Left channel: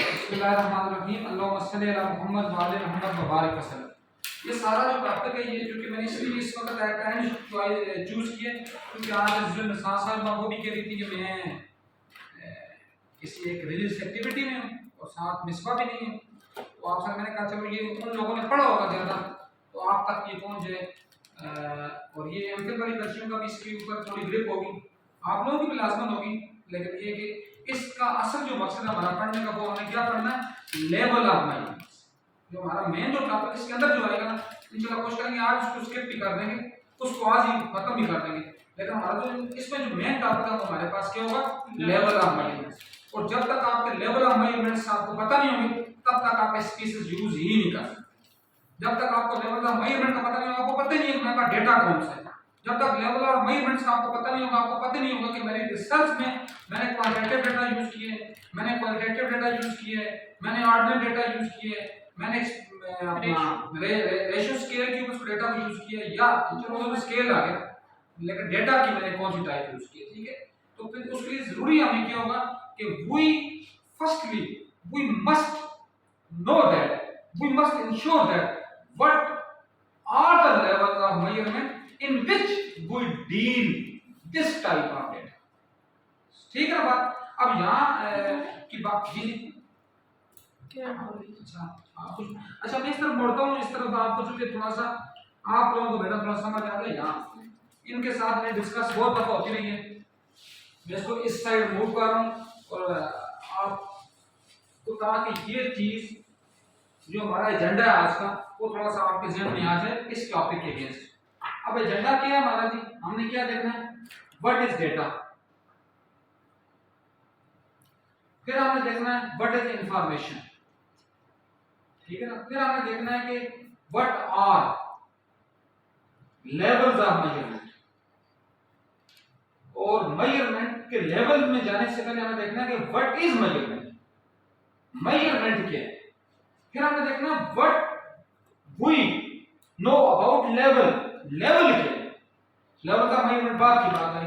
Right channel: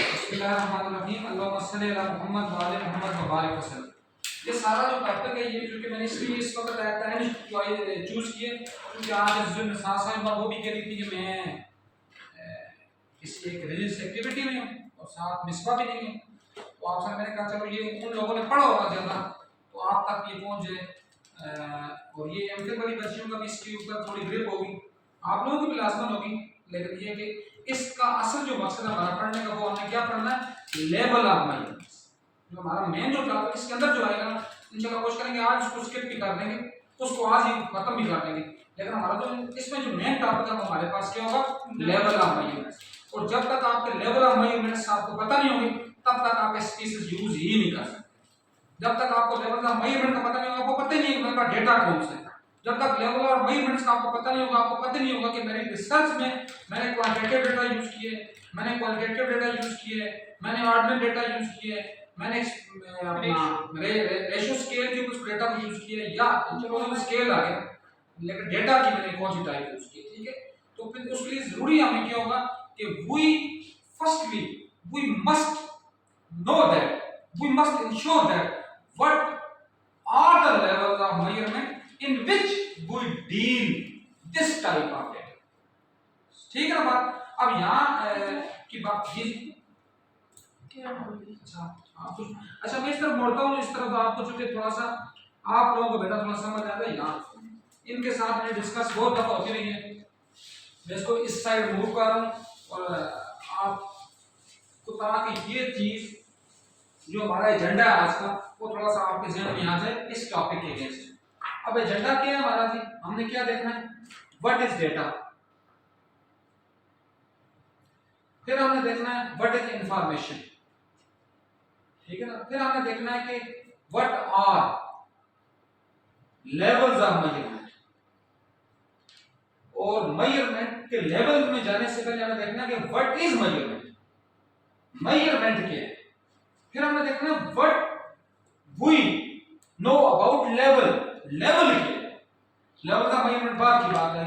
बिस्मिल्लाहिर्रहमानिर्रहीम अल्लाहुम्मा सल्ली अला मुहम्मद व आले मुहम्मद व बारिक वसल्लम। ये सारा जो टॉपिक है ये क्योंकि मैंने इसलिए इस वक्त चूज़ किए क्योंकि आज जो साहब वो भी कह रही थी कि मैं किसी एक रिलीजियस एक्टिविटी में हूँ और साथ मिसबा भी नहीं है, तो आपसे मैंने कहा चलो ये उन लोगों ने पढ़ा होगा ज़्यादा तो आप तक ये पहुँच जाए और ये एमफिल वाली बच्चियों का भी इसके ऊपर थोड़ी ग्रिप होगी, आप लोगों की भी लाजमन होगी। लेकिन ये कि इसका असल जो मकसद है हमारा पढ़ने का वो हमें क्या पढ़ना है, लेवल ऑफ माइंड। जो हमारा मेन जो टॉपिक इसके अंदर जो आएगा ना इंशाल्लाह कोशिश करेंगे आज उसको स्किप भी कर देंगे, उसको आज ही खत्म भी कर देंगे। लेकिन हमारा जो इसमें जो मेन टॉपिक है वो हमारे पास क्या होगा, लेवल ऑफ माइंड। और जब तक आपके लेवल ऑफ मेजरमेंट्स आपको पता नहीं होंगे तब तक आप स्पीसीज यूज ही नहीं कर सकते। जब तक आपको लेवल ऑफ मेजरमेंट का पता नहीं होगा, आपको पता ही नहीं है मेरा डेटा कौन सा है। जब तक लेवल ऑफ मेजरमेंट्स का आपको पता नहीं होगा, आपको पता नहीं होगा कि मेरी रिसर्च में मैंने क्वांटिटेटिव डेटा यूज किए, मैंने क्वालिटेटिव डेटा यूज किए, मैंने ऑर्डिनल डेटा यूज किए, मैंने अपना रेशियो स्केल के कुछ डेटा यूज किए, या चलो स्केल आ गया लेकिन डेटा की मैंने कौन सी टाइप यूज की, ठीक है। तो फिर उसके लिए जरूरी हमें क्या होगा कि we must know that, we must ensure that what are the levels of measurement in which we deal this type of data, ठीक है ना बात। अब यहाँ की बात ये अच्छा मैं इस तरफ मुड़ता हूँ, इस तरफ आपको चूंकि थोड़ा सा आप लोगों को बेटा थोड़ा समझ आ जाए, यहाँ इनके साथ मैंने डिस्कस बहुत दफा होती रही है। मैं इसको इस साइड मूव कर रहा हूँ और आपको कहा कि ये चीज जो हमारा एजेंडा है आज का वो थोड़ा सा आपके जहन में आ जाए इस टॉपिक के अगेंस्ट। अब एजेंडा क्या है हमारा जी, हमने क्या देखना है, व्हाट इज डेटा, फिर हमने देखना है व्हाट इज इंफॉर्मेशन, ठीक है ना, फिर हमने देखना है कि what are levels of measurement, और मेजरमेंट के लेवल में जाने से पहले हमें देखना है कि व्हाट इज मेजरमेंट, मेजरमेंट क्या है। फिर हमने देखना है what we know about level, level क्या है, लेवल का मेजरमेंट बाद की बात है।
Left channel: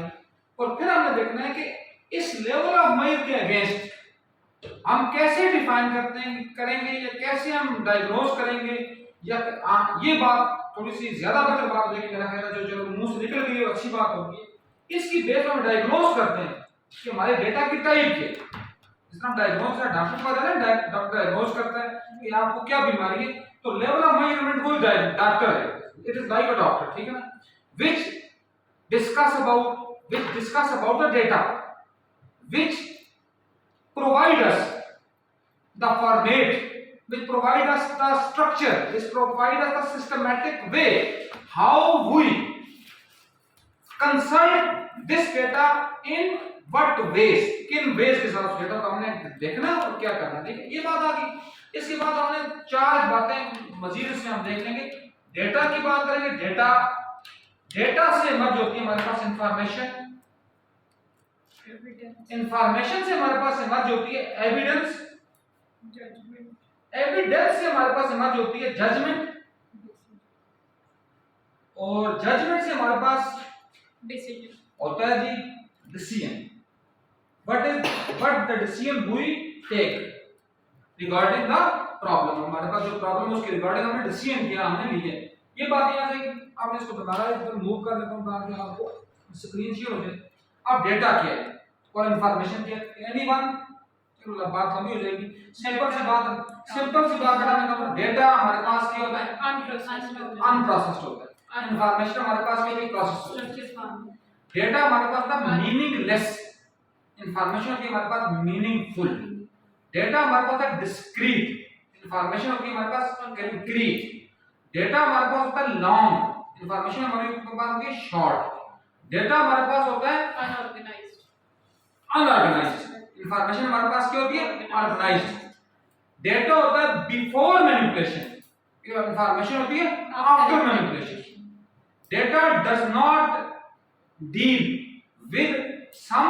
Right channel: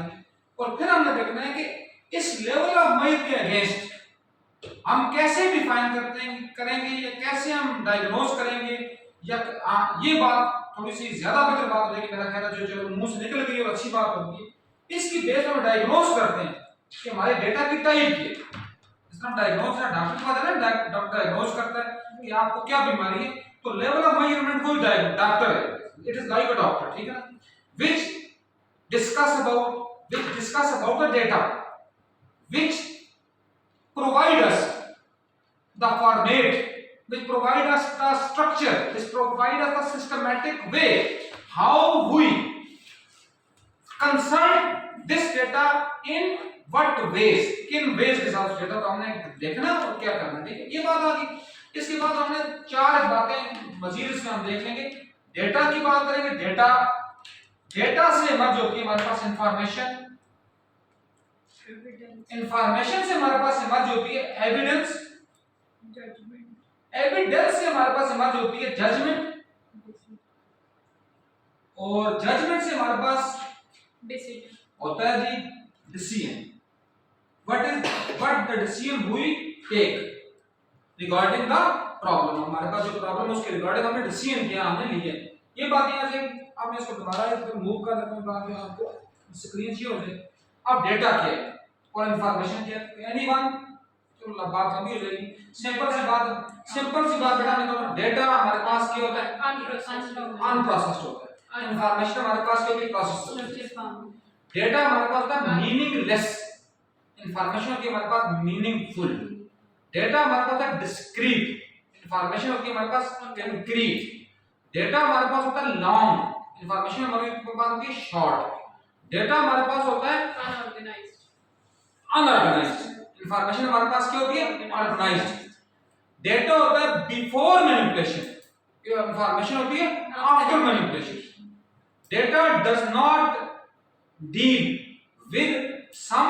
और फिर हमने देखना है कि इस लेवल ऑफ मेजर के अगेंस्ट हम कैसे डिफाइन करते हैं करेंगे या कैसे हम डायग्नोज करेंगे, या ये बात थोड़ी सी ज्यादा बेहतर बात हो जाएगी मेरा ख्याल है, जो चलो मुंह से निकल गई और अच्छी बात होगी। इसकी बेस पर डायग्नोज करते हैं कि हमारे डेटा की टाइप क्या है। जिस तरह डायग्नोज है डॉक्टर को पता है, डॉक्टर डायग्नोज करता है कि आपको क्या बीमारी है, तो लेवल ऑफ मेजरमेंट कोई डॉक्टर है, it is like a doctor, ठीक है ना, which discuss about the data which provide us the format, which provide us the structure, which provide us the systematic way how we consult this data in what ways, किन ways के साथ data को हमने देखना और क्या करना, ठीक है, ये बात आ गई। इसके बाद हमने चार बातें मजीद इसमें हम देख लेंगे। डेटा की बात करेंगे, डेटा से मर्ज होती है हमारे पास इंफॉर्मेशन, इंफॉर्मेशन से हमारे पास मर्ज होती है एविडेंस, एविडेंस से हमारे पास मर्ज होती है जजमेंट, और जजमेंट से हमारे पास डिसीजन होता है जी decision. what the decision we take regarding the problem, हमारे पास जो प्रॉब्लम है उसके रिगार्डिंग हमने डिसीजन किया, हमने लिया, ये बात यहाँ से। अब मैं इसको दोबारा इधर मूव कर लेता हूँ ताकि आपको स्क्रीन शेयर हो जाए। अब डेटा क्या है और इंफॉर्मेशन क्या है, एनीवन, चलो बात लंबी हो जाएगी, सिंपल सी बात बेटा मैं कहूँ डेटा हमारे पास क्या होता है, अनप्रोसेस्ड होता है, इंफॉर्मेशन हमारे पास क्या होती है, प्रोसेस्ड। डेटा हमारे पास होता है मीनिंगलेस, इंफॉर्मेशन होती है हमारे पास मीनिंगफुल। डेटा हमारे पास है डिस्क्रीट, इंफॉर्मेशन होती है हमारे पास कंक्रीट। डेटा हमारे पास होता है लॉन्ग, इंफॉर्मेशन हमारे पास होती है शॉर्ट। डेटा हमारे पास होता है अनऑर्गेनाइज्ड, इंफॉर्मेशन हमारे पास क्या होती है, ऑर्गेनाइज्ड। डेटा होता है बिफोर मैनिपुलेशन, इंफॉर्मेशन होती है after manipulation. Data does not deal with some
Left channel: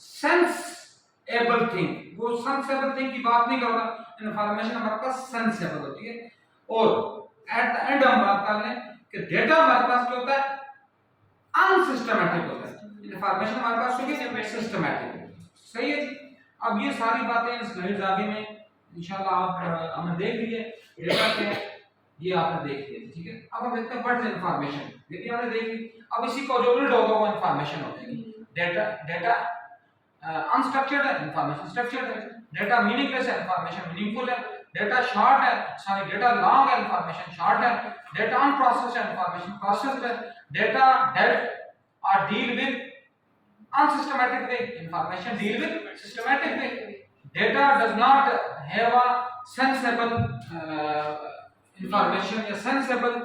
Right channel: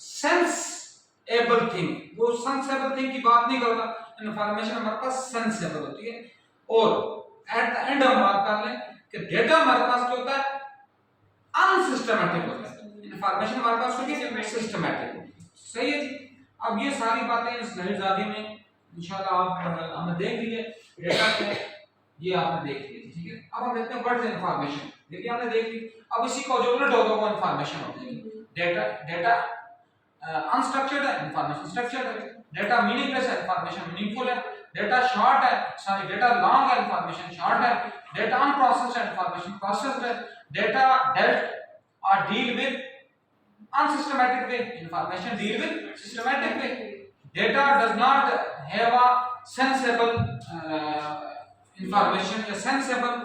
sensible thing, वो सेंसेबल थिंग की बात नहीं करता, इंफॉर्मेशन हमारे पास सेंसेबल होती है। और एट द एंड हम बात कर लें कि डेटा हमारे पास क्या होता है, अनसिस्टमैटिक होता है, इंफॉर्मेशन हमारे पास होती है सिस्टमैटिक, सही है जी। अब ये सारी बातें स्लाइड्स आगे में इंशाल्लाह आप हमने देख लिए डेटा क्या है, ये आपने देख लिया, ठीक है। अब हम देखते हैं व्हाट इज इंफॉर्मेशन। देखिए हमने देख ली, अब इसी का जो उल्टा होगा वो इंफॉर्मेशन होगी। डेटा अनस्ट्रक्चर्ड है, इंफॉर्मेशन स्ट्रक्चर्ड है। डेटा मीनिंगलेस है, इंफॉर्मेशन मीनिंगफुल है। डेटा शॉर्ट है, सॉरी डेटा लॉन्ग है, इंफॉर्मेशन शॉर्ट है। डेटा अनप्रोसेस्ड है, इंफॉर्मेशन प्रोसेस्ड है। डेटा डेल्ट और deal with unsystematic way, information deal with systematic way. Data does not have a sensible information या sensible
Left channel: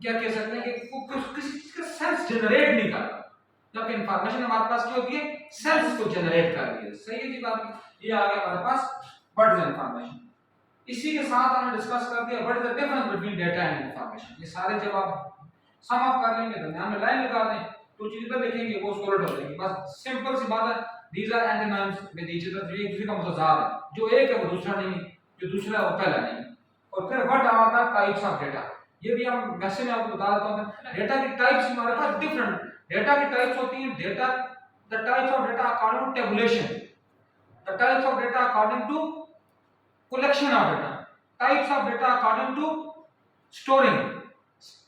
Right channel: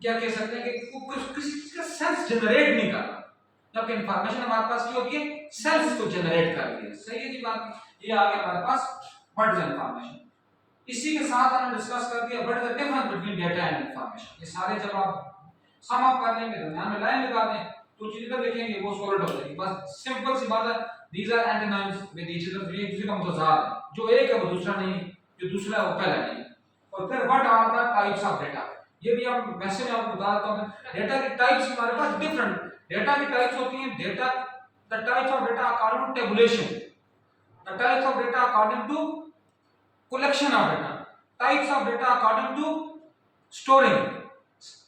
क्या कह सकते हैं कि कुछ किसी चीज का सेंस जनरेट नहीं कर रहा, जबकि इंफॉर्मेशन हमारे पास क्या होती है, सेंस को जनरेट कर रही है। सही है जी बात। ये आ गया हमारे पास व्हाट इज इंफॉर्मेशन। इसी के साथ हमने डिस्कस कर दिया what is the difference between data and information. ये सारे जब आप सम अप कर लेंगे, दरमियान में लाइन लगा दें, तो चीजें तो लिखेंगे वो सॉल्व हो जाएगी। बस सिंपल सी बात है, these are antonyms with each other, एक दूसरे का मुतजाद है, जो एक है वो दूसरा नहीं है, जो दूसरा है वो पहला नहीं। और फिर what are the types of data, ये भी हम वैसे में आपको बता देता हूं। डेटा की टाइप्स हमारे पास डिफरेंट डेटा की टाइप्स होती हैं। Data the types of data according to tabulation, the types of data according to collection of data, types of data according to storing,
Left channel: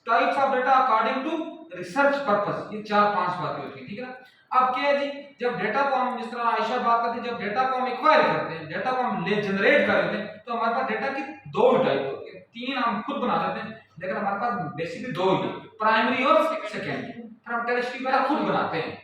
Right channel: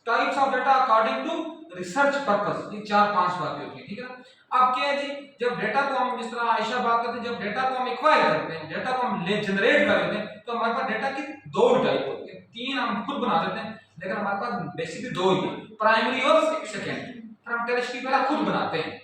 types of data according to research purpose। ये 4-5 बातें होती है, ठीक है। अब क्या है जी, जब डेटा को हम जिस तरह आयशा बात करते हैं, जब डेटा को हम एक्वायर करते हैं, डेटा को हम जनरेट कर लेते हैं, तो हमारे पास डेटा की दो टाइप होती है। तीन हम खुद बना देते हैं, लेकिन हमारे पास बेसिकली दो ही है, प्राइमरी और सेकेंडरी। फिर हम टेरेस्ट्री पहले खुद बनाते हैं,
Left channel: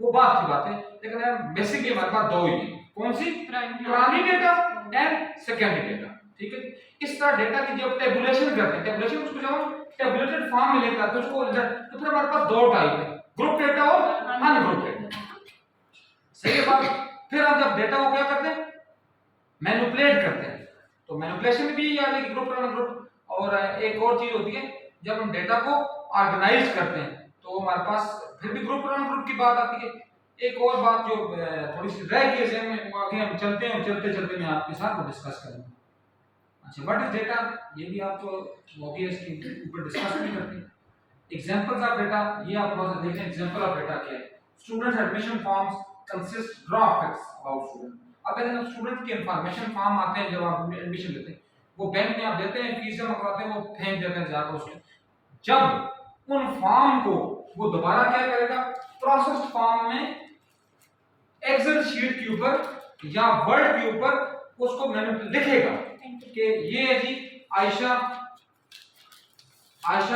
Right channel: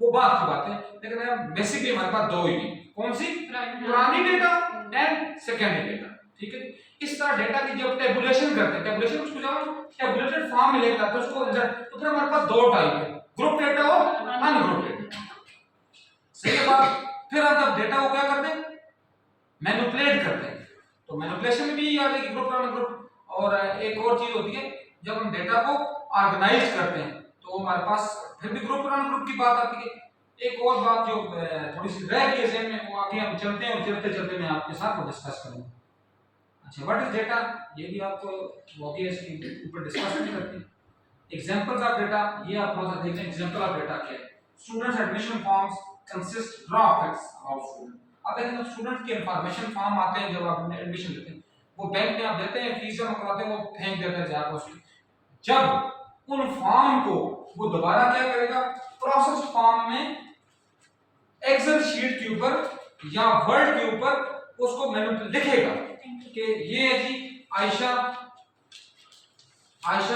वो बात की बात है, लेकिन बेसिकली हमारे पास दो ही है। कौन सी? Primary data and secondary data, ठीक है। इस तरह डेटा की जब टेबुलेशन करते हैं, टेबुलेशन उसको जब हम टेबुलेटेड फॉर्म में लेकर आते हैं उसको, तो फिर हमारे पास दो टाइप है, ग्रुप डेटा और अनग्रुप डेटा। सही है बात। फिर हम जब डेटा को क्या करते हैं, मैनिपुलेट करते हैं, तो मैनिपुलेशन भी आ गई, ग्रुप और अनग्रुप। और एक और चीज होती है, जब हम डेटा को ऑर्गेनाइज करते हैं, तो हमारे पास फिर भी ग्रुप और अनग्रुप की बात आती है। एक और बात जो थोड़ी सी रह गई है में, वो आगे हम चलते हैं और चलते चलते मैं आपके साथ वो डिस्कस करूंगा। अच्छा, व्हाट इज डेटा, ये भी आप तो ऑब्वियसली ऊपर डिस्कस नहीं करते। एग्जांपल्स ऑफ डेटा, ये आप थोड़ा सा देखें एग्जांपल ऑफ डेटा क्या है। Students admission forms consist draw facts about student. अब देखिए स्टूडेंट के इंफॉर्मेशन फॉर्म आते हैं, जब आप एडमिशन लेते हैं, वो बैंक में आप देते हैं, फीस जमा कराते हैं, वो फेंक देते हैं जाकर उसके। जब उन फॉर्म को वो दोबारा क्या करेगा, प्रोसेस फॉर्म में एक्सेल शीट के ऊपर या वर्ड के ऊपर उसको मैनिपुलेट लिखेगा कि ये है जी आयशा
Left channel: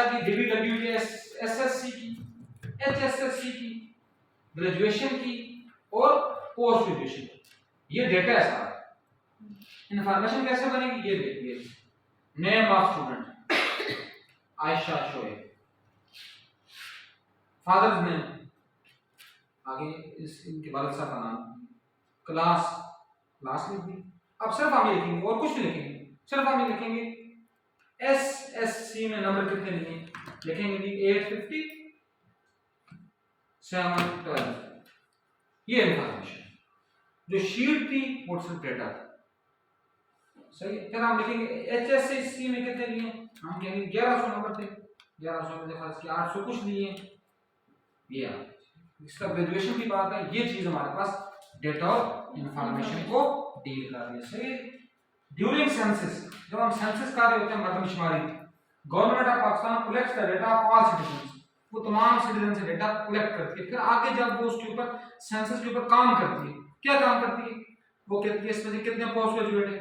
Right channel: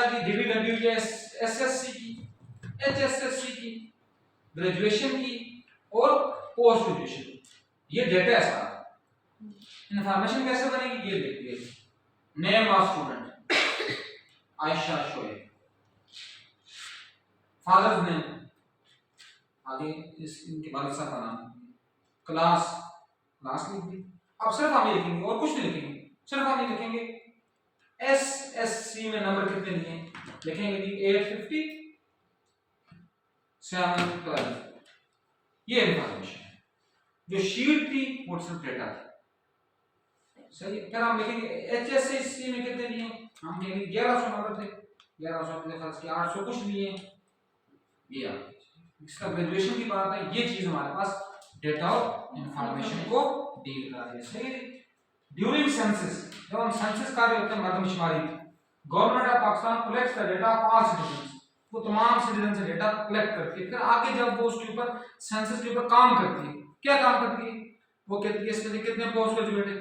की डिग्री लगी हुई है एसएससी की, एचएसएससी की, ग्रेजुएशन की और पोस्ट ग्रेजुएशन की। ये डेटा है सारा। इंफॉर्मेशन कैसे बनेगी ये देखिए। Name of student Ayesha Shoaib, father's name, आगे इनके वालिद साहब का नाम, क्लास लिख दी। अब सिर्फ हम ये लिखेंगे और कुछ नहीं लिखेंगे, सिर्फ हम ये लिखेंगे एसएससी में नंबर कितने लिए लिखेंगे जी 850 712। ये इंफॉर्मेशन जो शीट थी वो सिर्फ डेटा था, सही है। फिर हम लिखेंगे एचएससी में कितने लिए, हम कहेंगे 1100 नंबर थे, 1100 में खर्च किया, 800 कुछ लिए, ये इसका ग्रेजुएशन की बात है। ये चीज हमारे पास डेटा और इंफॉर्मेशन को डील कर रही है, सही है। ड्यूरिंग सेंसस, जब हम सेंसस कर रहे होते हैं मर्दमशुमारी, government of Pakistan collects the data of all citizens, वो तमाम सिटीजन से डेटा कलेक्ट करती है। फिर आगे जब वो उसके ऊपर सेंसस के ऊपर काम करती है, क्या काम करती है, वो कहती है इसमें कितने पोस्ट ग्रेजुएट है,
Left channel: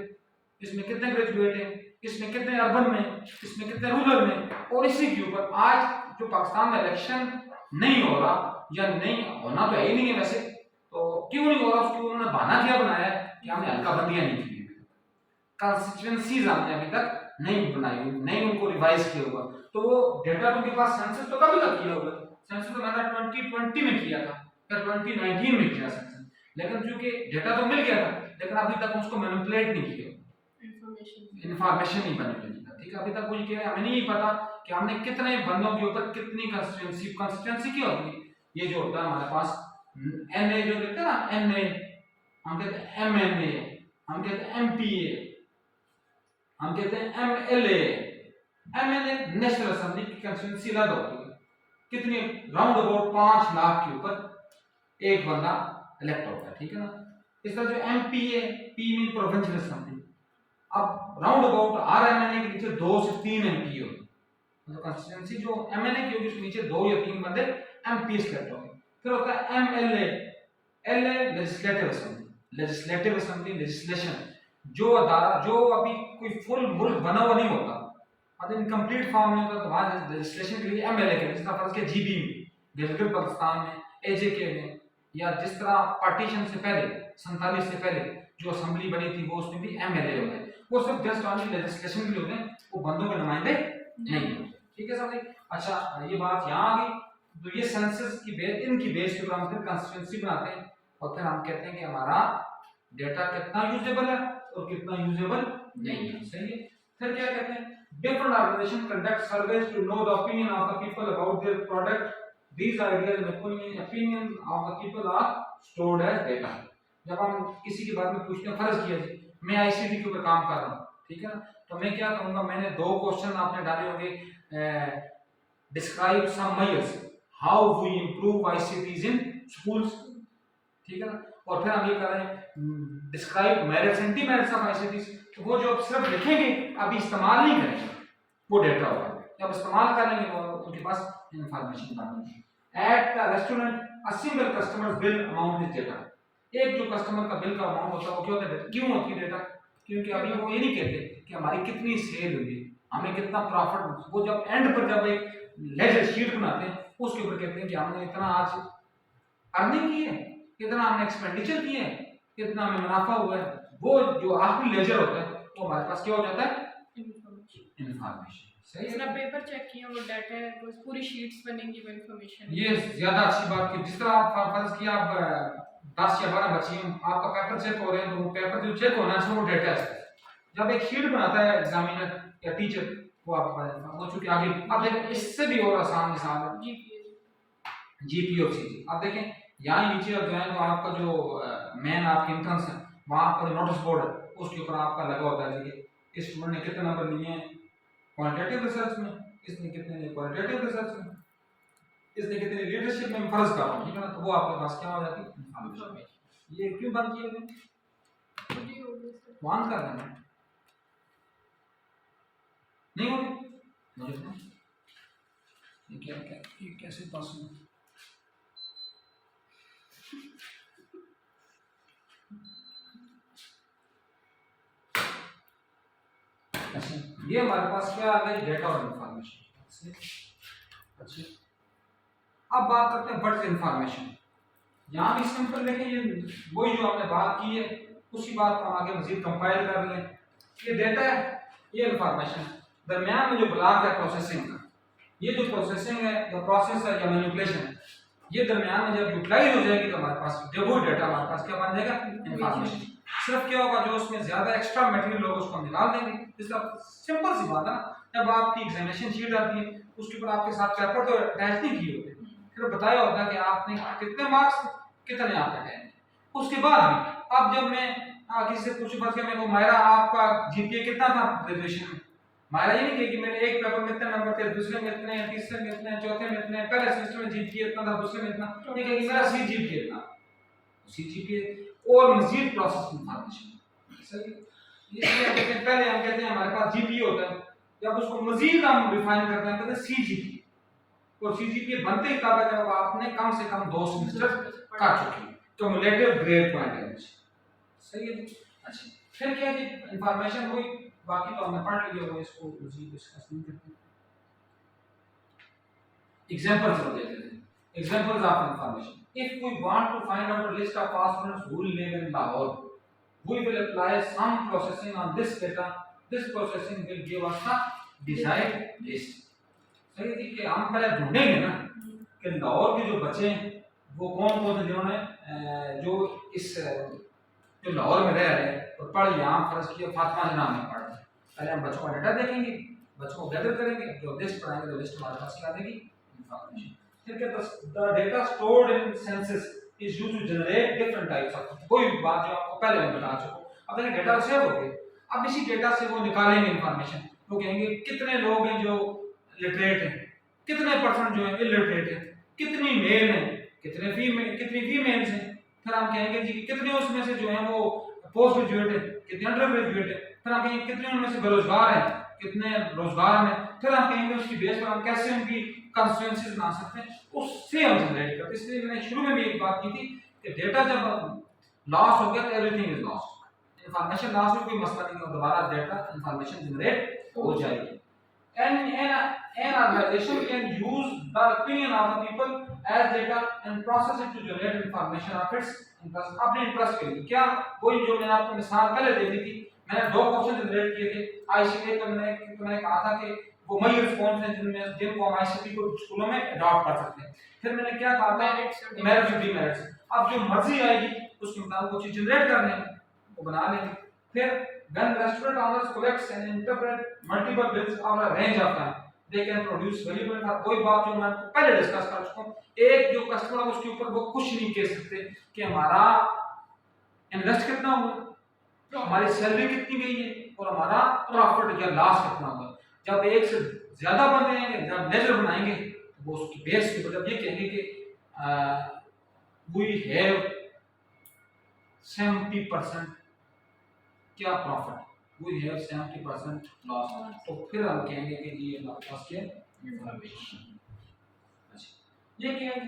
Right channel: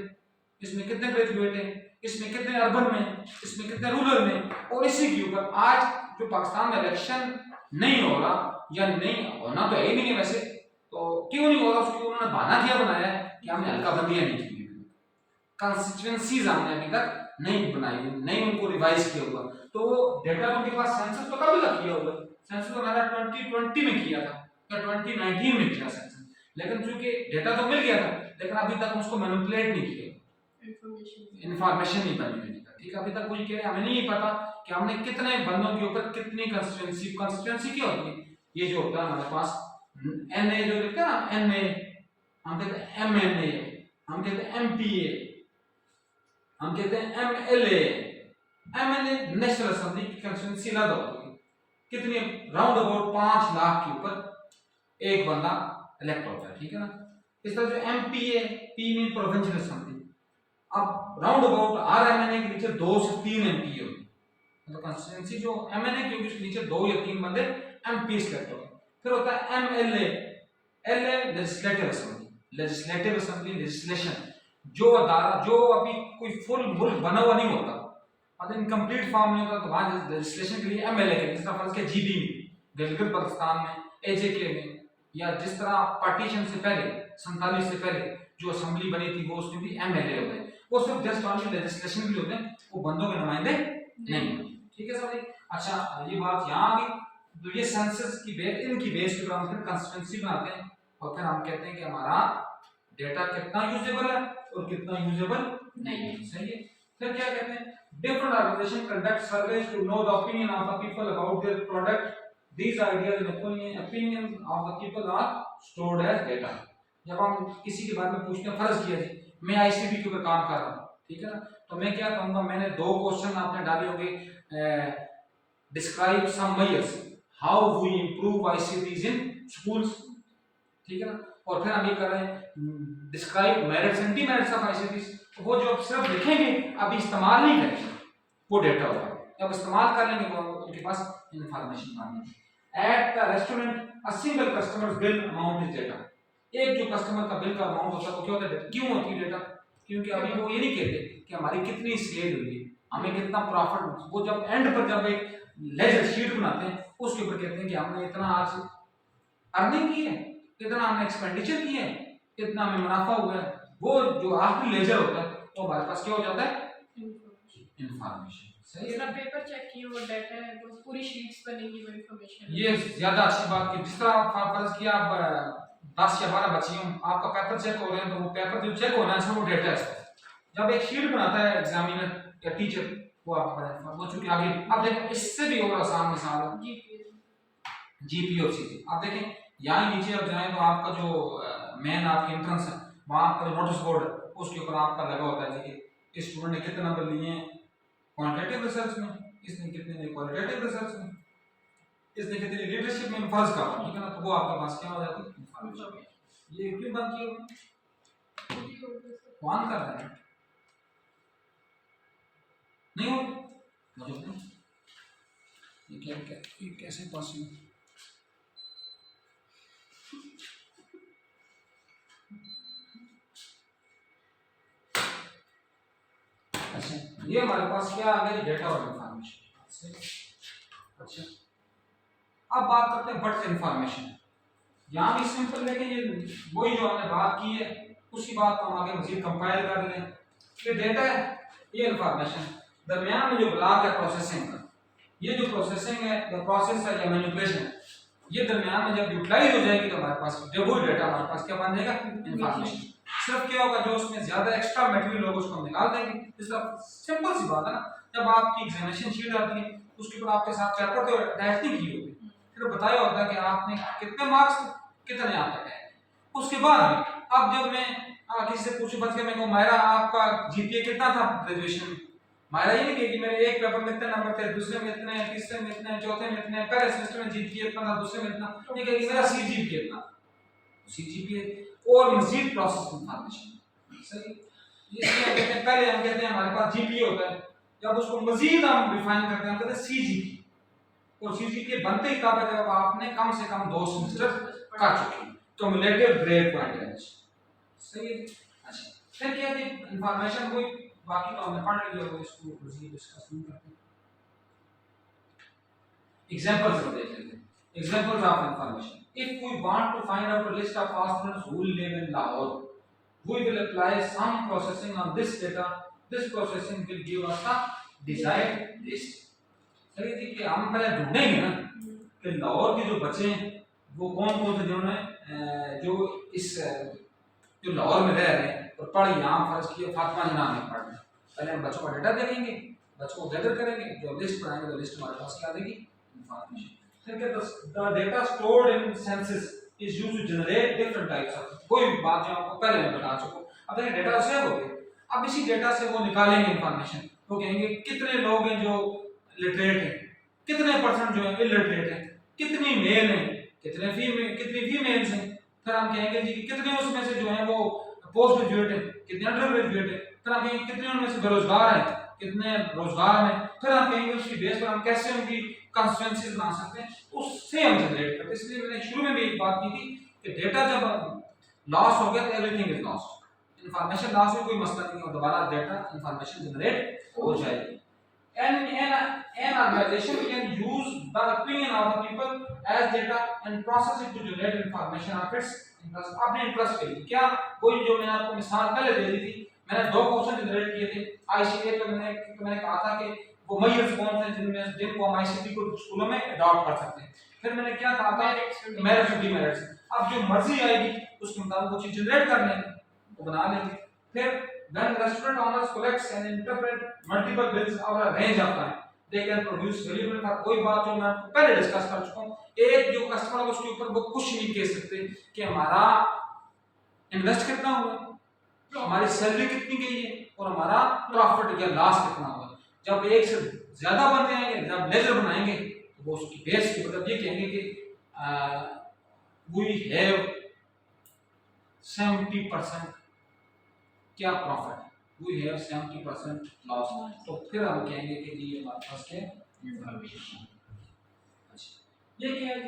इसमें कितने ग्रेजुएट है, इसमें कितने अर्बन में, इसमें कितने रूरल में। और इसी के ऊपर आज जो पाकिस्तान में इलेक्शन नहीं हो रहा या नहीं होना तो है ही नहीं है वैसे, तो क्यों नहीं हो रहा, उसको उन्होंने बहाना क्या बनाया है कि हमने हल्का बंदियां नहीं की, कंस्टिट्यूएंसीज हमने अभी तक नहीं बनाई, नहीं उनको रिवाइज किया हुआ। तो वो डेटा तो उनके पास सेंसस तो कब तक किया हुआ है, सेंसस तो मैंने 2020 में किया था या 2019 में किया सेंसस, लेकिन चूंकि डेटा तो मिल गया था लेकिन अभी तक उसको मैनिपुलेट नहीं किया, इंफॉर्मेशन नहीं बनी हुई था, ठीक है। अभी तक वो ये हमें नहीं पता कि हमने कितने बंदों के ऊपर कितनी कंस्टिट्यूएंसी क्या होती है। ये जो होता है हमारे पास एनए जो लिखते हैं ना, एनए हम कहते हैं, एमएनए हम कहते हैं, एमपीए हम कहते हैं, एमएलए एमएलए नेशनल असेंबली की कंस्टिट्यूएंसी अलग होती है। कितनी, राउंड अबाउट 5 लाख के ऊपर एक बंदा इलेक्ट होता है, ठीक है ना। इस तरह जो एमपी है, पी मीन प्रोविंशियल असेंबली, अब राउंड अबाउट आरएमएनए के नीचे 2 से 3 एमपी होते हैं, मतलब कंस्टिट्यूएंसी जो एमएनए की होगी उसके नीचे 2 या 3 बंदे एमपी सेलेक्ट होंगे। फिर होता है MLA, LA legislative assembly, legislative assembly legislation, जो अदारा जो अभी कोई फुल मुल्क बना हुआ नहीं होता, मतलब इनकम्प्लीट फॉर्म में होता, तो वहाँ लेजिस्लेशन के लिए एमएलए के, जिस तरह फर्ज के जीबी में, गिलगित बल्तिस्तान में, एजेके में, या जिस तरह पार्टीशन से पहले 47 से पहले जो असेंबली बनी थी वो उसमें भी एमएलए होते हैं, वो सिर्फ जस्ट ऑनली लेजिस्लेशन के लिए होते हैं, वो बंदों के नुमाइंदे नहीं होते। ठीक है समझे? अच्छा ये बात यहाँ आ गई। तो ये सेंसस की बेस, इनकी बेस के ऊपर हम फिर कंस्टिट्यूएंसी बनाते हैं और फिर हम कहते हैं कि हमारा डेटा कितना यूजेबल है और कितना यूजेबल नहीं है। सही है? फिर क्या कहते हैं, different organization conduct surveys to know the opinion of the people about their product. These ideas and opinions of the people are stored as data. जब हम किसी के बारे में पूछते हैं, फर्ज किया जी मैं आईसीटी के ऊपर काम कर रहा हूँ, ठीक है ना, तो मैं क्या कहूँगा, मैंने 2 क्वेश्चन आपने डाले होंगे, describe some measures how we improve ICTs in schools, ठीक है ना, और फिर हम ये कर रहे हैं describe merits and demerits of ICTs, तो वो जो आप सिर्फ लिखेंगे अभी इस्तेमाल नहीं करेंगे वो डेटा होगा, जब इस्तेमाल करेंगे तो उनके पास इंफॉर्मेशन बनेगी। At the restaurant a single customers bill amount is data, एक जो कस्टमर का बिल का अमाउंट होता है वो क्या होता है, क्यों होती है डेटा, क्योंकि अभी वो ये नहीं कहते कि हमारी कितनी सेल हुई, हमें कितना प्रॉफिट, वो जब एंड पर जब एक लेजर शीट बनाते हैं उसके ऊपर कहते हैं कि हमने इतना आज अर्निंग की है, कितना हमने एक्सपेंडिचर किए हैं, कितना हमें मुनाफा हुआ है, वो जो आखिरी लेजर होता है तो हमारे पास क्या हो जाता है, इंफॉर्मेशन। सही है? पेपर चेक किया वो डाटा है, वो पूरी शीट्स बनेंगी वो इंफॉर्मेशन। ये ज्यादा अच्छी बात की, जिस तरह आप फर्ज किया आप 10 या 12 बच्चे हैं, आपका पेपर चेक हो रहे हैं, तो वो पेपर जो चेक होना चाहिए वो डेटा है। जब एक शीट बनाता है एग्जामिनर या टीचर, वो आपको बताता है, वो चूंकि आगे अब देखो इससे भी और आसान मिसाल है जीपीओसी। आप देखें यहाँ नीचे अब जाए तो आपका जो मेन आपकी एंट्रेंस है, वहाँ आपका नोटिस बोर्ड है, उसके ऊपर आपका लगा होता है कि इस स्टूडेंट ने कितने नंबर लिए हैं क्वांटिटेटिव रिसर्च में, इसने कितने ने क्वालिटेटिव रिसर्च में, इसने कितने लीडरशिप में, फर्ज का, ठीक है ना, तो वो आपके पास क्या हो जाती है, इंफॉर्मेशन। ये क्यों बंद किए हुए, ऑन कर देना नहीं हो, मुझे तो ये क्या क्या ये कैसे पॉसिबल, अच्छा ये हमारे पास क्या आ गई, डेटा और इंफॉर्मेशन। अच्छा अब बात करते हैं बट इंफॉर्मेशन। यहाँ भी सिंपल है कि ये वही जो हमने बात की है उसी बात को हम आगे मजीद कंपाइल कर लें। ये डेटा है, ये इंफॉर्मेशन है, दरमियान में जो ब्लॉक है प्रोसेसिंग का, ये जो प्रोसेसिंग है या प्रोसेस है या मैनिपुलेशन है, ये दरमियान में जब यूटिलाइज हो जाएगी तो हमारे पास वो डेटा हमारे पास क्या बन जाएगा, इंफॉर्मेशन। सिर्फ क्या होगा, जो उसमें ज्यादा एक्स्ट्रा मटेरियल होगा उसको हम निकाल देंगे। इसका सिंपल सी बात है ना, जब आपकी एग्जामिनेशन शीट आती है उसके ऊपर आपके साथ पेपर तो अटैच नहीं किए होते, फिर बताया होता है कि आपने कितने मार्क्स कितने आप तक आए। उसके बाद अब जब मैं किसी से पूछूं, बस मैं कहूं मायरा आपका जीपीए कितना था ग्रेजुएशन में, मायरा ये नहीं कि मेरे एक पेपर में इतने नंबर थे, दूसरे में इतने, तीसरे में इतने, चौथे में इतने, पहले सेमेस्टर में जीपीए इतना था, दूसरे में इतना, ये कहेगी मेरा सीजीपीए इतना, सीजीपीए और मजीद प्रोसेस इंफॉर्मेशन। सही, इसलिए हम कहते हैं पहले हम कहते हैं हमारे पास जीपीए होता है, जब उसको मजीद हम डिफाइन करते हैं कहते हैं सीजीपीए, और सीजीपीए बनते ही कब है, जब आपने कम से कम 2 सेमेस्टर कर चुके हैं, क्युमुलेटिव ग्रेड पॉइंट एवरेज। सही है? अच्छा फिर क्या है, इंफॉर्मेशन हुई, बाकी तो हमने पढ़ लिया हुआ, इसको मजीद डिस्कस नहीं करते। एग्जांपल्स देख लेते हैं, examples of information. If we want to find out a list of students who live in Lahore, we will apply some processing on this data. This processing will give us a desired list. सही है कि हम पहले ढूंढेंगे ना कि लाहौर के जो बच्चे हैं वो कौन कौन से जिन्होंने जो इस जो लाहौर में रह रहे हैं और पढ़ यहाँ फर्ज किया फातिमा जिना में पढ़ रहे हैं, पहले हम बच्चों का डेटा देखेंगे, बच्चों को गैदर करेंगे, जो लिस्ट बनाएंगे तो लिस्ट हमारे पास क्या आ जाएगी, information. The data stored in census is used to generate different types of, कोई बात जो आपको पहले मैं बता चुका हूँ। अब ये डेटा सेव हो गया, अब इसी डेटा से वो निकालेंगे इंफॉर्मेशन, वो कहेंगे कितने लोग हैं जो लिटरेट हैं, कितने परसेंट जो है इलिटरेट हैं, कितनी मेल हैं, कितनी फीमेल्स हैं, फिर हम कहेंगे जी कितने उसमें से जो है वो पोस्ट ग्रेजुएट है, कितने अंडर ग्रेजुएट है, फिर हम कहेंगे कितने उनमें से बेरोजगार हैं, कितने रोजगार में, फिर हम कहेंगे उसकी बेस पर हम कैसे उनकी कंस्टिट्यूएंसीज बना सकते हैं, उससे हम जनरेट करते हैं। इसलिए मैंने शुरू में भी एक बात की थी कि डेटा जब लॉस हो गया तो everything is lost. Information loss हो कोई मसला नहीं, और दोबारा डेटा इंफॉर्मेशन जनरेट हो जाएगी। An organization can use the opinion of the people as data and process it to generate information of its interest, अपने इंटरेस्ट के लिए। क्या वही जो मैंने आपको मिसाल पहले दे दी थी, मैंने दो क्वेश्चन जनरेट किए थे आईसीटी, तो मैंने कहा था कि वो मेजर्स कौन से जिनको हम आईसीटी को स्कूलों में अडॉप्ट कर सकते हैं। फिर मैंने क्या कहा था, मेरिट्स और डिमेरिट्स। अब जो मर्जी आएगी उसके मुताबिक वो चीज जनरेट कर लेंगे, वो बना लेंगे। फिर when restaurant owners collects and interpret multiple bills over a range of time, they can produce valuable था। कोई बात जो मैं आपको पहले डिस्कस कर चुका हूँ, एक जो कस्टमर है उसके ऊपर वो कुछ नहीं कह सकते कि हमारा इन्वेस्ट कितना हुआ, हमारी सैलरी कितनी गई है और हमारा प्रॉफिट या लॉस कितना हुआ। जब एक से ज्यादा बंदे आएंगे, जब लेजर बनाएंगे तो वो उसकी बेस के मतलब ये कहेंगे कि वी हैव 70% क्या प्रॉफिट, वी हैव 70% लॉस, तो फिर हम कहेंगे कि जी हमारे पास क्या इंफॉर्मेशन। अच्छा, ये क्या है,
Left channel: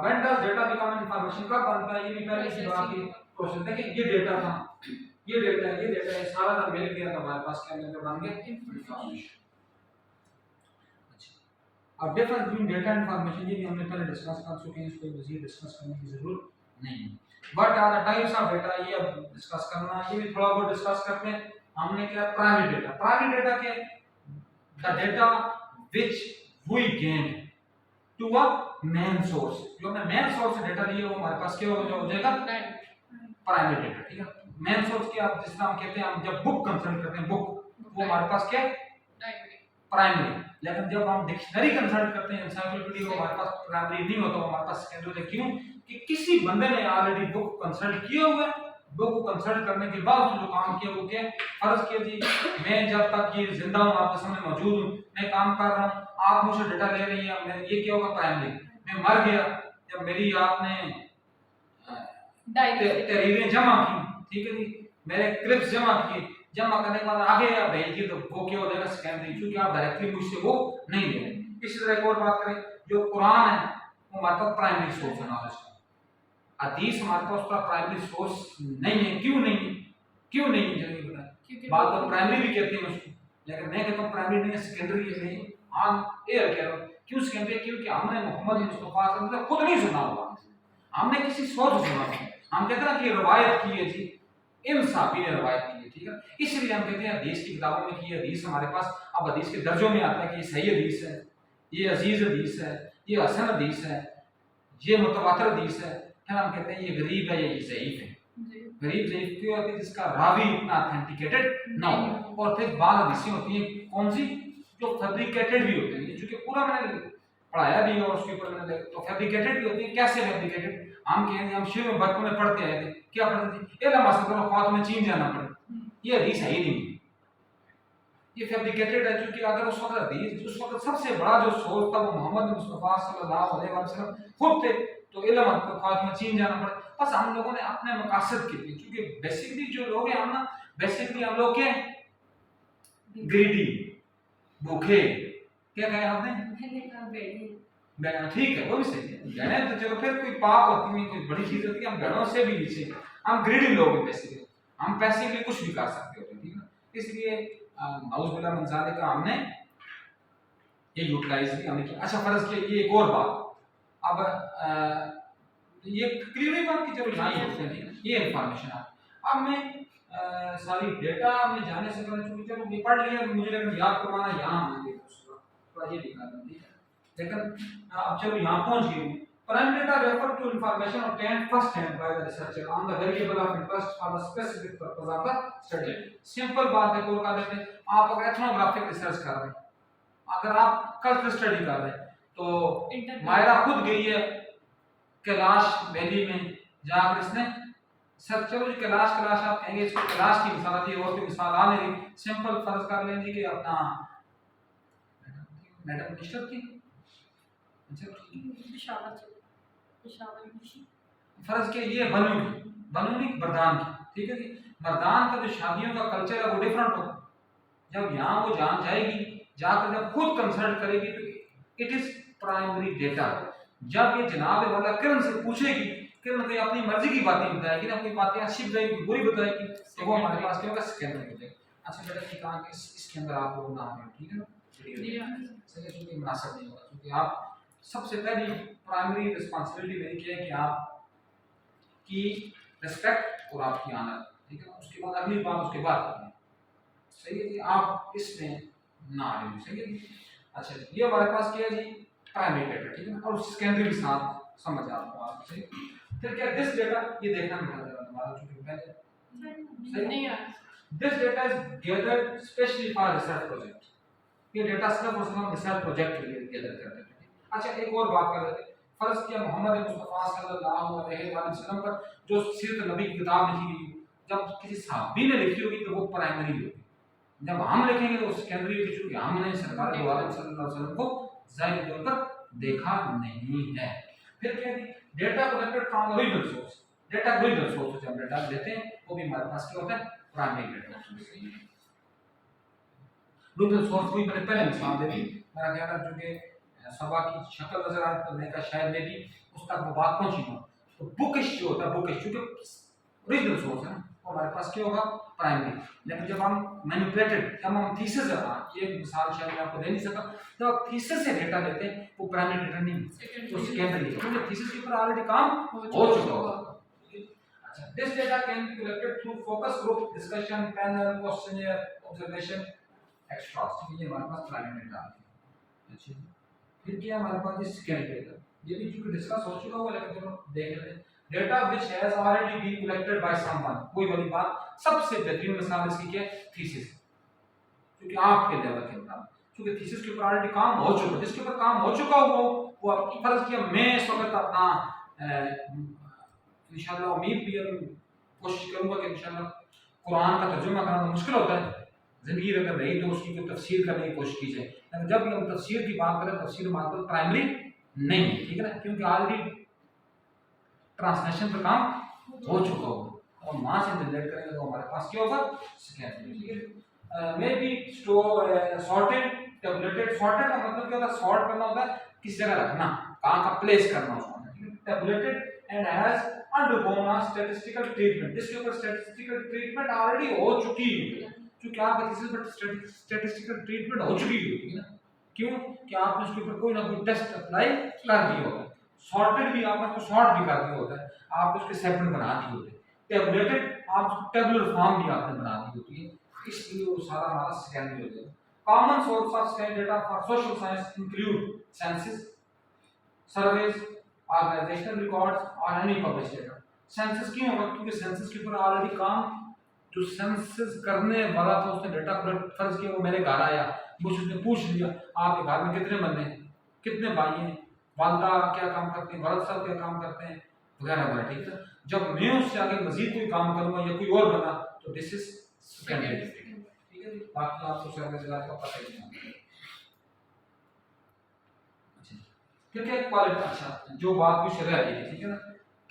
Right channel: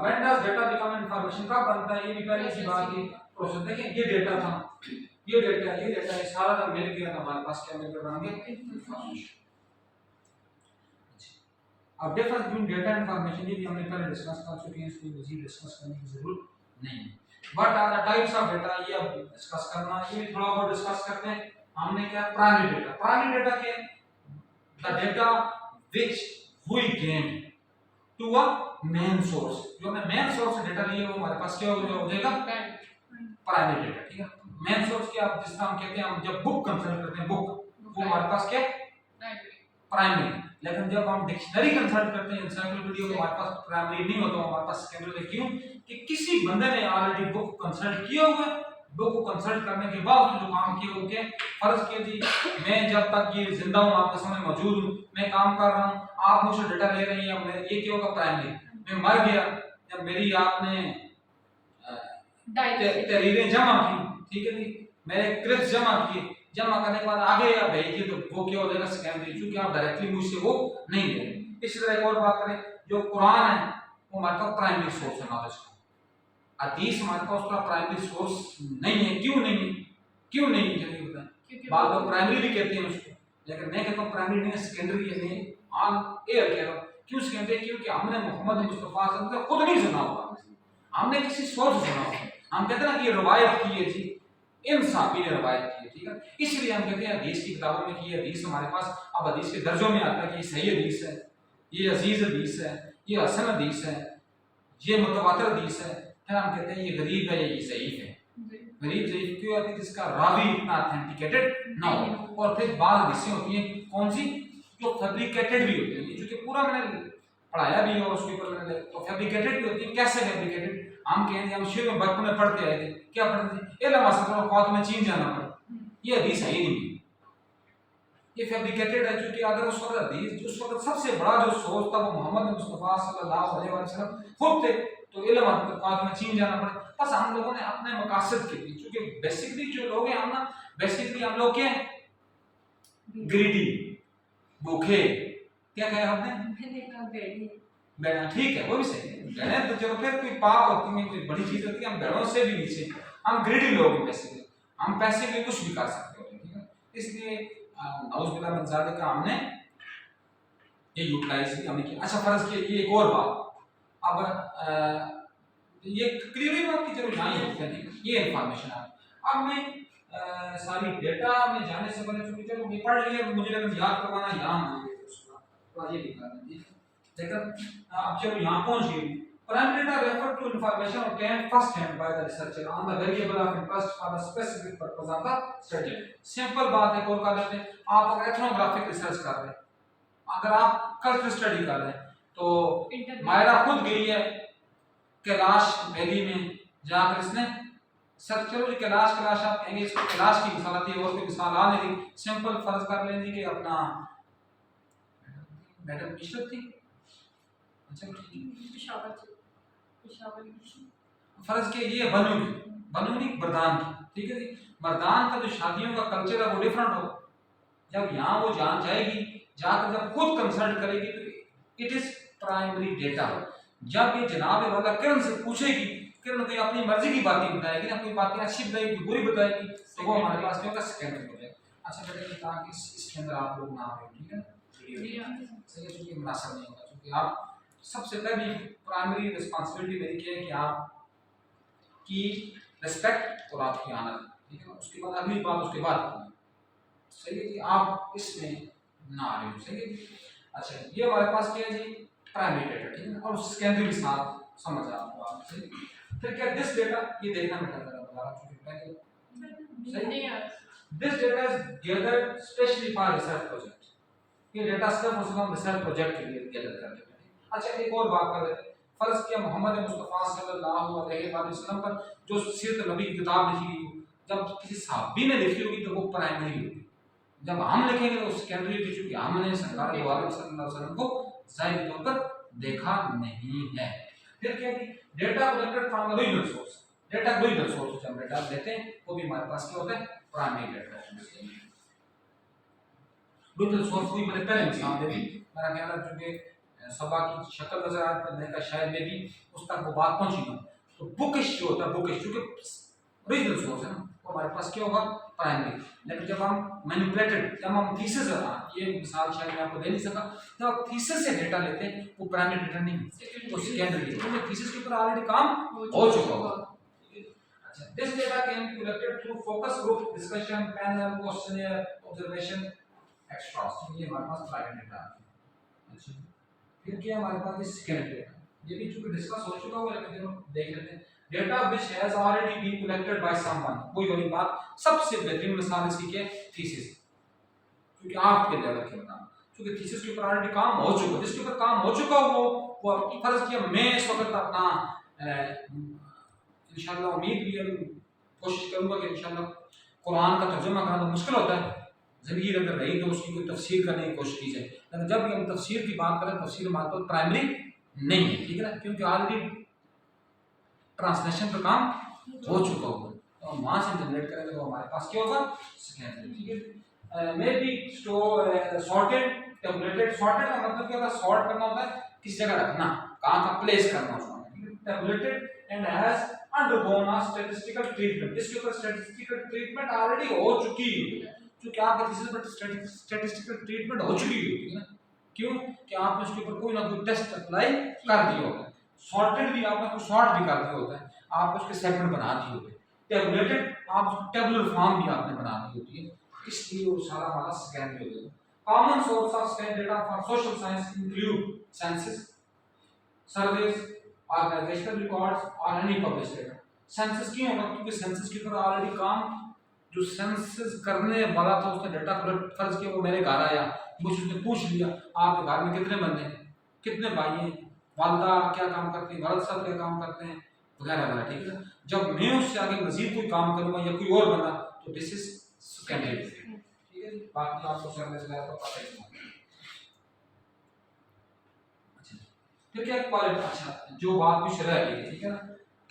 when does data become information, कब बनता है, ये भी पहले की बात थी। प्रोसेस देखें, ये डेटा था, ये डेटा है, सारा जब मिल गया तो हमारे पास क्या मिलकर बन गया इंफॉर्मेशन। अच्छा, अब difference between data and information ये भी हमने पहले डिस्कस कर चुके हैं, इसको मजीद डिस्कस करने की जरूरत नहीं है। What are the types of data, ये अब डिस्कस करना, ये भी थोड़ा बहुत डिस्कस करते हैं। हमने क्या प्राइमरी डेटा के the data which we gain to a main source, जो मैं मेन सोर्स से डेटा लिए वो हमारे पास क्या हो जाएगा प्राइमरी डेटा, ठीक है। मेन सोर्स क्या, जिस तरह हम कहते हैं, हम जब बुक कंसल्ट करते हैं बुक, वो हमारे पास क्या प्राइमरी, लेकिन जब हम डिक्शनरी कंसल्ट करते हैं एनसाइक्लोपीडिया, वो हमारे पास प्राइमरी नहीं होता, हमारे पास सेकेंडरी। क्यों कि किसी बंदे ने ऑलरेडी बुक कंसल्ट किया हुआ है, बुक को कंसल्ट करने के बाद जो काम किया वो क्या, फर्ज कीजिए मैं जब तक ये जिंदा हूं, आपके सामने मौजूद हूं, मैं काम कर रहा हूं, आप मुझसे डेटा ले रही हैं, ये क्या होगा प्राइमरी। मैं मर गया, जब मेरी आपने तहरीरें जमा की, ठीक है जी, मेरे क्लिप्स जमा किए, जमा करने के बाद आगे या भेजिए तो वो क्या हो जाएगा सेकेंडरी, क्योंकि आप डायरेक्टली मुझसे वो नहीं ले रहे। इसी तरह एक और बात करें, जो कुरान है वो हमारे पास प्राइमरी सोर्स है नॉलेज का, हदीस हमारे पास उसका प्राइमरी सोर्स नहीं है। क्यों नहीं है, क्यों नहीं है जल्दी बताएं। बात लोग प्राइमरी भी कहते हैं उसको, लेकिन मैं कहता हूँ प्राइमरी नहीं है, सेकेंडरी है। नहीं ऑन एयर कह रहा हूँ, क्यों सेकेंडरी, क्योंकि हमने मोहम्मद मुस्तफा सल्लल्लाहु अलैहि वसल्लम से खुद नहीं सुना हुआ, हमने किसी सोच से सुना हुआ। हम कहते हैं ना कि ये रवायत की है जी, इन साहबी ने रवायत की है, ठीक है। इसलिए हम कहते हैं हदीस की किताबों में कि ये हदीस हमारे पास, अब हदीस के दर्जों में आता है कि ये सही हदीस है, ये अजीज हदीस है, ये हसन हदीस है, ये मुतवातिर हदीस है। फिर हम कहते हैं ये गरीब है, ये ज़ईफ है। गरीब ज़ईफ क्यों होती है, जिसका रावी इतना ऑथेंटिकेटेड ना हो। और फिर बाद हदीसें होती हैं कौन सी, जो फैब्रिकेटेड भी होती हैं, क्योंकि पूरा मैंने पढ़ाया भी है और उसके ऊपर मैंने तो फैब्रिकेटेड भी होती है। कैसे फैब्रिकेटेड, हम कहेंगे, हम शुरू में बचपन में पढ़ते आए थे, क्या पढ़ते थे, इल्म हासिल करो ख्वात में चीन जाना पड़े, ये हदीस है ही नहीं, ये फैब्रिकेटेड है। क्योंकि अगर उस वक्त हदीस, उस वक्त सबसे बड़ा जो सोर्स था वो मोहम्मद मुस्तफा सल्लल्लाहु अलैहि वसल्लम खुद थे, तो इल्म ख्वात में चीन जाना पड़े। बस हम लोगों ने अपने मकासद के लिए, क्योंकि बेसिकली जो लोग हैं हम ना, बेसिकली हम लोग क्या ग्रीडी, भूखे, क्या कहे आपने, बैठा, ठीक है वो भी सही है, बैठे तो चलो फिर कोई पाप होती नहीं, कोई बड़ी चीज होती है, हम बैठों से भी नीचे, हम ग्रीडी लोग हैं बेसिकली, हम पैसे के लिए कुछ भी कर सकते होते हैं, ठीक है। इसलिए नाउज़ुबिल्लाह मिन ज़ालिका हमने ये यूटिलाइज भी हमने किया। अच्छा फर्ज किया, ये एक और बात, अब ये क्लियर बात की, चलो यहाँ लिखते हैं, ये इंफॉर्मेशन अब मैं सारी डेटा में जाने से पहले, चूंकि चलो मैं पढ़ लिया, मुझे लगा याद करवाना यहाँ मुझे थोड़ा ये दिखा दें, ठीक है। लेकिन अब चलो यहाँ पहुँच गए। Primary data refer to information obtained first hand by the researcher on the variable of interest for the specific purpose of the study. Simple बात है, और कर लेते हैं। आप अगर एथनोग्राफिक रिसर्च कर रहे हैं, अगर आप कल्चर स्टडी कर रहे हैं, तो मायरा खुद गई है कैलाश वैली में, जहाँ पर इसने सर, चलो जी कैलाश आप कहेंगे, इसको कैलाश की मिसाल दी, और कोई मिसाल आ नहीं। सिंपल फर्ज कर लेंगे कि अपना मैडम मिस्टर थी, अच्छा ठीक है, फर्ज किया ये बनु नहीं मर्दान की, ठीक है जी। मर्दान का जो शादियों का कल्चर है वो डिफरेंट हो। जब यहाँ वो जान जाएगी, जाकर जब खुद कंसल्ट करेगी तो इट इज प्राइमरी डेटा। जब ये जनाब वाला किरण से पूछेगी, किरण कोई अपनी मर्जी की बातें बताएगी ना, कोई बातें अच्छी बताएगी बुरी बताएगी, तो वो हमारे पास क्या होगा, सेकेंडरी हो जाएगा। अच्छा बेटा ये कहा कि इसके अंदर आप लोग ना आ रहे हो, ठीक है ना, सही है, क्योंकि मुनासिब नहीं होगा, क्योंकि आप सबसे पहली प्राइमरी रिस्पांसिबिलिटी मेरी क्या है कि आप की रिस्पेक्ट और आपकी आनर, ठीक है ना, उसके बाद अगली बात उसके बाद करनी है, सही है जी। आप इसमें ना आ रहे हो, सही है जी। अच्छा ये हमारे पास क्या है जी, प्राइमरी डेटा, ठीक है ना, और सेकेंडरी के साथ समझ आपको आप, सही। फिर क्या दिस डेटा, ये देखना बेटा जरा दोबारा, चूंकि पहले नहीं आ this data is gathered specially for research project. ये डेटा सिर्फ और सिर्फ हम रिसर्च प्रोजेक्ट के लिए गैदर करते हैं। अच्छा एक और बात कर लेते हैं, फर्ज किया मोहम्मद मुस्तफ़ा सल्लल्लाहु अलैहि वसल्लम पर जो सीरत नबी की किताब लिखी गई, जब किसी सहाबी ने लिखी होगी तो वो प्राइमरी होगी, जब हम लिखेंगे तो सेकेंडरी होगी, क्योंकि हमने सरकार दो आलम सल्लल्लाहु अलैहि वसल्लम को ज़ाहिरी तौर पर देखा नहीं है। फिर क्या है, data collected from original source, data original source से हम डेटा लेते हैं, वो भी हमारे पास क्या होता है, प्राइमरी डेटा। ओरिजिनल सोर्स कोई मैंने पहले मिसाल दे दी, मेरा ख्याल है चूंकि सबा की शक्ल नजर आ रही है, मैंने कहा शायद में भी उस तक वो बात पहुंची ना, तो बुकिश जो होता है, बुकिश चूंकि ओरिजिनल सोर्स है ना, वो हमारे पास क्या होगा, प्राइमरी। लेकिन जब हम मैनिपुलेटेड, जब हम थीसिस, ये मिसाल शायद मैं आपको दे नहीं सका, जब आप थीसिस से डेटा लेते हैं वो प्राइमरी डेटा नहीं, वो सेकेंडरी है, क्योंकि थीसिस के ऊपर ऑलरेडी काम हो चुका होगा। अच्छा this data can be collected through focus group discussion, panel, questionnaire, observation, extras, ये हमारे पास प्राइमरी डेटा आ गया। अच्छा फिर क्या हमारे पास ये सेकेंडरी डेटा, ये भी चूंकि डिस्कस हो चुका हुआ, लेकिन चलो देख लेते हैं। Data which has already been collected by someone, कोई वाली बात, सबसे बेहतरीन मिसाल इसकी क्या है, थीसिस, क्योंकि आपके लेवल के मुताबिक, क्योंकि थीसिस के ऊपर ऑलरेडी काम हो चुका, जिसके ऊपर काम हो चुका हो वो आपकी फर्ज किया, मैं इस वक्त अपना इंशाल्लाह उम्मीद भी है, कोशिश करूंगा कि इंशाल्लाह कुरान का तर्जुमा करना मुश्किल होता है, ज़िंदगी अगर रही तो उसकी कोई तफसीर करने की कोशिश की जाए, लेकिन जब भी हम तफसीर की बात करें, तफसीर हमारे पास प्राइमरी नहीं है, ठीक है ना, क्योंकि ऑलरेडी ट्रांसलेशन का काम हो चुका होगा, तो हम वहाँ से जनरेट करेंगे तो हमारे पास क्या होगा, सेकेंडरी, ठीक है। May be store sorted, tabulated, sorted का मतलब क्या होता है, सॉर्ट करना होता है, किसी जगह रखना, कहाँ का प्लेस करना उसको, ठीक है। Tabulated and has undergone a statistical treatment, जिसके ऊपर स्टैटिस्टिकल ट्रीटमेंट ऑलरेडी हो चुकी है, क्योंकि आपका थीसिस पर स्टैटिस्टिकल ट्रीटमेंट हो चुकी होती है ना, क्यों कि आपने उसके ऊपर कोई ना कोई टेस्ट अप्लाई कर दिया होता है, सॉर्टेड भी आपने उसको सॉर्ट भी कर दिया होता है, आप उसके सेगमेंट बना दिए होते हैं, टेबुलेटेड आप उसको टेबुलर फॉर्म भी आपने बना दी होती है, इसलिए वो सारा हमारा सेकेंडरी हो जाएगा। Common source of scan data for social science include census, surveys, organizational records और एनी पब्लिश डेटा। सेंसस क्यों होगा, क्योंकि सेंसस के ऊपर ऑलरेडी काम, जो सेंसस करने वाला था उसने डेटा कलेक्ट, फर्ज किया वो मेरे घर आया, मुझसे उसने पूछ लिया आपके घर में कितने बंदे हैं, कितने भाई हैं, वालदा क्या काम करते हैं, वालद साहब क्या काम करते हैं, वगैरह वगैरह, ठीक है। जब मैं उससे आगे मजीद कोई काम करूंगा या कोई और बना तो दिस इज सेकेंडरी, ठीक है। बाकी आपको सर्विस का पता ही नहीं। अच्छा फिर क्या क्वालिटी, अच्छा जो बात कुछ रह गई, ठीक है ना।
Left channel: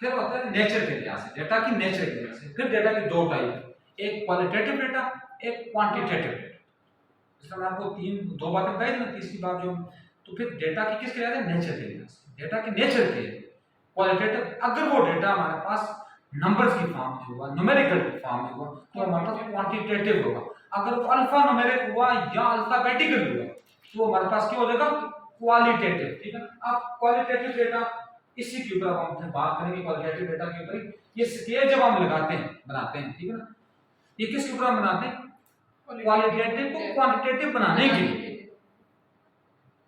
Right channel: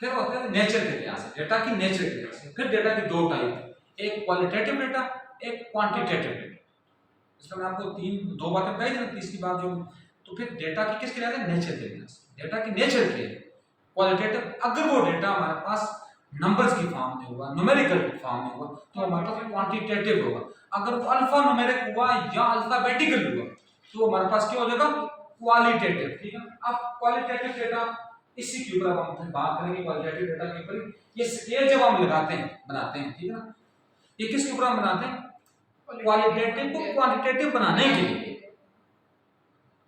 फिर होता है नेचर के लिहाज से, डेटा की नेचर के लिहाज से, फिर डेटा की दो टाइप, एक क्वालिटेटिव डेटा, एक क्वांटिटेटिव डेटा। इसका मैं आपको दो बातें बताई थी ना, तीसरी बात जो, तो फिर डेटा की किसके लिहाज से, नेचर के लिहाज से, डेटा की नेचर के है क्वालिटेटिव, अगर वो डेटा हमारे पास नंबर्स की फॉर्म में हुआ, न्यूमेरिकल फॉर्म में हुआ, तो हमारे पास क्वांटिटेटिव होगा। अगर वो अल्फा न्यूमेरिक हुआ या अल्फाबेटिकल हुआ तो हमारे पास क्या हो जाएगा, क्वालिटेटिव, ठीक है। अब क्वालिटेटिव डेटा, इसी के ऊपर अब हम फिर बात करेंगे, क्वालिटेटिव डेटा के ऊपर। ये स्केल जब हम लगाते हैं, बनाते हैं, ठीक है ना, ये किसके ऊपर हम बनाते हैं, क्वालिटेटिव को क्वांटिटेटिव बनाने के लिए।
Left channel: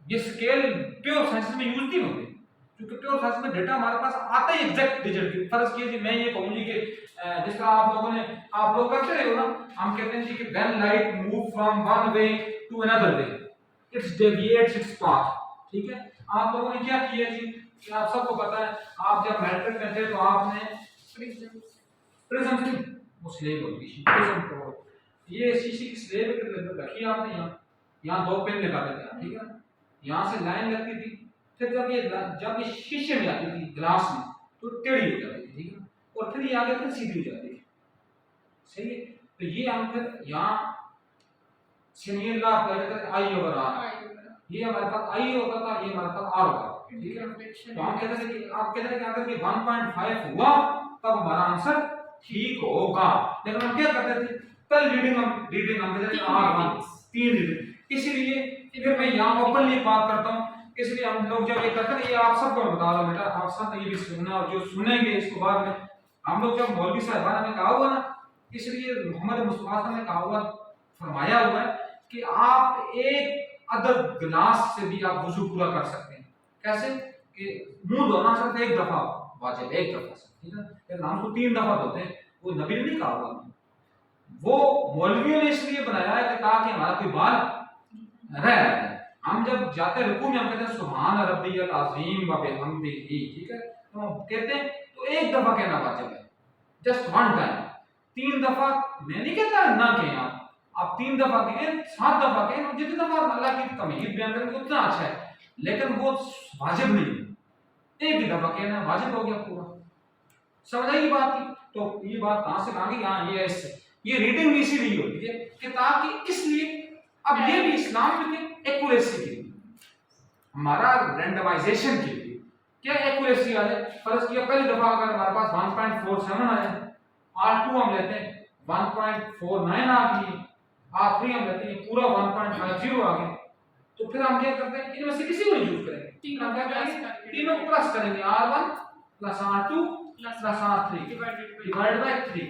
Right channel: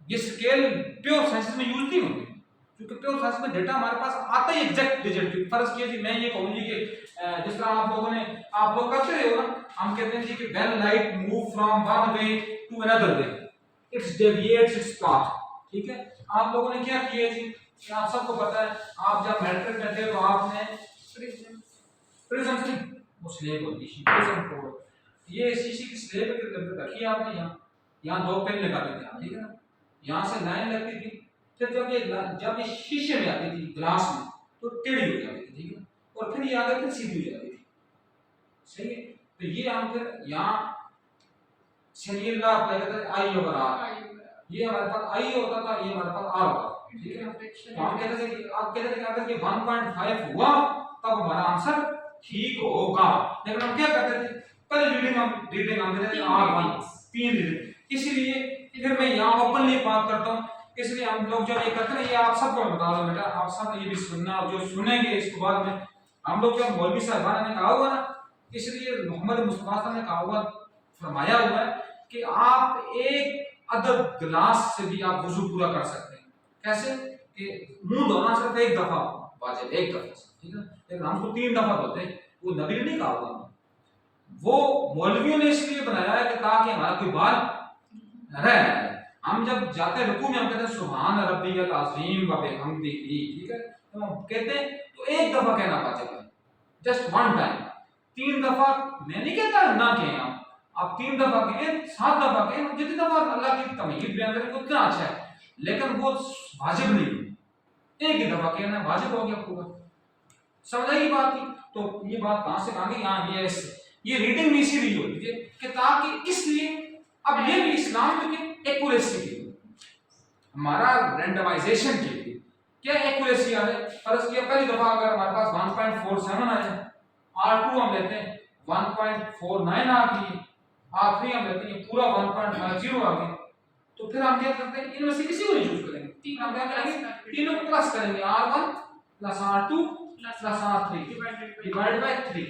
ये स्केल प्योर साइंस में यूज नहीं होते, क्योंकि प्योर साइंस में डेटा हमारे पास आता ही एग्जैक्ट रिजल्ट। फर्ज कीजिए मैं ये कहूँ जी कि जिस तरह आप लोग करते रहे हो ना, हम कहते हैं जी कि when light move from one way to another way its deviates its path, ठीक है। आप लोगों ने क्या किया जी, कि आप सबको पता है, आप जब मैट्रिक में थे तो आपने प्रिज्म की वो स्लेब होती थी, प्रिज्म को ये शीशे की स्लेब रखी आपने, यहाँ दो पेन लगा देते हैं, ठीक है ना, यहाँ से लाइन लगती थी, फिर जब ये शीशे में आती थी, ग्लास में, तो टेढ़ी हो जाती थी, फिर ये आगे फिर सीधी हो जाती थी, सही है। तो ये हम फिर यहाँ शेनियर लॉ अप्लाई करते थे आई ओवर आर, ये हमारे पास आई होता था, ये हमारे पास आर होता था, ठीक है। तो हम कहते थे कि आप कहते थे कि अगर ये 1.5 हुआ तब हमारा आंसर ठीक होगा, लेकिन हम क्या करते थे पहले रीडिंग हम कहते थे R1 3 रीडिंग। इसीलिए फिर मैं यहाँ ओपनली बात करता हूँ, इसलिए हम लोग जब ये करते हैं, ये आप सबको बता दो बेटा, आप सब ये भी सुनना, और जो सुनेंगे इसको बाद में, हम लोग जब मौलवी साहबान ने कहा हुआ ना, इसलिए मोहम्मद मुस्तफा साहब ने कहा हुआ फरमाया हुआ है कि आप एक अदद गिलास से भी आप वजू पूरा कर सकते हैं। कैसे कि मुंह धोना सिर्फ एक दफा वाजिब, एक दफा से, ठीक है, लेकिन हम उसको 3 दफा धोते हैं, वो नबी ने नहीं कहा हुआ, वो मौलवियों ने इसलिए बनाया है कि ताकि हमारा कोई बाल रह जाए। हम जब जाते हैं रुकू में हम कहते हैं सुभान रब्बियल अज़ीम व बिहम्दिही, ठीक है, तो हम कहते हैं तो एक दफा कहना वाजिब है, जस्ट वन टाइम। 3 दफा मैं नहीं कहता ना कहें आप 3 दफा कहें, 7 दफा कहें, जितनी दफा अल्लाह की तमहीद बयान करें उतना अच्छा है, लेकिन वो वाजिब नहीं है, एक ही दफा कहना वाजिब हो गया पूरा। समझ आई बात की? तो ये बात कहां से कहां गई? हाँ ये ऐसे, ये रीडिंग भी इसीलिए होती है कि ताकि, इसलिए अब ये भी इस्लाम में एक्यूरेसी के लिए, हमारा रैंडमाइजेशन के लिए क्या एक्यूरेसी आ रहा है। फर्ज किया पहली दफा अगर हमारे पास 1.47 आया, R2 हम लेते हैं 1.49 आ गई, R3 हम लेते हैं पूरा 1.50 आ गया, तो फिर हम क्या करते हैं, इनमें से किसी को नहीं चूज करेंगे, हम क्या करेंगे, तीनों को प्लस करेंगे, R1 plus R2 plus R3 divide by 3,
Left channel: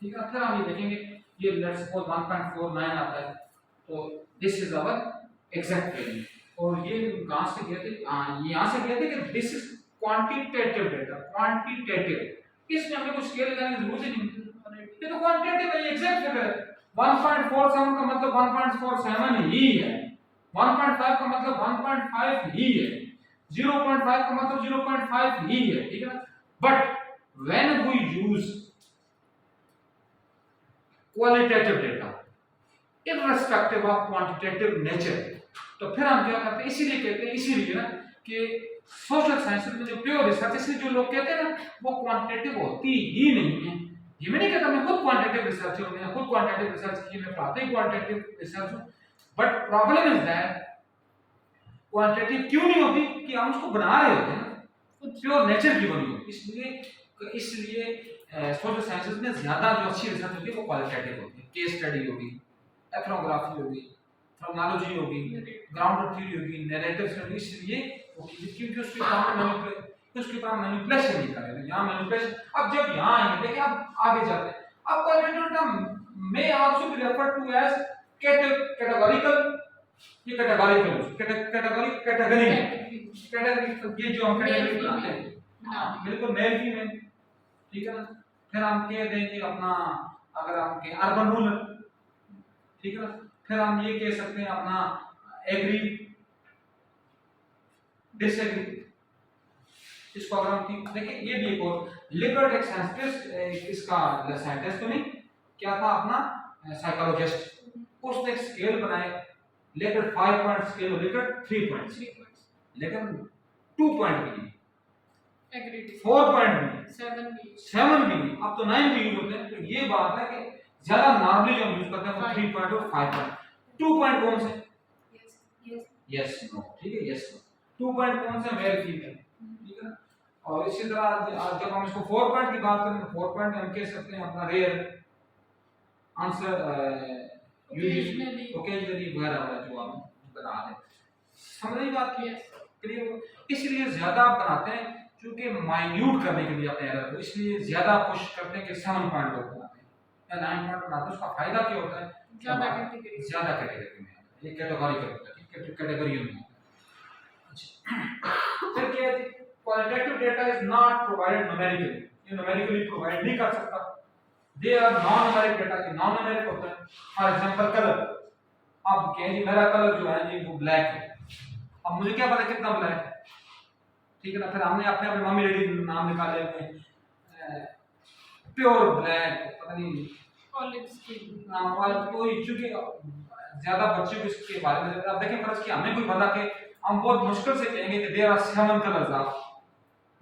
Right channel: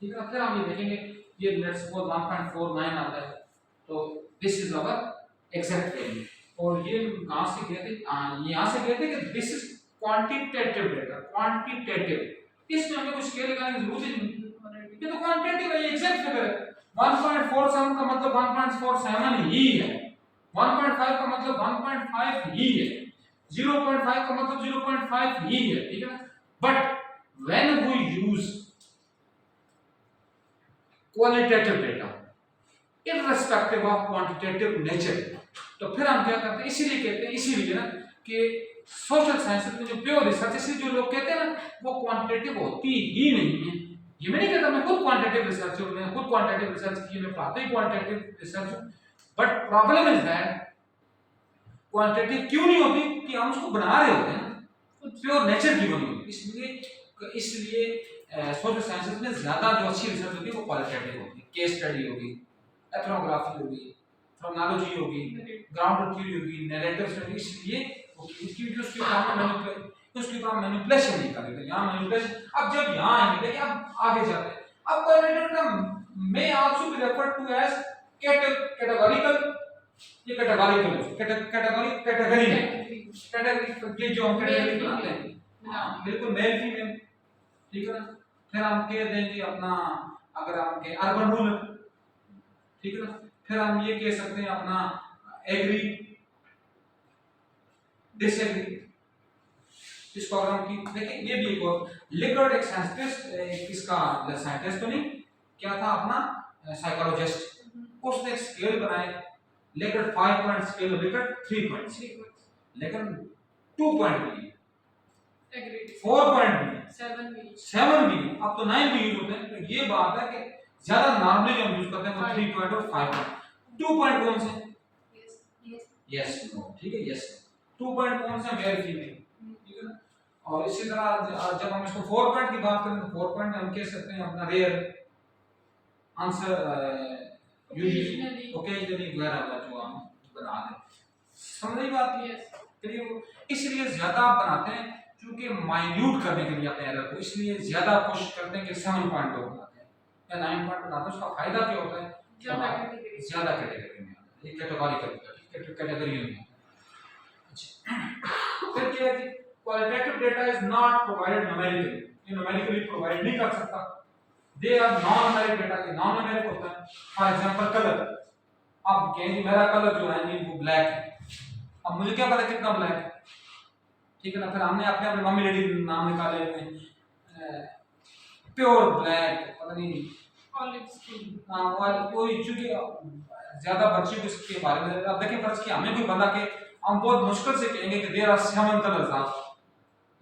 ठीक है। फिर हम ये देखेंगे, ये लेट्स सपोज 1.49 आता है, तो this is our exact value. और ये कहां से गए थे? यहां से गए थे कि this is quantitative data, quantitative, इसमें हमें कुछ स्केल लगाने की जरूरत ही नहीं, ये तो क्वांटिटेटिव है, एग्जैक्ट फिगर है। 1.47 का मतलब 1.47 ही है, 1.5 का मतलब 1.5 ही है, 0.5 का मतलब 0.5 ही है, ठीक है ना। But when we use qualitative data irrespective of quantitative nature, तो फिर हम क्या करते हैं, इसीलिए कहते हैं, इसीलिए ना कि सोशल साइंस में जो प्योर रिसर्च, इसलिए जो लोग कहते हैं ना वो क्वांटिटेटिव होती ही नहीं है। ये मैं नहीं कहता, मैं खुद क्वांटिटेटिव रिसर्च हूं, मैं खुद क्वांटिटेटिव रिसर्च की, मैं पढ़ाते ही क्वांटिटेटिव रिसर्च हूं, but problem is that quantitative क्यों नहीं होती कि हम उसको बना रहे होते हैं ना, प्योर नेचर की बनी होती है। इसलिए सोशल साइंसेस में ज्यादा जो अच्छी रिसर्च होती है वो क्वालिटेटिव होती है, केस स्टडी होगी, एथनोग्राफी होगी, फ्रोनोलॉजी होगी, ग्राउंड थ्योरी होगी, नैरेटिव स्टडी, इसलिए क्योंकि उसके काम मैनिपुलेशन नहीं करेगा, यहाँ मैनिपुलेशन। अब जब यहाँ आएंगे, देखिए अब आगे जाते हैं, अब qualitative term may also be referred to as categorical, ये कैटेगरी ये जो हम कैटेगरी बनाते हैं, बिल्कुल मेल फीमेल, ठीक है ना। फिर हम कह देंगे अपना, अगर हम कहें अर्बन रूरल, ठीक है ना, फिर हम ये कह सकते हैं अपना एग्री डिसएग्री, इसको अगर हम देखिए, ये भी एक और लिकर्ट एक साइंटिस्ट, इसका साइंटिस्ट तो नहीं, क्या था अपना साइकोलॉजिस्ट, उसने एक स्केल बनाया, लिकर्ट 5 पॉइंट स्केल और लिकर्ट 3 पॉइंट्स, लेकिन 2 पॉइंट भी, 4 पॉइंट भी, 7 भी, अब तो 9 भी यूज होते हैं। तो ये बात है कि ज्यादा नॉर्मली जो हम यूज करते हैं वो 3 पॉइंट और 5 पॉइंट। 2 पॉइंट कौन से? यस नो, ठीक है, यस नो। 2 पॉइंट कौन से? मेल फीमेल, ठीक है ना। और इसी तरह जब हम इसको 4 पॉइंट की बात करें तो 4 पॉइंट हम कह सकते हैं अपना रेयर आंसर, यूजुअली, ओकेजनली वगैरह जो हम बना दें। समझ रही बात की? क्लियर? इसलिए ज्यादा आप बनाते हैं क्योंकि माइन्यूट करने के लिए अपने एरर को, इसलिए ज्यादा कोशिश करते हैं कि 7 पॉइंट बनाते हैं या 9 पॉइंट बनाते हैं। उसका फायदा क्या होता है? ज्यादा कैटेगरी में, एक कैटेगरी में। अच्छा, फिर क्या है, qualitative data is not provided numerically, ये न्यूमेरिकली प्रोवाइड नहीं कर सकता। They are non numeric data, ये नॉन न्यूमेरिक होता है। फॉर एग्जांपल कलर, आप कहेंगे मेरा कलर जो है ये वो ब्लैक है, अब मुझे क्या पता कितना ब्लैक है, ठीक है ना। फिर हमने अपने मम्मी डैडी नाम निकाले हुए, प्योर ब्लैक, पता नहीं ऑलिव स्किन, और कोई, चूंकि ज्यादा बच्चे को इसके बारे में, अब देखें फर्ज किया हमें कोई बंदा के, हम बहुत मुश्किल से कहेंगे कि there are 7 colours of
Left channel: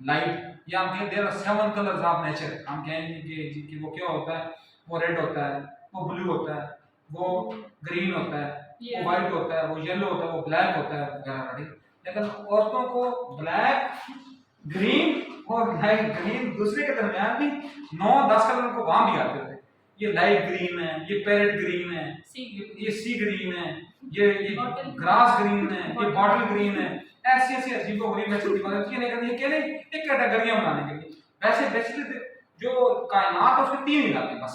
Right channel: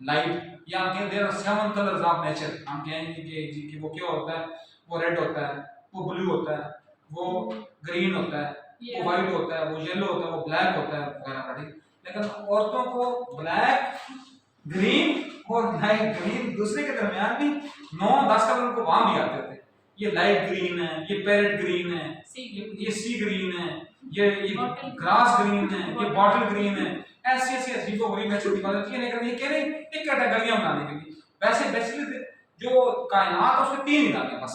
light, या हम कहें there are 7 colours of nature, हम कहेंगे कि वो क्या होता है, वो रेड होता है, वो ब्लू होता है, वो ग्रीन होता है, वो वाइट होता है, वो येलो होता है, वो ब्लैक होता है वगैरह, ठीक। लेकिन औरतों को ब्लैक, ग्रीन और लाइट ग्रीन दूसरे के दरमियान भी 9-10 कलर को वहां भी आते थे। ये लाइट ग्रीन है, ये पैरेट ग्रीन है, ये सी ग्रीन है, ये ग्रास ग्रीन है, ये बॉटल ग्रीन है, ऐसी ऐसी अजीबो गरीब छोटी बात होती है। लेकिन ये कह रहे एक कैटेगरियां बनाने के लिए। वैसे बेसिकली जो कायनात है उसके 3 इलाके बस,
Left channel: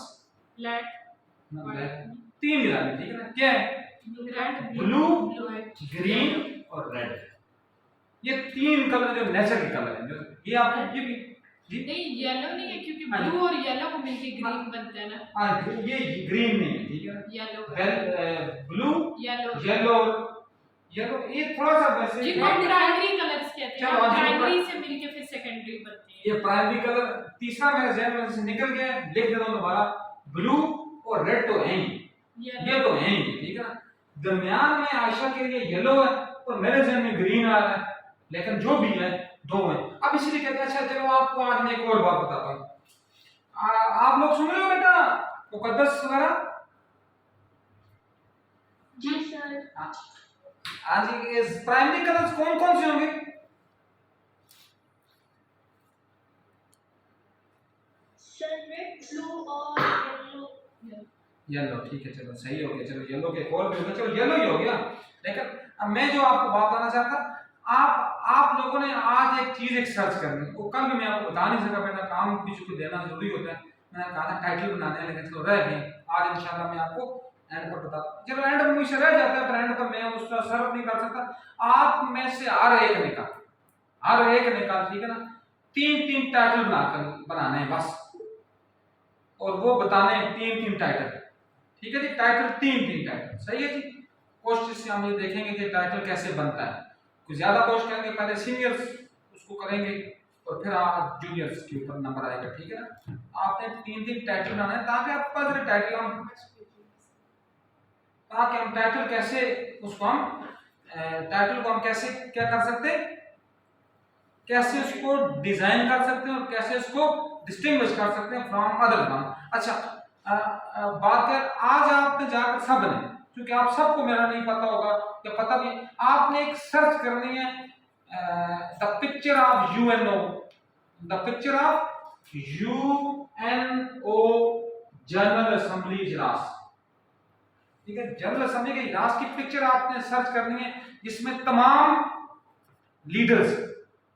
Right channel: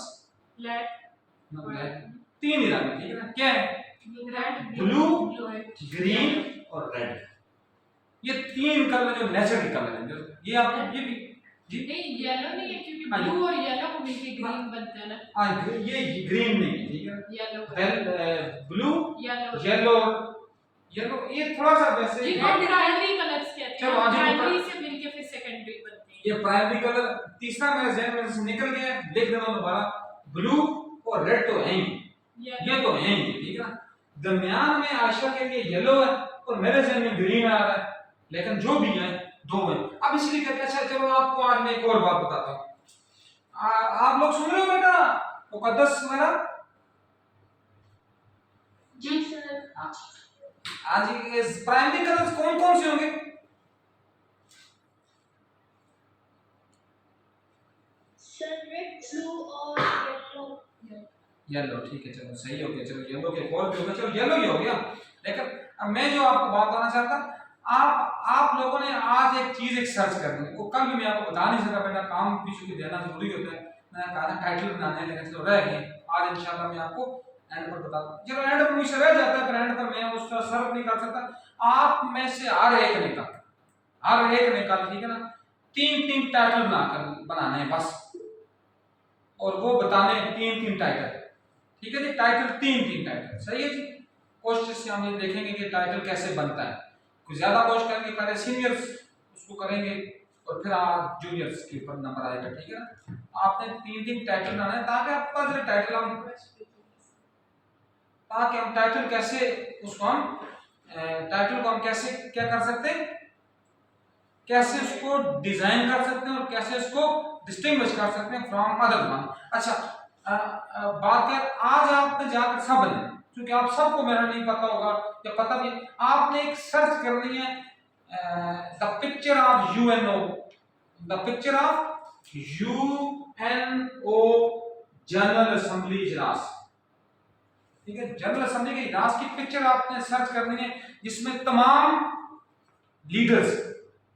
तीन इलाके, ठीक है ना, क्या है, ब्लू, ग्रीन और रेड। ये 3 कलर जो नेचर के कलर हैं, ये आपको ये भी नहीं येलो नहीं है, क्योंकि ब्लू और येलो को मिलके ग्रीन बनता है ना। हाँ, ये ग्रीन नहीं है, ठीक है, येलो ब्लू, येलो, येलो ये थोड़ा सा वैसे जिनको प्राइमरी कलर्स कहते हैं, चलो आज प्राइमरी से मिलके फिर सेकेंडरी बनते हैं। ये प्राइमरी कलर तीसरा मेरे जहन में से निकल गया है, लिख देता हूं दोबारा, ब्लू और रेड तो है ही, ये तो है ही, ठीक है ना। दरमियान में आयशा के लिए येलो है और मेरे जहन में ग्रीन आ रहा है, लेकिन जो भी है 2 है। अब इसलिए कहते हैं, अच्छा चलो आपको आज मैं एक और बात बताता हूँ। आप लोग सुन रहे हो बेटा मुकद्दस वगैरह? जी सर। आज इस प्राइमरी कलर्स कौन कौन से होंगे? सर रेड, ब्लू और येलो। येलो, ठीक है, चलो सही हो गया, चलो येलो के और भी होगा, चलो येलो ही हो गया। लेकिन अब मैं जो आपको बात बताना चाहता, आप लोगों ने आज एक चीज एक सर्च करनी है, वो कल भी मैं आपको बता नहीं सका, बेटा काम किसी को देना जरूरी होता है, मैंने कहा था टाइटल बनाना है, लेकिन चलो रह गए, आज इंशाल्लाह मैं आपको एंड पर बताता हूं। जब एंड पर मुझसे रह जाता है, एंड पर मैं उसका सर्व नहीं कर सकता। आप में से हर एक ने कहा, ठीक है ना, 3 टाइटल बनाना है बस, और वो बताने 3 टाइटल, ठीक है जी, टाइटल 3 टाइटल, सही है जी। कोशिश से हम ये देखेंगे कि टाइटल कैसे बनता है, कुछ ज्यादा कोशिश करेंगे, पहले सीनियर्स उसको करेंगे और फिर आप जूनियर्स के ऊपर नंबर आएगा, ठीक है ना। आपने 3 टाइटल बनाना है ताकि आपके पास टाइटल कैसे उसको हम टाइटल को हम कैसे क्या कर सकते हैं, कैसे उसको डिजाइन कर सकते हैं और कैसे उसको डिस्टिंग्विश कर सकते हैं फ्रॉम अदर वन। अच्छा, बात कर, आज आपने जाकर सब ने, क्योंकि आप सबको मेरा नहीं पता होगा या पता भी, आपने एक सर्च करनी है the picture of UNO, the picture of UNO general assembly इजलास, ठीक है, जनरल असेंबली के इजलास की पिक्चर आपने सर्च करनी है, जिसमें तमाम लीडर्स,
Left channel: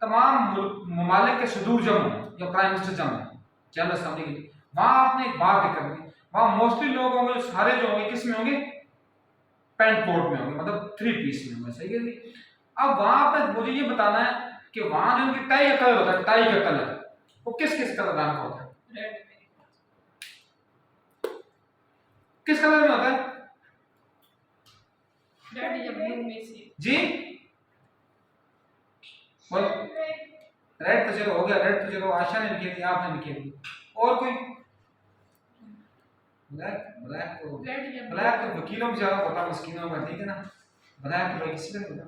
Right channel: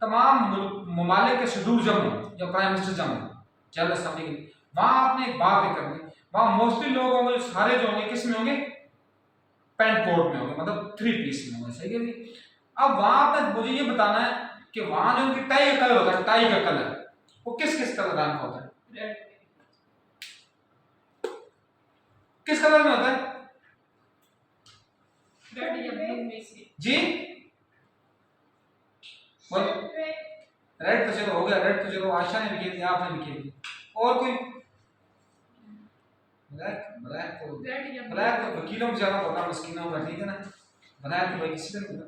तमाम ममालिक के सदूर जम या प्राइम मिनिस्टर जम जनरल असेंबली की, वहां आपने एक बात भी करनी, वहां मोस्टली लोग होंगे, सारे जो होंगे किस में होंगे, पैंट कोट में होंगे, मतलब 3 पीस में होंगे, सही है जी। अब वहां पर मुझे ये बताना है कि वहां जो उनकी टाई का कलर होता है, टाई का कलर वो किस किस कलर रंग का होता है, किस कलर में होता है, रेड या ब्लू में से जी, रेड तो चलो हो गया, रेड तो चलो आशा ने लिखी थी, आपने लिखी थी, और कोई ब्लैक तो वकीलों को ज्यादा पता, मस्कीनों में, ठीक है ना, ब्लैक तो किसी ने पता,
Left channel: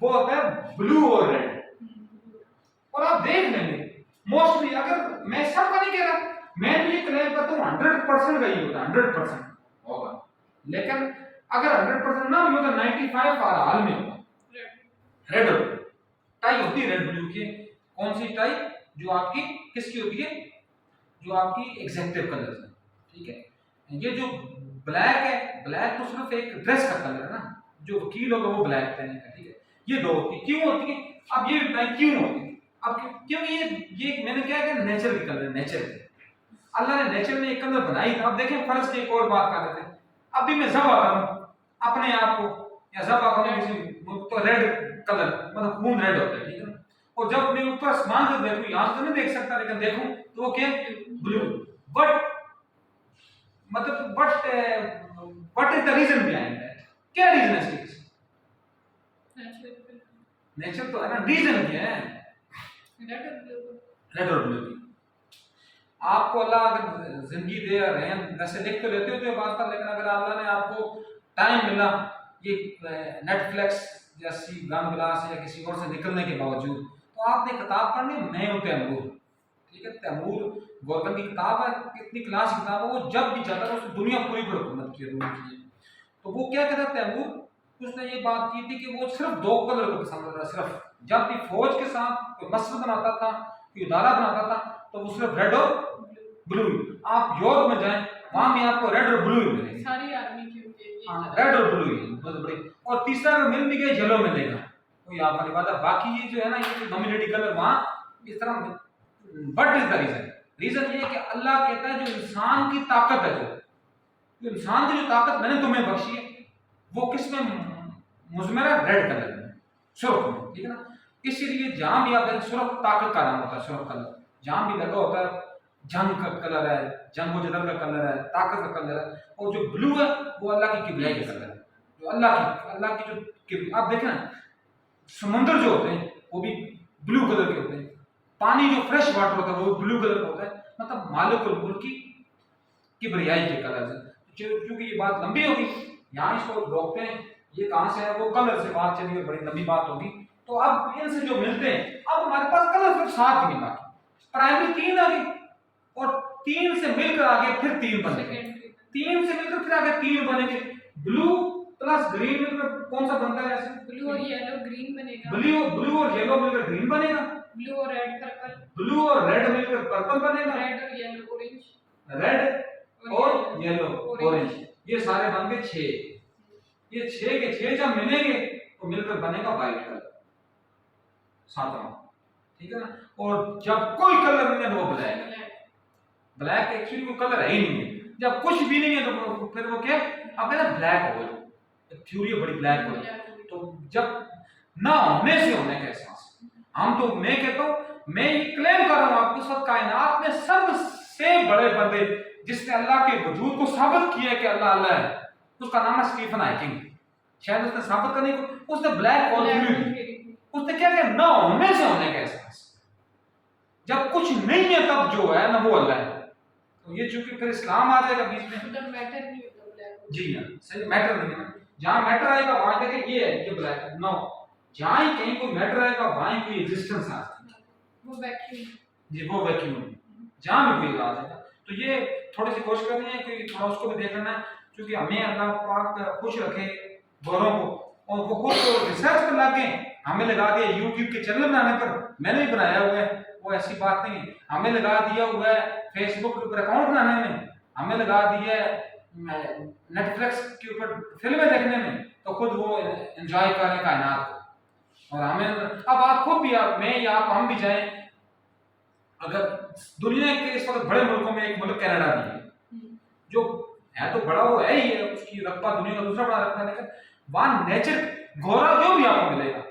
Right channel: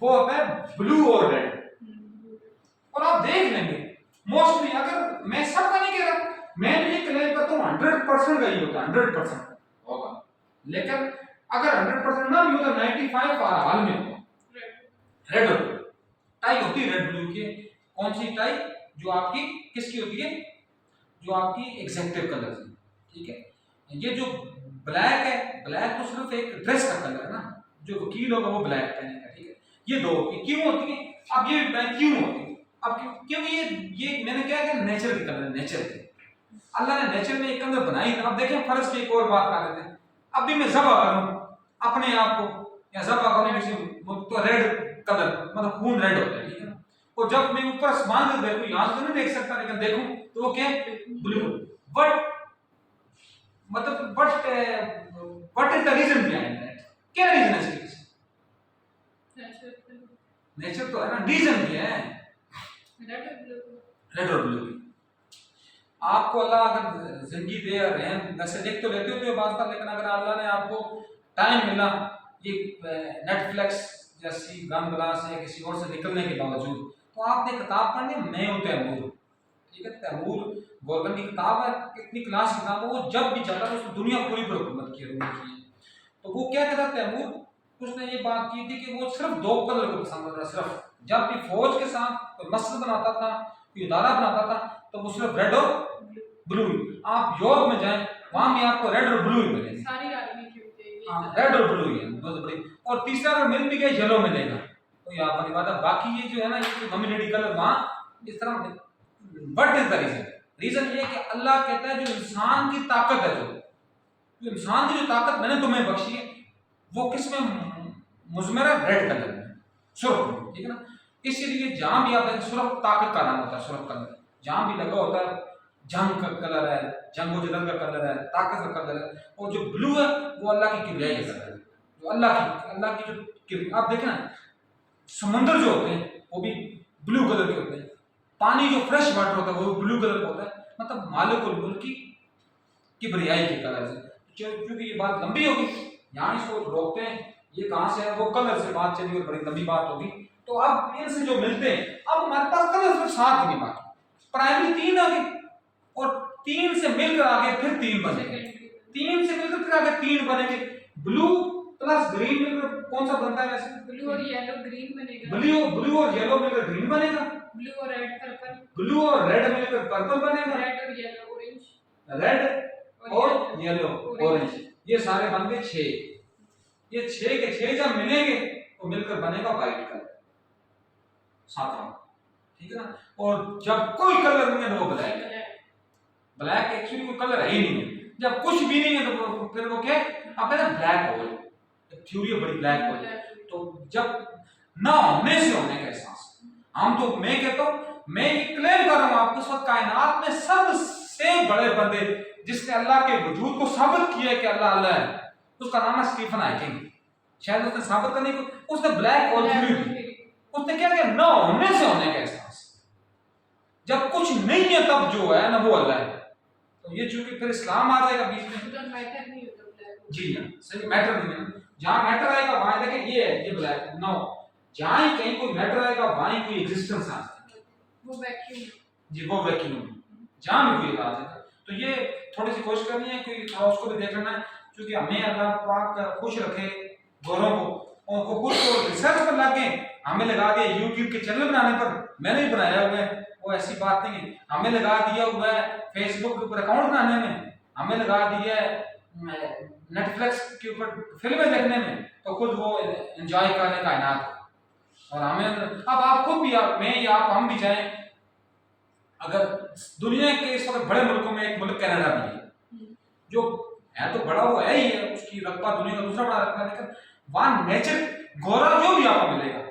वो होता है ब्लू और रेड। और आप देख लेंगे मोस्टली, अगर मैं सबका नहीं कह रहा, मैं भी ये क्लेम करता हूं 100% का ही होता है, 100% होगा, लेकिन अगर 100% ना भी हो तो 95 हाल में होगा रेड होता है। टाई होती है रेड ब्लू की, कौन सी टाई, जो आपकी किसकी होती है, जो आपकी एग्जेक्टिव कलर है, ठीक है। ये जो ब्लैक है, ब्लैक तो सिर्फ एक ड्रेस का कलर है ना, जो वकील होगा वो ब्लैक पहनेगा, ठीक है। ये 2 होती है, क्यों होती है, अब ये बताएं क्यों होती है। अब क्योंकि ये मैंने क्या कहा, नेचर के कलर है, नेचर के, अल्लाह ने नेचर में एक कलर बनाई। अब देखें फर्ज की एक और बात कर लेते हैं, अब भी मैं ज़बा करूं अपने आप को, या ज़बा करूं किसी तो रेड कलर, मतलब खून रेड होता है, ठीक है। और जब मैं ऊपर आसमान से देखूं, यहां से तो नहीं देख सकता, लेकिन देखूं तो वो क्या है, ब्लू। बट मतलब what is the reason behind that, क्या रीजन है इसके पीछे, नेचर तो है ना, रीजन क्या है, रेड और ब्लू की। आपको अल्लाह अगर जिंदगी दे और रहम, वैसे देख तो लेते हो तो ये बात था, लेकिन अगर अल्लाह ने आपको टाइम मिला, ये नेटफ्लिक्स जैसी गन ब्लास्ट या किसी और से निकलने के बावजूद, तो आपने किताब पढ़नी, मैं हूँ तैमूर, ठीक है, तैमूर गवर्नमेंट की किताब है, कितनी क्लास की किताब है, वो जब भी जाता है उसने दुनिया पूरी पर हुकूमत की है। तो वो क्या कहता तैमूर, उसने ये बात की थी कि वो सिर्फ 2 कलर को पसंद करता, सिर्फ जब भी फौज के साथ कोई मस्जिद बनाता था, कोई इदारा बनाता था, तो वो सिर्फ रेड और ब्लू। आप यूरोप में जाएं, वहां भी आपको रेड और ब्लू मिलेंगे, सारी आर्मी की होती है ये। हाँ रेड और ब्लू ही है बहुत बड़ी। और तीसरा अगर मिल भी गया येलो मिलेगा, तो यहाँ पर बात है। बाकी ये जो है ना, ये डोमिनेटिंग कलर वहां इस तरह। What is the reason? Reason ये है कि अल्लाह कहता है जो इंसान की ताकत है, जो इंसान की जो ताकत मैंने तुम्हें बख्शी है, वो किस में मुजमर है? रेड कलर में, सुर्ख में, ठीक है ना। इसीलिए जहां भी आप देखें सुर्ख ताकत का नाम होता है, सुर्ख कलर जहां भी लगा होता है, जंग का कलर है, जंग व जदल का कलर है, ताकत का कलर है। और जो ब्लू है वो अल्लाह की किबरियाई का कलर है, जो अल्लाह की जो आप देखना समुद्र जो होते हैं वो भी ब्लू कलर के होते हैं, पानी जो फ्रेश वाटर होता है वो ब्लू कलर का होता है, मतलब मालिकुल मुल्क की किबरियाई के कलर से। क्योंकि ये बात लंबी होगी, यहाँ इसको रोकते हैं, ये कहाँ से है, वो कलर से बात चली और बड़ी लंबी बात होगी। तो अब इनसे जो मिलते हैं, अब हमारे पास कलर सिर्फ 7 नहीं, बाकी प्राइमरी 3 आ गई, और 3 से मिलकर आगे फिर 3 बनेंगे, 3 से मिलकर फिर आगे 3 बनेंगे। ब्लू प्लस ग्रीन मिलकर कौन सा बनता है वैसे? ब्लू और येलो ग्रीन बनेगा, ब्लू और येलो मिलकर ग्रीन बनेगा, ब्लू और रेड पर्पल, ब्लू और रेड मिलकर पर्पल बनेगा, रेड और येलो ऑरेंज, रेड और येलो ऑरेंज, ये सारे बन गए 6। ये 6 के 6 जब मिलेंगे तो मिलकर बनेगा व्हाइट कलर, 7वां, ठीक है ना। और जब कोई कलर नहीं है तो वो ब्लैक है। ब्लैक एक्चुअली कोई कलर है ही नहीं है, जब कुछ भी नहीं है तो फिर वो क्या, अब है ना ब्लैक होल, थ्योरी है बड़ी ब्लैक होल। तो जब ना होने से होने का एहसास, हम तो मैं कहता हूँ, मैं ये क्लेम कर रहा हूँ आपके साथ, कायनात में सबसे बड़े बंदे जिसने अल्लाह के वजूद को साबित किया है कि अल्लाह अल्लाह है, उसका नाम है स्टीफन हॉकिंग। शायद उसने साबित करने को, उसने ब्लैक होल थ्योरी दी। उसने क्या किया, ना होने से होने का एहसास, जब कुछ नहीं है तब जो है ना वो अल्लाह है। तो ये चूंकि फिर इस्लाम आ जाएगा बीच में, मतलब मैटर नहीं होता ब्लैक, जी हाँ सही, मैटर नहीं है। जहां मैटर आएगा वहां देखें ये है, ये ब्लैक नो, जहां ही कहीं कोई मैटर आएगा वहां ही कोई एग्जिस्टेंस आ जाएगा, वो वैक्यूम, जी वो वैक्यूम, जहां भी कोई आ जाएगा। तो ये थोड़ी सी कोशिश करनी है कि थोड़ा उसको भी देख लेना, क्योंकि हमें अल्लाह पाक खुश रखे गोरों को, और वो खुद को रिसर्च पर लग गए, हमें लगा दिया यूट्यूब के चैनल बनाने पर, मैंने भी बनाया हुआ है, वो ऐसी बात नहीं है। हमें लगा दिया हुआ है फेसबुक के ऊपर अकाउंट बनाने में, हमें लगा दिया है नेटफ्लिक्स के ऊपर फिल्में देखने में, तो खुद वो एंजॉय कर रहे कायनात को। और हमें अब आप खुद भी, आप मैं या आप हम भी जाएं, अगर दुनिया के इस वक्त बड़े मुल्कों में एक मुल्क कनाडा भी है, जो है तो बड़ा वो है ही है, उसकी रकबा दुनिया का दूसरा बड़ा रकबा है, लेकिन वहां नेचर गोरा जो भी आपको मिलेगा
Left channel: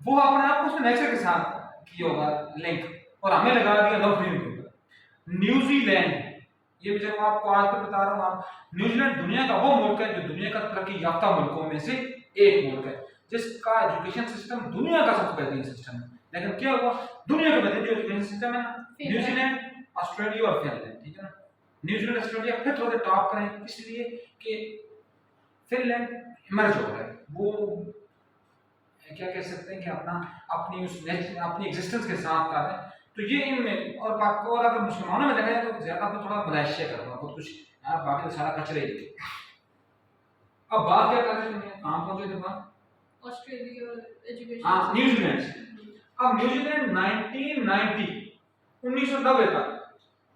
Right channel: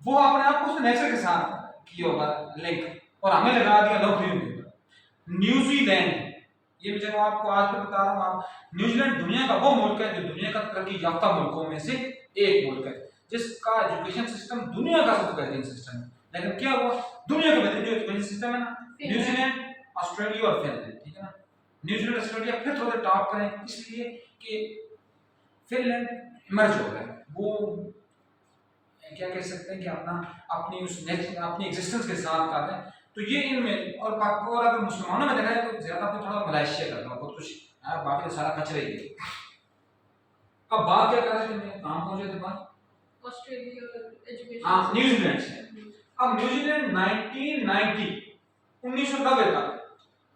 वो अपने आप को उसने नेचर के साथ किया होगा लिंक, और हमें लगा दिया नौकरियों के ऊपर। न्यूजीलैंड, ये भी चलो आपको आज तो बता रहा हूँ, आप न्यूजीलैंड दुनिया का वो मुल्क है जो दुनिया का तरक्की याफ्ता मुल्कों में से एक मुल्क है, जिसका एजुकेशन सिस्टम दुनिया का सबसे बेहतरीन सिस्टम है। लेकिन क्या हुआ, दुनिया का बेहतरीन जो एजुकेशन सिस्टम है ना, न्यूजीलैंड, ऑस्ट्रेलिया और फिनलैंड, ठीक है ना। न्यूजीलैंड ऑस्ट्रेलिया फिर थोड़े टॉप करें, इसलिए कि फिनलैंड इमर्ज हो गया, वो क्या कह सकते हैं कि अपना अपनी उस अपनी एग्जिस्टेंस के साथ कर रहे हैं। तो ये इनमें, और अगर मुसलमानों में देखा जाए तो ज्यादा तो थोड़ा मलेशिया का बहुत कुछ, बाकी तो सारा कचरा ही है। अब बात क्या कर रहे हैं, कहाँ पहुंचे थे बात, ऑस्ट्रेलिया एजुकेशन, हाँ न्यूजीलैंड से। अब न्यूजीलैंड 1990 तक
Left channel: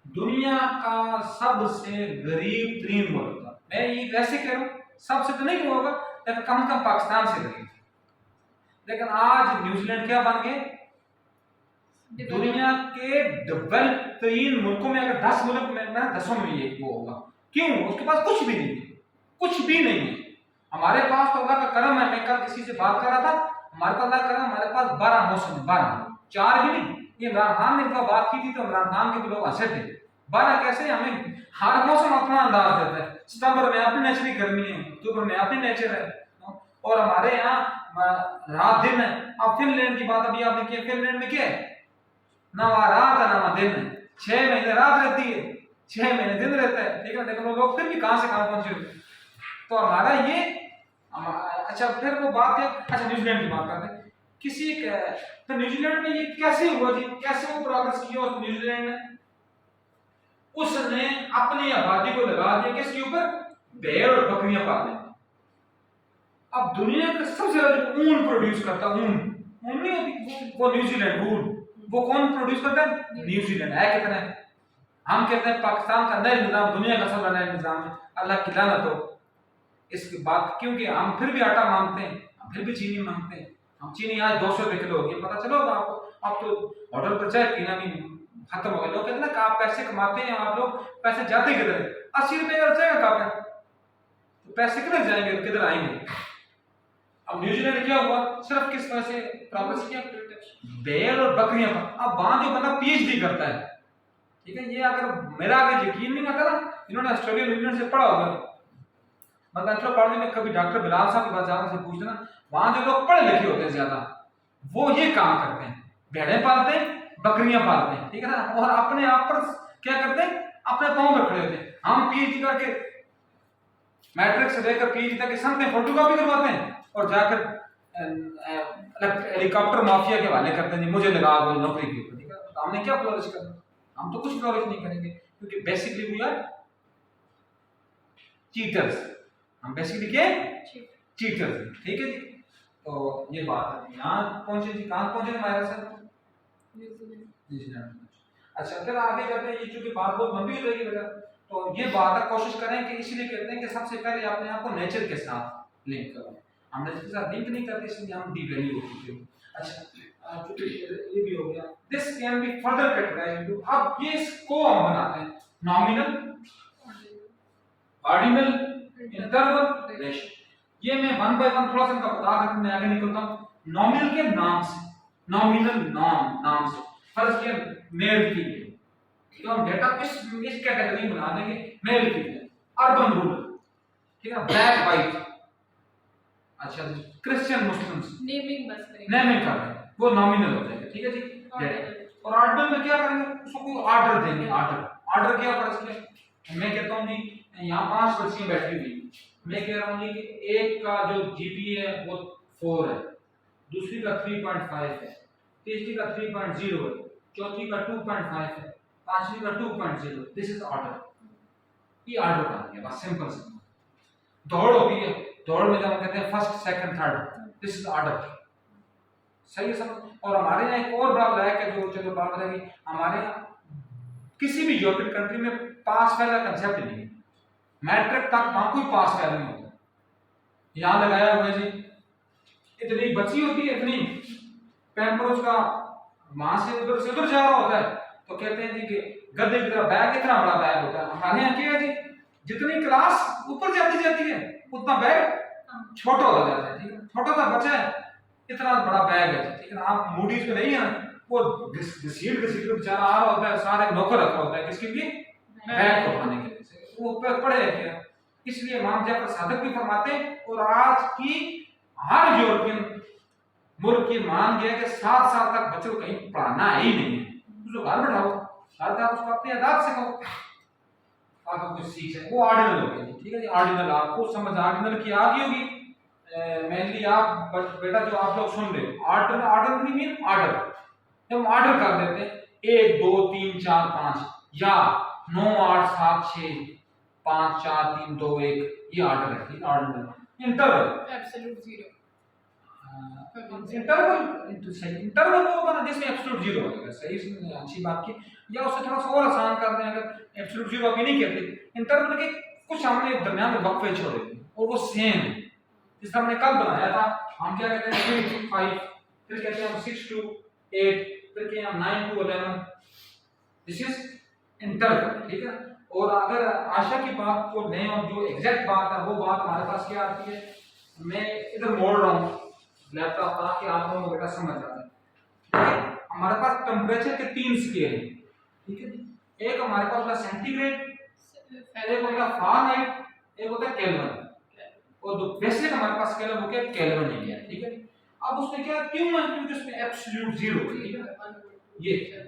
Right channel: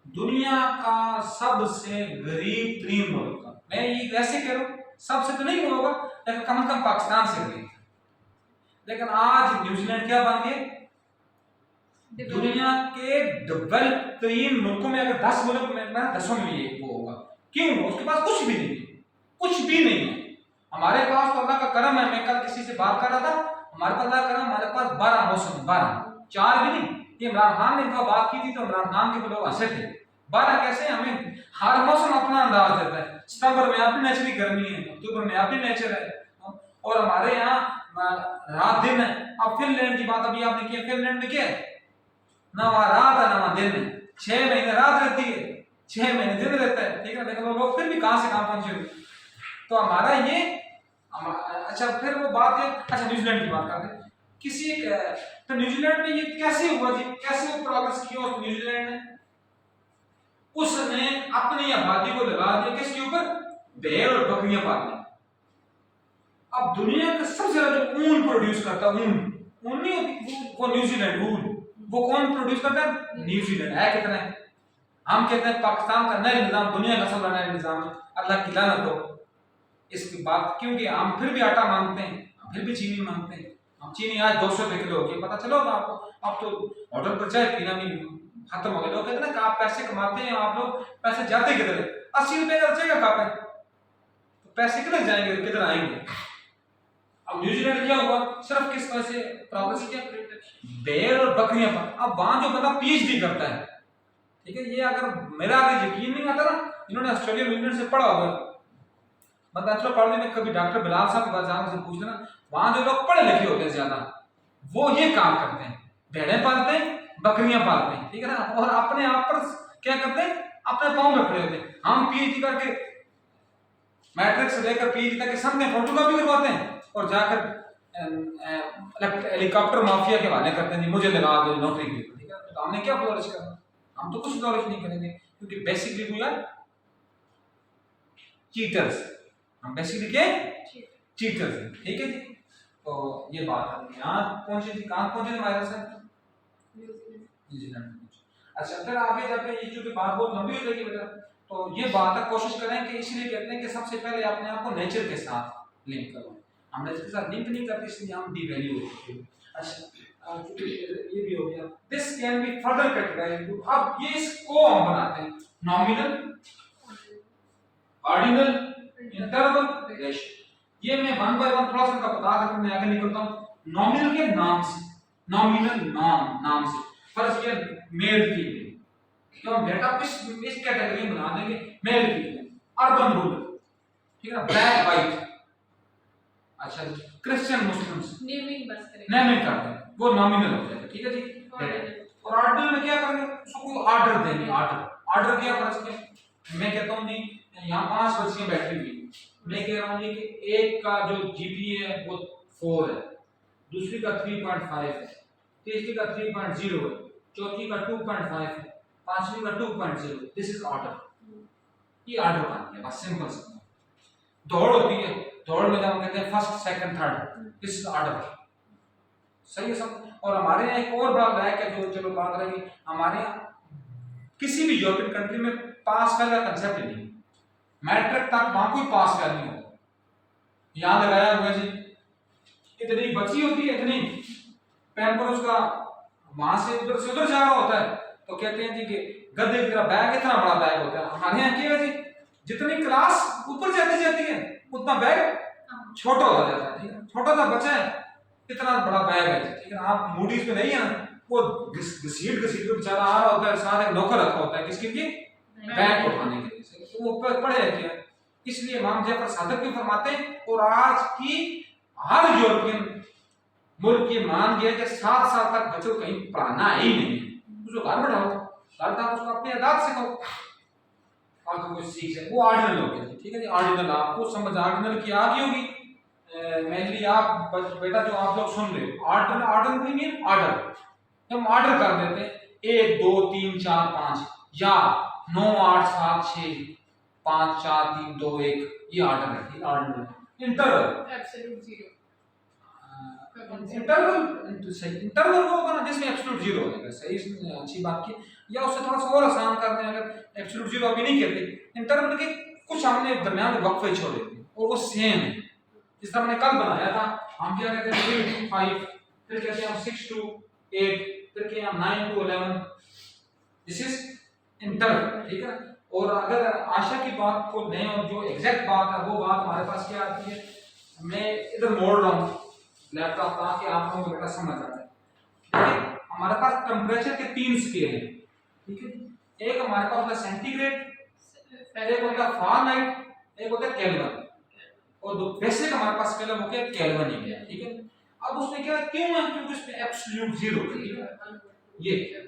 दुनिया का सबसे गरीब 3 मुल्क था। मैं ये वैसे कह रहा हूँ, सबसे तो नहीं होगा लेकिन कम से कम पाकिस्तान से गरीब। लेकिन आज न्यूजीलैंड क्या बन गए, दुनिया के डेवलप 3 मुल्कों में, अगर 10 मुल्क में, मैं 10 में भी एक वो होगा। क्यों? उसके पास कुछ भी नहीं है, कुछ भी नहीं है। हमारे पास तो अल्लाह का करम है। मैं कल किसी से बात कर रहा था, हमारे पास अल्लाह का करम, हमारे पास 12 मौसम है, 12, 4 भी नहीं। ये इमरान खान ने तो बात की थी तो इमरान खान के लोग हंसे थे, 12 कैसे, हमें हर मौसम अपना अंदाज देता है। सितंबर में अपनी नेचर की गर्मी है, अक्टूबर में अपनी नेचर है, और हमारे यहाँ रात दिन है। अब फिनलैंड की बात अभी आपने किया, फिनलैंड में क्या है, ना वहाँ रात है ना वहाँ दिन है, 6 महीने रात रहती है, 6 महीने दिन रहता है, ठीक है। लेकिन वो लोग फिर भी कहाँ से कहाँ पहुंचे हुए। तो हमारा ये अच्छा, फिर वो बात है, अच्छा न्यूजीलैंड की बात करते हैं। किसी एक तो न्यूजीलैंड में ये कैसे हुआ जी, कैसे वो प्रोग्रेस किया और न्यूजीलैंड ने उसने अपनी आबादी को लगा दिया किसके ऊपर, भेड़ और बकरियां पालने। अब दुनिया का सबसे ज्यादा जो ऊन प्रोड्यूस करता है, ऊन नहीं होती वो न्यूजीलैंड, ऊन वो कौन प्रोड्यूस करता है, न्यूजीलैंड है। कितना है, हम कहते हैं पाकिस्तान का नया निजाम दुनिया का सबसे नया निजाम है, अल्लाह की लानत हो इसकी बात, क्योंकि हम फिर भी आटा मांगते हैं, हम फिर भी चीनी मांगते हैं। हम चीनी आज 200 रुपए किलो हो गई, पता चलो आपको, अब तो होटल पर चाय पीना भी खत्म हो गया। लोग कहते हैं ना कि आप पैसे कमाते हैं, आप लोग पैसे जाते किधर है, 80 रुपए का चाय का कप है, तो पैसे किधर जाएंगे, किधर आएंगे। अब न्यूजीलैंड क्या हुआ, सिर्फ किस वजह से प्रोग्रेस किया, भेड़ और बकरियां पर। अब वहां जो बंदा पीएचडी करता है, ठीक है, ये अगर मेरा अगर यकीन नहीं आता ना, इन्होंने ऑस्ट्रेलियन यूनियन से पढ़ा होगा, मतलब चलो पढ़ने में कभी डॉक्टर बिलाल साहब के पास जाकर से पूछ लेना, वहां जो लोग पढ़े लिखे होते हैं ज्यादा, वो ये काम करते हैं, भेड़ें पालते हैं, बकरियां पालते हैं, ठीक है ना, और अपने आप पर क्या करते हैं, अपने पांव में खड़े होते हैं। हम पीएचडी करके मैट्रिक से लेकर पीएचडी तक के सामने फोटोकॉपी करवाते हैं और जाकर हेलीकॉप्टर माफिया के हवाले करते हैं, जी मुझे लगा दो नौकरी की, ठीक है, तो हमने क्या फ्लोरिश करना, हम तो कुछ फ्लोरिश नहीं करेंगे, क्योंकि बेसिकली वी आर चीटर्स, हम बेसिकली क्या चीटर्स हैं, ठीक है जी। तो ये बात है, यहाँ पहुंचे जी, कहाँ पहुंचे थे हमारे साथ, न्यूजीलैंड। अच्छा, फिर आगे जाके ये जो बात बहुत लंबी हो जाएगी बेटा, तो ये बात आप कोशिश करें कि इसलिए कहते हैं कि सबसे पहले अपने आप को नेचर के साथ लिंक करो। हमने इसके साथ लिंक नहीं करते, इसलिए हम डिवैल्यू हो चुके हैं। अच्छा, ये भी हो गया, this can be further categorised into, अब ये इसको हम बनाते हैं नॉमिनल, ऑर्डिनल, इंटरवल, रेशियो। ये मैं वन बाय वन थोड़ा सा इनका बता कर मैं आगे निकलता हूं। नॉमिनल के नाम से, नॉमिनल नाम से फर्स्ट किया मेल फीमेल, तो हम डेटा इस कैटेगरी में बना देंगे, मेल फीमेल, अर्बन रूरल, ठीक है, ब्लैक वाइट, अच्छा क्रिश्चियन मुस्लिम्स, नेमिंग बस करेंगे, नेमिंग कर देंगे, वो नॉमिनल हो जाएगा, ठीक है जी। और ऑर्डिनल में क्या करेंगे, उसको ऑर्डर देंगे, ऑर्डर क्या फर्ज किया, मैं कहता हूं जी यहाँ 5 बच्चियां बैठी हुई, मैं कह रहा हूँ कि एक का जो जीपीए है वो 4 है, दूसरी का 3.5 है, तीसरी का 3.0 है, चौथी का 2.5 है, पांचवी का 2.0। दिस इज ऑर्डर, ये ऑर्डर बन गया, बस सिंपल सा। दौड़ होती है, दौड़ में जब हम कहते हैं first second third, this is order, सही है सब। और हमारे यहाँ एक और बड़ा लैक है जो चलो बात रहेगी, हमारे यहाँ किसी भी यूरोपियन कंट्री में पास फेल का कंसेप्ट नहीं है, मैट्रिक तक वहां कोई पास फेल नहीं होता। यहाँ लगाया हुआ जी, इतनी बची होती है, इतनी पैम्पर उसका वहां से उधर जा रहा होता है, तो कहते हैं जी कि गधे की तरह बैग, इतना बड़ा बैग होता है। हमारे यहाँ क्या है जी, जितनी क्लास ऊपर जाती है उतना बैग छोटा हो जाता है, ठीक है, छोटा सा बच्चा है, इतना बड़ा बैग है, ठीक है। आप मूडीज में नहीं है, वो घसीट बेचारा आ रहा होता है, सारे नौकर रखा होता है किसके लिए, बैग को उठाने के लिए, वो पढ़े क्या, इसलिए इमाम जाफर सादिक भी फरमाते हैं, और आज की हर यूरोपियन मुल्क ये मान गया कि 7 साल तक बच्चों को कहीं पढ़ाना ही नहीं है, उसको घर बैठाओ, घर उसको अपनी आदत सिखाओ, आपको कुछ सीख जाए, वो ऑर्डिनल हो गया, ठीक है जी। ऑर्डिनल आपको समझ ऑर्डिनल की आ गई होगी, मेनली आप बेटा जो आप लोग सुन रहे हो, ऑर्डर नहीं मीन ऑर्डर, जब हम ऑर्डर कर देते हैं 1 2 3 4 5 या 9 8 7 6 5 4 3 2 1, ये ऑर्डर है, ठीक है, ordinal. Interval absolute zero, interval होगा ना जिसमें एब्सोल्यूट जीरो होगा, सही, अच्छी बात की। या उससे थोड़ा सा और आसान कर दें, अगर एब्सोल्यूट जीरो अभी नहीं कहते, इंटरवल के कुछ हमने दरमियान में वक्फे छोड़े और वो सेम है, जिस तरह हमने कल बनाया था, हम क्या कहते हैं 3 to 5, फिर कहते हैं हम 6 to 8, फिर कहते हैं हम 9 to 11, दिस इज इंटरवल, ठीक है। और अगर आशा की बात को लें और जो एग्जैक्ट बात है वो बात हमारे पास क्या आती है, मैं इधर मोड़ रहा हूँ लैपटॉप ताकि आप लोगों को बेटा समझ आ जाए, ठीक है। हमारे पास टेम्परेचर के 3 स्केल हैं, ठीक है, एक हमारे पास होता है सेंटीग्रेड, एक होता है फारेनहाइट, एक होता है केल्विन, और जो बेसिक हमारे पास स्केल है वो क्या है, केल्विन ही है, ठीक है। अब उसमें क्या क्यों है, क्योंकि उसमें एब्सोल्यूट जीरो है, ठीक है,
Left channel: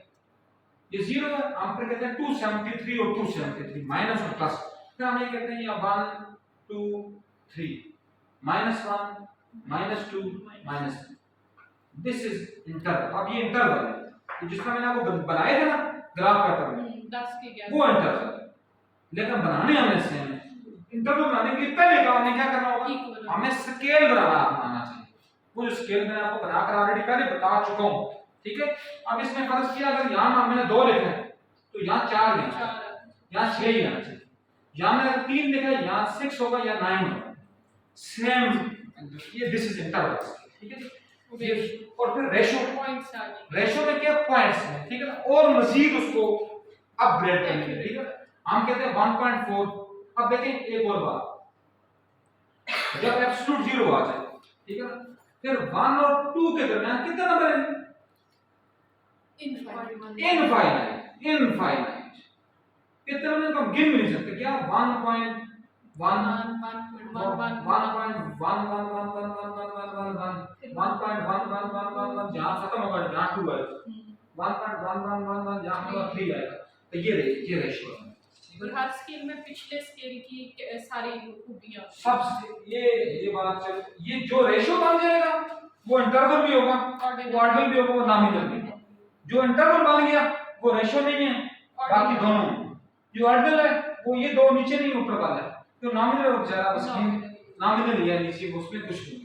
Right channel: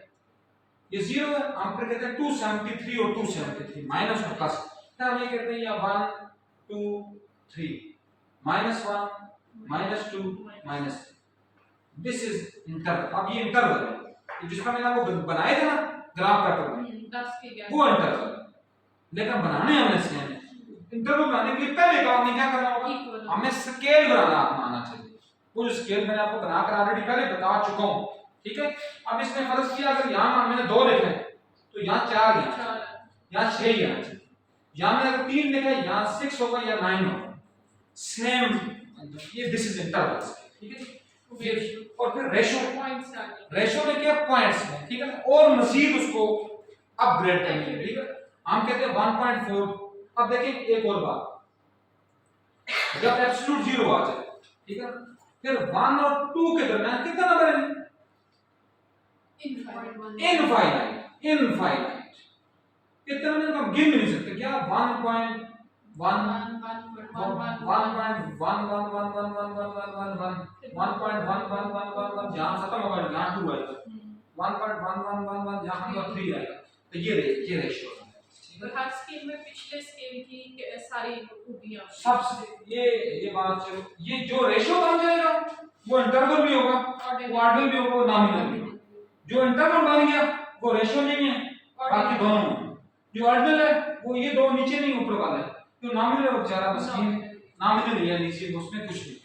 ये जीरो है, हम फिर कहते हैं 273 और 273 माइनस और प्लस, फिर हम ये कहते हैं ये 1 2 3 -1 -2 -3 दिस इज इंटरवल। अब ये इंटरवल है, ये जिसका मैंने आपको बनाए थे ना ग्राफ पैटर्न में, 10 के 11 वो इंटरवल है। लेकिन बनाने हमने सेम है। इंटरवल बनाने के लिए पहले काम हमें क्या करना होगा, इक्वल हमें स्केल बनाना आना चाहिए। वो जो स्केल मैंने आपको बनाकर ऑलरेडी पहले बता चुका हूं, ठीक है। अब इसमें फर्ज किया, अगर यहां मैंने 2 लिखे तो यहां 4 यहाँ 6 ही आना चाहिए। यहाँ मैंने अगर 3 लिखा है, यहाँ 6 होगा या 9 होगा, सेम। ये दिस इज इंटरवल, ठीक है। ये और फिर रेशो, पॉइंट्स आ गए। रेशो ने किया पॉइंट्स में, ठीक है ना, और मजीद उसको अपग्रेड करने के लिए, ठीक है। हम कहते हैं 1.4। अब देखें एक और बात, जब एब्सोल्यूट 0 आ जाए, ठीक है, फिर 1 और 2 के दरमियान कितना नंबर है, इनफाइनाइट। इनफाइनाइट कितना नंबर हम गिन भी नहीं सकते क्या, 1.1 जहां खत्म होगा जहां 2 आएगा, 1.1111 जहां होगा 3 आएगा। तो ये रेशियो है, ठीक है। हर स्केल में पिछले स्केल की सारी खूबियां सब ये बात चलो, ये जो रेशियो बन जाएगा वो इंटरवल भी होगा, वो ऑर्डिनल भी होगा, वो नॉमिनल भी होगा। जो इंटरवल बन गया वो रेशियो नहीं है, बाकी दोनों। जो ऑर्डिनल है वो ये दो नीचे नहीं ऊपर वाला है, जो नॉमिनल है वो बेचारा बस नॉमिनल ही है, नीचे उसमें कुछ नहीं है।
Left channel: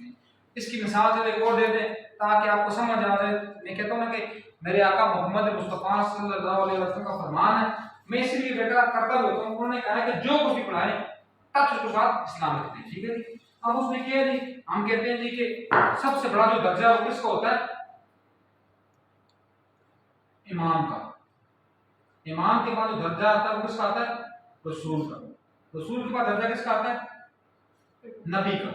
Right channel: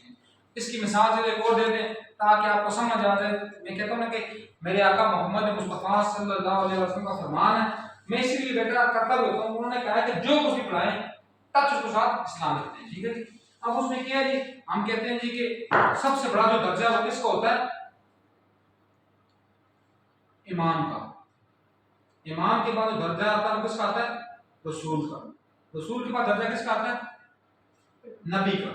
इसकी मिसाल चलो एक और दे दें ताकि आपको समझ आ जाए। मैं कहता हूं ना कि मेरे आका मोहम्मद मुस्तफा सल्लल्लाहु अलैहि वसल्लम का फरमान है, मैं इसलिए बेटा करता भी होता हूं। उन्होंने कहा है कि जो कुछ भी पढ़ाएं तब उसके साथ इस्लाम रखते हैं, ठीक है जी। अब उसमें क्या है जी, हम कहते हैं जी कि सबसे बड़ा जो दर्जा वो किसका होता है, इमाम का। इमाम के बाद जो दर्जा आता है वो किसका आता है, रसूल का। रसूल के बाद दर्जा किसका आता है, नबी का।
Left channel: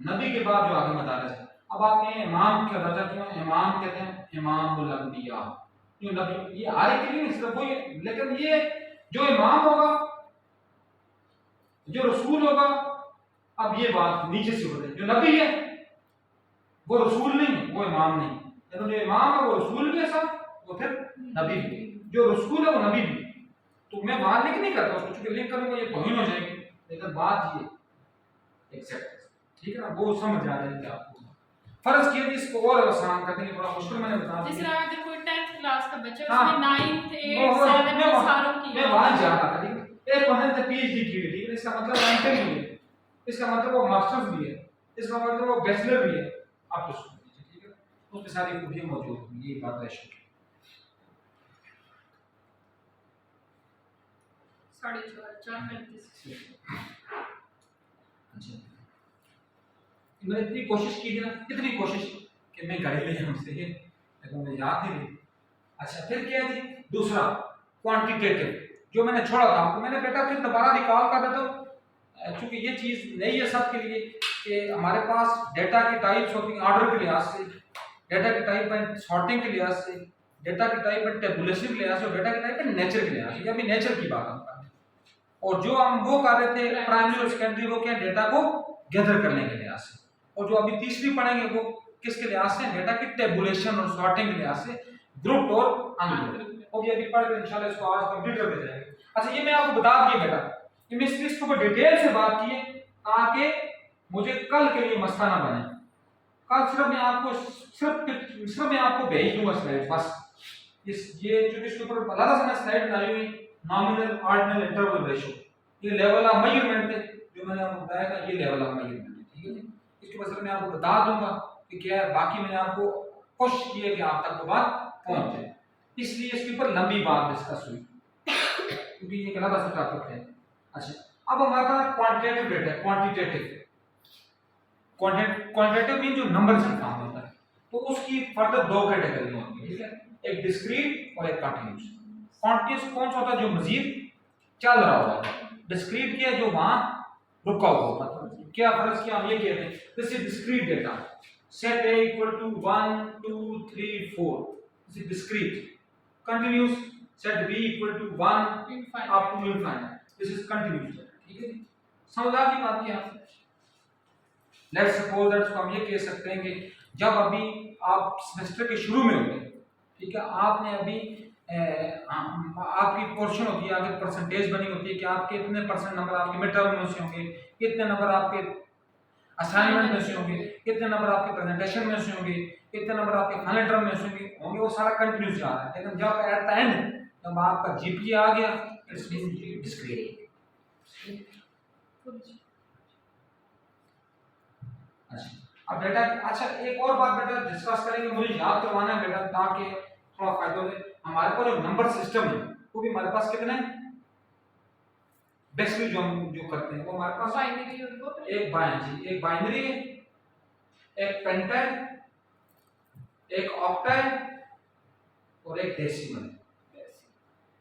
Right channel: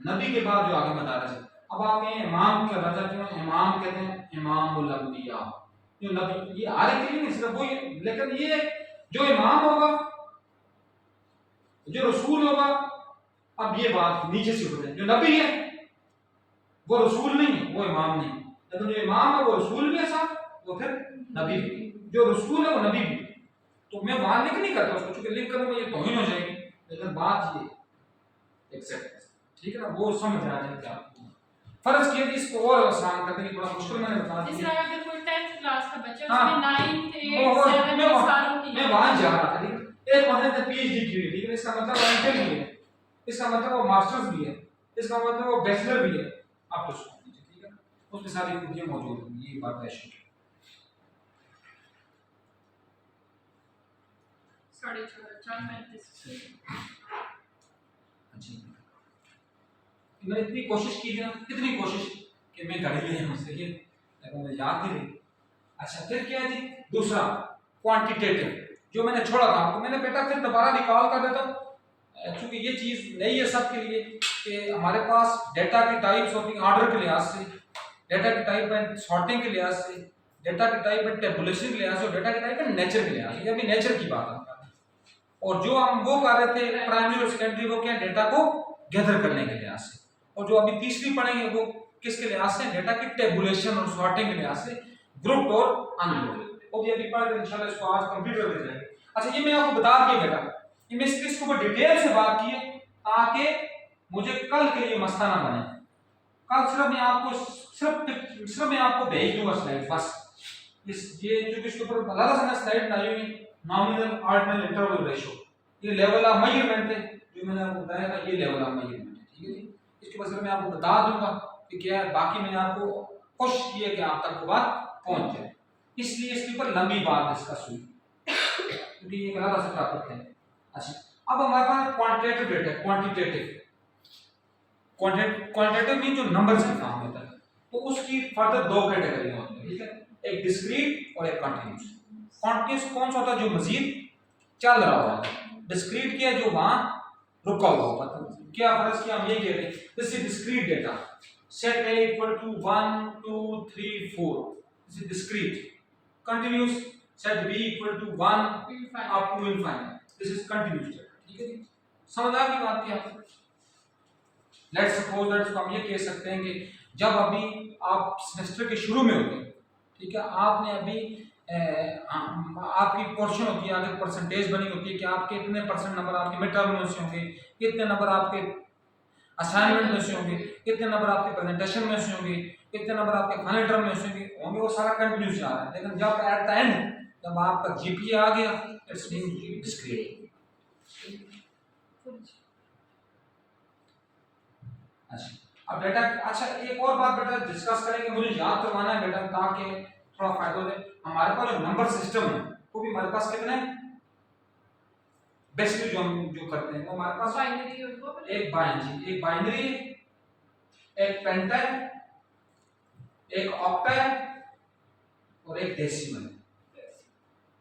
नबी के बाद जो आगे मदारज है। अब आप कहें इमाम का दर्जा क्यों, इमाम कहते हैं इमामुल अंबिया, जो नबी, ये हर एक के लिए नहीं सिर्फ वो ये, लेकिन ये जो इमाम होगा, जो रसूल होगा, अब ये बात नीचे से हो रही है, जो नबी है वो रसूल नहीं है, वो इमाम नहीं, लेकिन जो इमाम है वो रसूल भी है साथ, वो फिर नबी भी। जो रसूल है वो नबी भी। तो मैं वहां लिंक नहीं करता उसको, क्योंकि लिंक करूंगा ये तौहीन हो जाएगी, लेकिन बात ये एग्जैक्ट, ठीक है ना, वो समझ आ जाएगी आपको। फर्ज किए इसको और आसान कर देंगे, थोड़ा मुश्किल मैंने बता दिया। जैसे अगर कोई 10th क्लास का बच्चा हाँ, उसने 9th 8th 7th सारों की मैं वहां जा रहा था, ठीक है। एक बंदे ने पीएचडी की है, ठीक है, इसका मतलब वो एमफिल भी है, इसका मतलब वो मास्टर्स भी है, इसका मतलब वो बैचलर भी है, आप तो सुन लीजिए, ठीक है। उसमें सारी खूबियां मौजूद हैं, ये बात है। 4:35 अच्छा, मैंने इतनी कोशिश की थी ना, कितनी कोशिश कि मैं गाड़ी ले आऊं सही है, लेकिन मुझे याद नहीं रही। अच्छा, फिर क्या है जी, दूसरा क्वांटिटेटिव जो मैंने छोड़ा था आपको, मैंने बेटा फिर दोबारा निकाल कर देता हूं, क्योंकि ये चीज नई है सबके लिए कि हमारे पास डेटा की टाइप्स होती हैं ऑर्डर के लिहाज से, डेटा की टाइप है सॉर्टिंग के लिहाज से, डेटा की टाइप है टेबुलेशन के लिहाज से, और डेटा की टाइप है नेचर के लिहाज से। अभी नेचर की बात हम कर रहे हैं, और जो हम वो कर रहे थे प्राइमरी और सेकेंडरी, वो क्या डेटा को गैदर करने के लिहाज से, और जो अभी तीसरी पढ़ेंगे वो किसके लिहाज से, डेटा की टेबुलेशन और सॉर्टिंग के लिहाज से, ग्रुप और अनग्रुप। और ये अभी पढ़ के इंशाल्लाह इसको आज कंप्लीट कर दिया जाएगा। अच्छा, ये मैं आपको बता दिया बेटा, ये मैं इसके ऊपर डिटेल से बात की है ताकि मुझे कल के लिए मसला ना बने। कल सिर्फ मैं आपको भेज दूंगा स्लाइड बस। ये जो इसके ऊपर अलग से स्लाइड डाली हुई, नॉमिनल ऑर्डिनल इंटरवल रेशियो, ये लेवल ऑफ मेजरमेंट है जो मैंने आपको बताया था, ये लेवल ऑफ मेजरमेंट है, ठीक है जी। इसके बाद सिर्फ मैं आपको बता दूंगा कि क्या है, बाकी मैंने आपको कोशिश की है कि आप तक वो बात पहुंच जाए, इसलिए इसके ऊपर लंबी बात डिस्कस हुई क्योंकि ये एक अलग सा टॉपिक है। अच्छा, अब हमारे पास क्वांटिटेटिव डेटा, क्वांटिटेटिव मीन जो नंबर्स के फॉर्म होता है, तो उसकी फर्दर 2 कैटेगरी होती है, ठीक है, एक डिस्क्रीट और एक कंटीन्यूअस। कंटीन्यूअस कौन सा होता है, जो मजीद चल रहा होता है। डिस्क्रीट क्या है, जो वहां रुका हुआ होता है। क्या फर्ज किया, हम ये कहते हैं this is discrete data, set a equal to 1 2 3 4, this is discrete. Continuous, set b equal to 1 up to infinite, this is continuous data, ठीक है जी। समझ आ गई बात क्या? लेट्स सपोज दैट हम ये कह सकते हैं कि जब अभी आप सेमेस्टर के शुरू में होंगे, ठीक है, आपने अभी आपकी पोर्शन होती है, आगे परसेंटेज बनी होती है कि आपके इतने परसेंट नंबर आपके मिड टर्म में से होंगे, कितने नंबर आपके असाइनमेंट में से होंगे, कितने नंबर आपके प्रेजेंटेशन में से होंगे, कितने नंबर आपके फाइनल टर्म में से होंगे, वो सारा कंटिन्यूस जा रहा है। लेकिन जब एट द एंड जब आपका जीपीए आ गया, इट्स बीन डिस्क्रीट। अच्छा, अब बेटा अच्छा एक और बात बेटा डिस्कस करेंगे, मुझे याद करवाना है बेटा ताकि थोड़ा फायदा हो जाए। हमारे पास जो नंबर सिस्टम है वो भी हमारे पास कितने हैं, बेसिकली जो हम जो करते हैं वो हमारे पास बाइनरी और वो एक बाइनरी है, एक पेंटाइल, एक ऑक्टाइल और एक डेसिमल।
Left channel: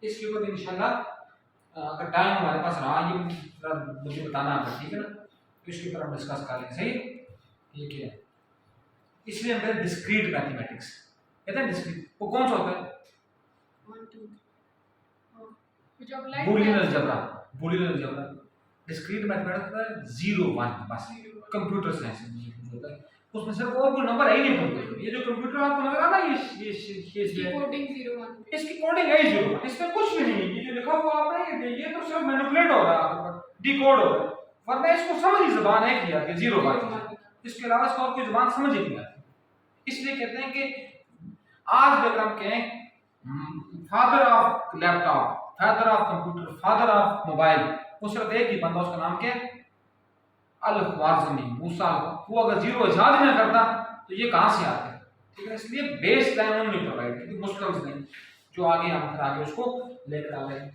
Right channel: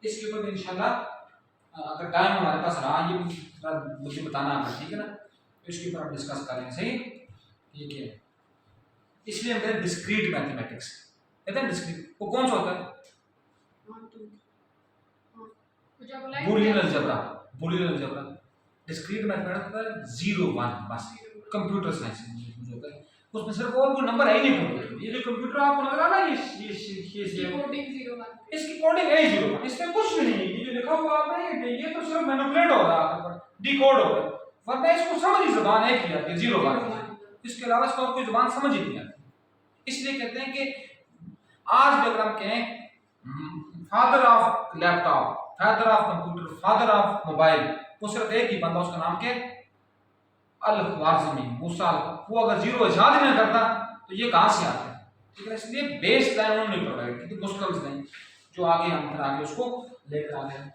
इसके ऊपर इंशाल्लाह अगर टाइम हमारे पास रहा ये मुझे बताना आपको, ठीक है ना, तो इसके ऊपर डिस्कस करेंगे। सही, ठीक है। इसलिए हम कहते हैं डिस्क्रीट मैथमेटिक्स, कहते हैं डिस्क्रीट। वो कौन सा होता है? Boolean algebra. डिस्क्रीट मैथमेटिक्स होता है 0 1 बस। कंप्यूटर साइंस में होता है, उसमें सिर्फ और कोई नंबर है ही नहीं कंप्यूटर। ये जो कंप्यूटर आपको नजर आ रहा है ये कोडिंग 01 इसकी कोडिंग है 0 1, इसमें कुछ नहीं है। ये जो लिखा हुआ आपने ये तो सिर्फ मैनिपुलेट हो रहा है, डिकोड हो रहा है, वरना इसको समझ ही ज़बान है कि यार 0 1, इसके अलावा इसको और कोई ज़बान समझ ही नहीं आती। इसलिए कहते हैं कि आज भी अगर हम कहें father of laptop, father of computer, father of mobile, वो सिर्फ एक ही बंदा, उसका नाम क्या है? अल-ख्वारिज़मी, मूसा। वो अगर 0 इजाद न करता तो ये कहाँ से आता है, ठीक है। इसलिए बेस लाइन उन्होंने प्रोवाइड की थी, मुश्किल नहीं, जो आगे हम फिर आगे उसको लेकर आ रहे हैं।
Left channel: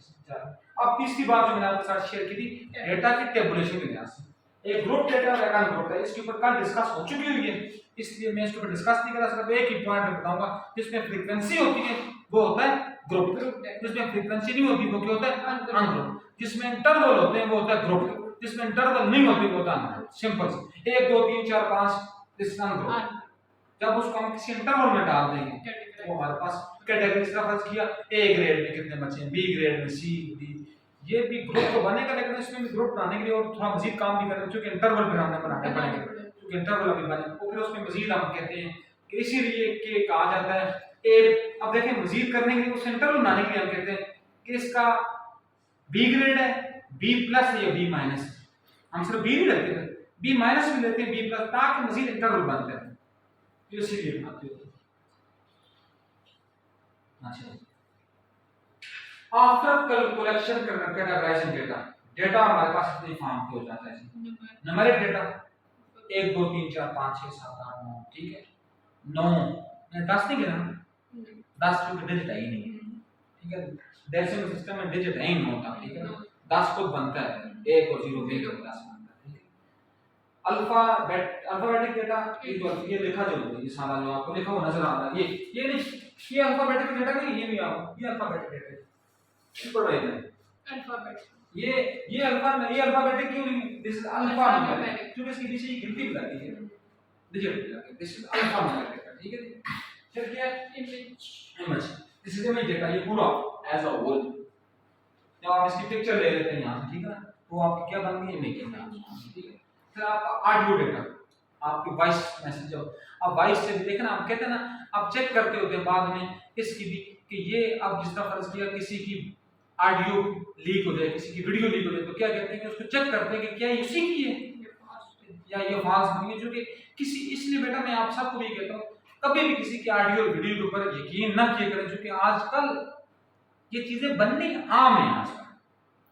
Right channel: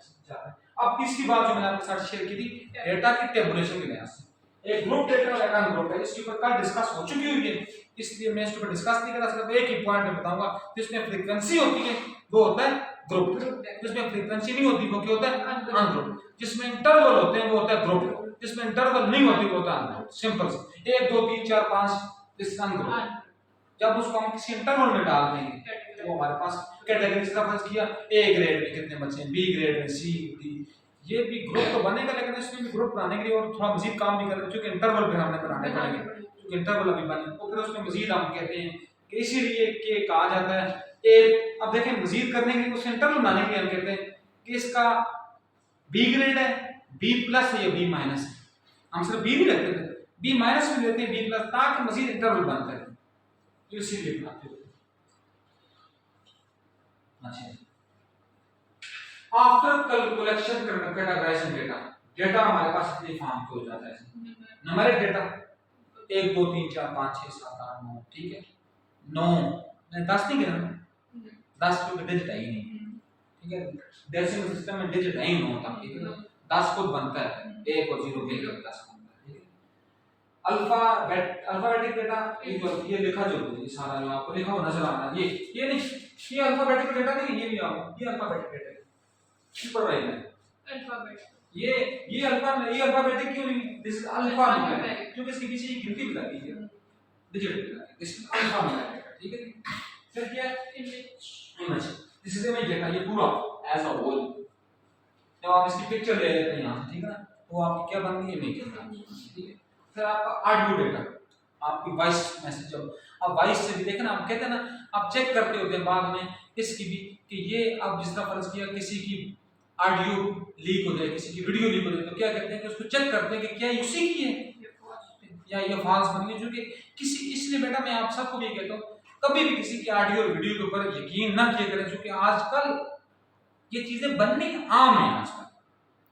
अब तीसरी बात जो मैंने आपके साथ शेयर की थी डेटा की टेबुलेशन के लिहाज से, एक ग्रुप डेटा और एक ग्रुप डेटा, इसके ऊपर कल डिस्कस हो चुकी हुई है, इसलिए मैं इसके ऊपर डिस्कस नहीं कर रहा। सिर्फ एक ही पॉइंट में बताऊंगा, जिसमें फ्रीक्वेंसी होती है वो होता है ग्रुप, जिसमें फ्रीक्वेंसी नहीं होती वो क्या होता है? अनग्रुप। जिसमें इंटरवल होते हैं वो होता है ग्रुप, जिसमें इंटरवल नहीं होती वो होता है अनग्रुप। सिंपल से 1 2 3 4 5 दिस अनग्रुप। जब उसको हम किसी इंटरवल में डाल देंगे तो हमारे पास कैटेगरी से फर्ज किया, ए ग्रेड में कितने बच्चे हैं, बी ग्रेड में, सी डी, ये भी ग्रुप तो बनेगा, लेकिन इसमें भी ग्रुप बनाने के लिए और थोड़ा मजीद काम भी करेंगे, क्योंकि इंटरवल फिर हमने बनाने पड़ेंगे, क्योंकि इंटरवल अभी बने तो फिर उसमें मजीद हम कहते हैं कि इसीलिए के कहा जाता है ए। अब देखें मजीद करने के लिए उस इंटरवल बनाने के लिए हम कहते हैं कि इसका बी ग्रेड है, बी प्लस या बी माइनस। हम सिर्फ बी नहीं लेते थे, बी माइनस भी लेते हैं, बी प्लस, ताकि मजीद इंटरवल बनते हैं, तो इसीलिए बनाते हैं। अच्छा, आफ्टर कलेक्शन कैटेगराइजिंग डेटा हमारे पास इतनी फॉर्म के हो जाता है। न्यूमेरिक डेटा 1 2 3 4 5 6 7 8 9, ठीक है। 9 मैं 10 नहीं गिना, 10 पे डिजिट है ही नहीं, ठीक है। डेसिमल सिस्टम में डिजिट है ही 9 तक, ठीक है। 10 खुद बनता है, 1 और 0 मिलकर 10 बनता है, ठीक है। अल्फाबेटिक डेटा ये लिखा जो है, ये सारा जो आपको लिखा हुआ नजर आ रहा है, ये नहीं, ये अल्फाबेटिक डेटा नहीं, ये भी आओ, ये अल्फाबेटिक डेटा है, ऊपर वाला अल्फाबेट। ये अल्फाबेटिक क्यों नहीं, दिस इज अल्फा न्यूमेरिक, क्योंकि इसके पीछे ये गिनती बताती है, डिजिट बताती है, दिस इज अल्फा न्यूमेरिक, ठीक है। फिर क्या है? Image, this is image data, ये पूरा एज अ होल। जब आप इसकी पिक्चर ले लेते हैं यहां से, ठीक है ना, तो आपकी क्या बन गई? इमेज डेटा, ठीक है। फिर आपका ऑडियो डेटा, आपकी वॉइस मैसेज, जब अब वॉइस से भी देखना, आप कहते हैं ना, आप चेक करते होते हैं बाद में इसकी भी कि ये अब जिस तरह फर्ज किया किसी की ऑडियो लीक हो जाए, किसी की वीडियो लीक हो जाए, तो क्या कहते हैं कि उसको चेक करते हैं कि क्या ये उसी की है या ये फॉल्स बनी है, जो कि किसी, इसलिए बेटा मैं आप सबको भी कहता हूँ कभी भी किसी की ऑडियो और वीडियो के ऊपर यकीन ना किया करें, क्योंकि आजकल ये चीजें बननी आम है। आजकल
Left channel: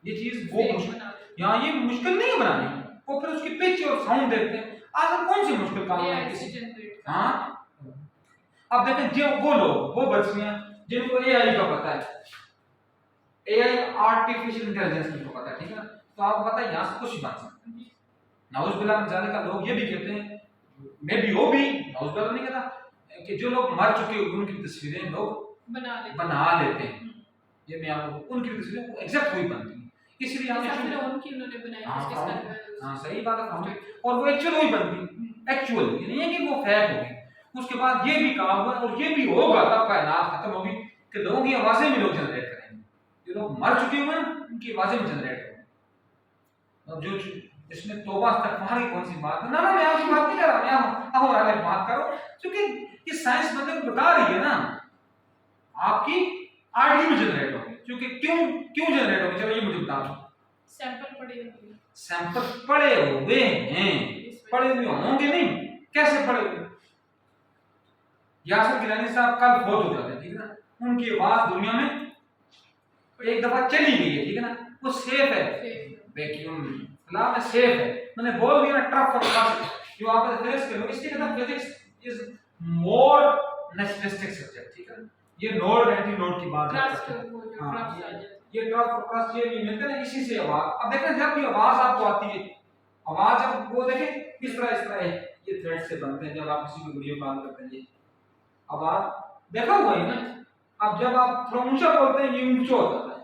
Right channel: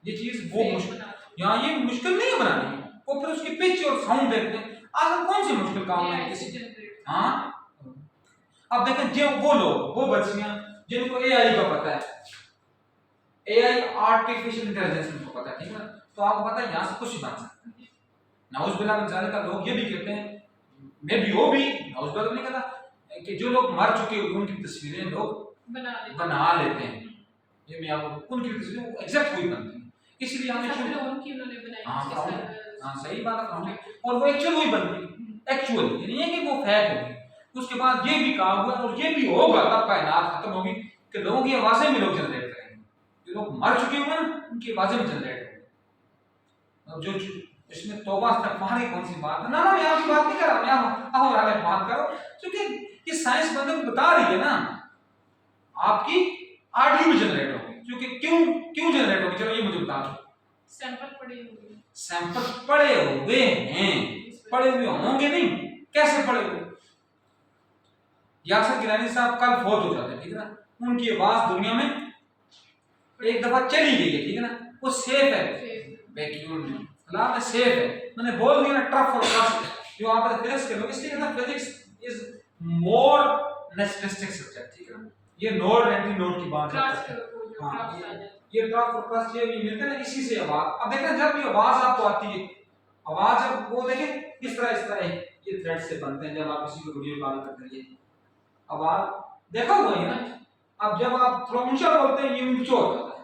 ये चीज वो यहाँ ये मुश्किल नहीं है बनानी, वो फिर उसकी पिच और साउंड देखते हैं। आज कौन सी मुश्किल काम है किसी, हाँ। अब देखें जो वो लोग, वो बच्चियां जिनको एआई का पता है, एआई आर्टिफिशियल इंटेलिजेंस को पता है, ठीक है, तो आपको पता है यहाँ से कुछ भी बन सकता है। नाउज बिल्ला मिन ज़ालिका, लोग ये भी कहते हैं, मैं भी वो भी नाउज बिल्ला नहीं कहता, कि जो लोग मर चुके हैं उनकी तस्वीरें लोग बना लेते हैं। ये मैं आपको उनकी तस्वीरें एग्जैक्ट वही बनती है, इसलिए हमने उन्होंने बनाई। हाँ सही बात है, और वो एक्चुअल वही बनती है, एक्चुअल ये नहीं है कि वो फेक होगी। उसके बाद ये भी कहा हुआ और ये भी होगा, तब कायनात खत्म होगी कि लोगों की आवाजें भी लोग जनरेट करेंगे, जो लोग मर चुके हुए हैं उनकी आवाजें भी जनरेट होंगी। और जो इसमें तौबा इस्तग़फ़ार की कौन सी बात है, ना मैं आपकी बात नहीं कर रहा, मैं और बात करो, क्योंकि ये साइंस बंदे बता रही है ना, आपकी ऑडियो भी जनरेट होगी, क्योंकि क्यों जनरेट होगी, चलो ये मुझे बता दो। सैंपल पड़े हुए हैं, पढ़े हुए होंगे नहीं, कैसे पढ़े हुए? यासिर गिलानी साहब कल फोत हो जाते हैं, ठीक है ना, उनकी आवाज दुनिया में एक दफा चली गई है, ठीक है ना, वो सेफ है, वैक्यूम में फिलहाल सेफ है। मैंने बोल दिया ना, टफ और टफ जो आप फिजिक्स के लोग, इसके अंदर physics is more naturalistic subject, ठीक है ना, ये नोड एंटी नोड की बात ट्रस्ट है। वो जो हाँ, ट्रस्ट आ जाता ये ट्रफ और ट्रस्ट ये मिलते हैं ना, इसी से आवाज। अब देखें जब भी आवाज आपको आती है, आवाज अब वो देखें इस तरह है, ये थ्रेड से बनते हैं जब आप किसी को वीडियो कॉल करते हैं, ये आवाज देखा हुआ है ना। अब जब आप थोड़ा ऊंचा बोलते हैं ये ऊंचा हो जाता है,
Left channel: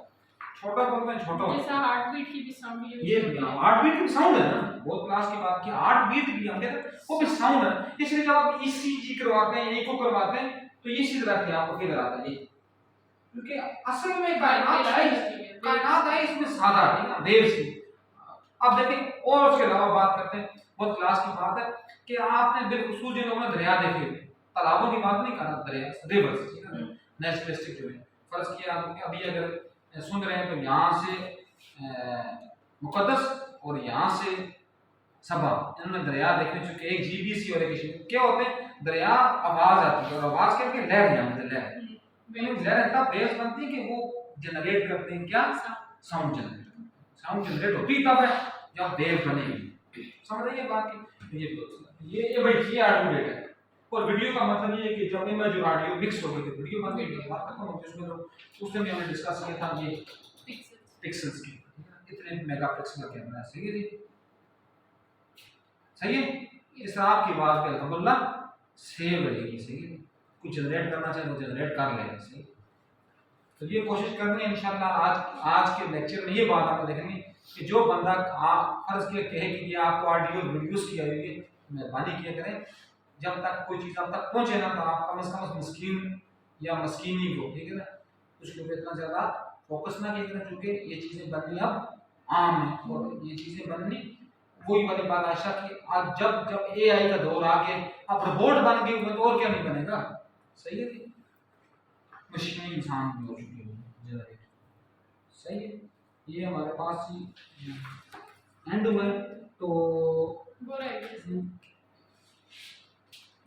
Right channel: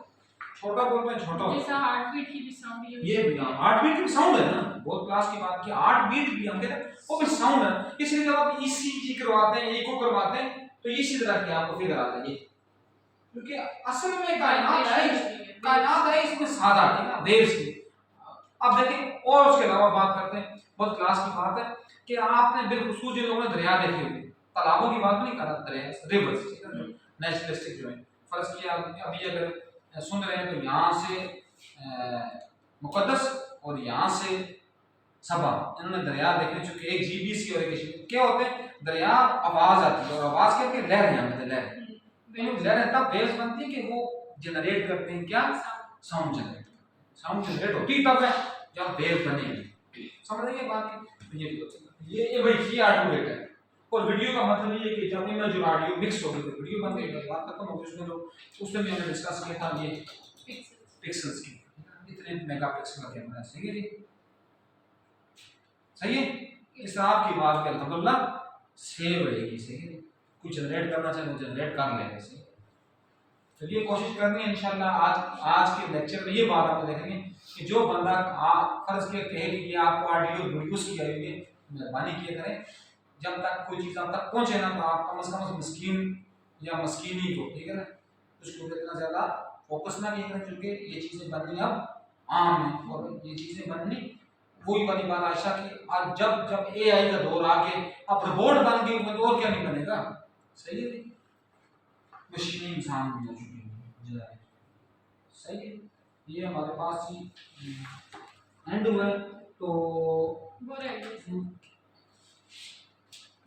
छोटा बोलते हैं छोटा है। होता जैसा हार्ट बीट की भी साउंड ये भी हार्ट बीट भी साउंड है ना, बहुत क्लास की बात की, हार्ट बीट भी हम कहते हैं वो भी साउंड है। इसलिए जब आप ईसीजी करवाते हैं, एको करवाते हैं, तो इसी तरह के आपको फिगर आता है ये, क्योंकि असल में कायनात है इसमें सादा, ठीक है, वेव्स की। अब देखिए और उसके अलावा बात करते हैं, बहुत क्लास की बात है कि आपने बिलखुसूस जिन लोगों ने दरिया देखे हुए, तालाबों की बात नहीं कर रहा, दरिया रिवर्स, ठीक है, जो नेचुरलिस्टिक जो है, फर्ज किया अभी अगर सुन रहे हैं तो यहाँ से मुकद्दस और यहाँ से सबा, इन्होंने दरिया देखे चुके, एक जीबीसी और एक क्या होते हैं, दरिया आवाज आती है और आवाज कहते हैं लहर, यहाँ पे लहर, लहर तब वेव्स बनती है कि वो जनरेट करते हैं क्या, साउंड जनरेट, साउंड जनरेट होती तब है जब वेव बनेगी, समझ रहे हैं बात की। ये भाई ये ऑडियो डेटा है, और वीडियो का मतलब ये है कि जब इमेज और ऑडियो मिक्स हो गई तो वीडियो बन गई, बात खत्म हो गई। उसमें जो उसमें भी हमने डिस्कस किया था ये पिक्सेल्स की, इतने मेगापिक्सल का कैमरा, सही है जी, सही है। इस तरह आपकी बात पे अल्हम्दुलिल्लाह सेव रहेगी, सही है, कुछ जनरेट करना चाहे तो जनरेट कर लेंगे, सही। तो ये कोशिश करनी है इंशाल्लाह। आज के लेक्चर में ये बात आप देखेंगे कि जो बंदा फर्ज के कहे कि ये आपको ऑडियो वीडियोस की आई है, मेहरबानी किया करें, जब तक कोई चीज़ आप तक पहुंचे ना तो आप कम से कम मस्कीन या मस्कीनी को, ठीक है ना, उसके ऊपर इतना ज़्यादा फोकस ना किया करें, क्योंकि ये चीज़ें बननी अब आम है, और ये चीज़ें बननी वही वाली बात आशा की, आज जब जब एआई का दौर आ गया, अब रोबोट बन गए तो और क्या नहीं बनेगा, सही है, मशीनें इंसान भी हो चुकी है, सही है। ये हमारे पास ही एंड हुआ है, तो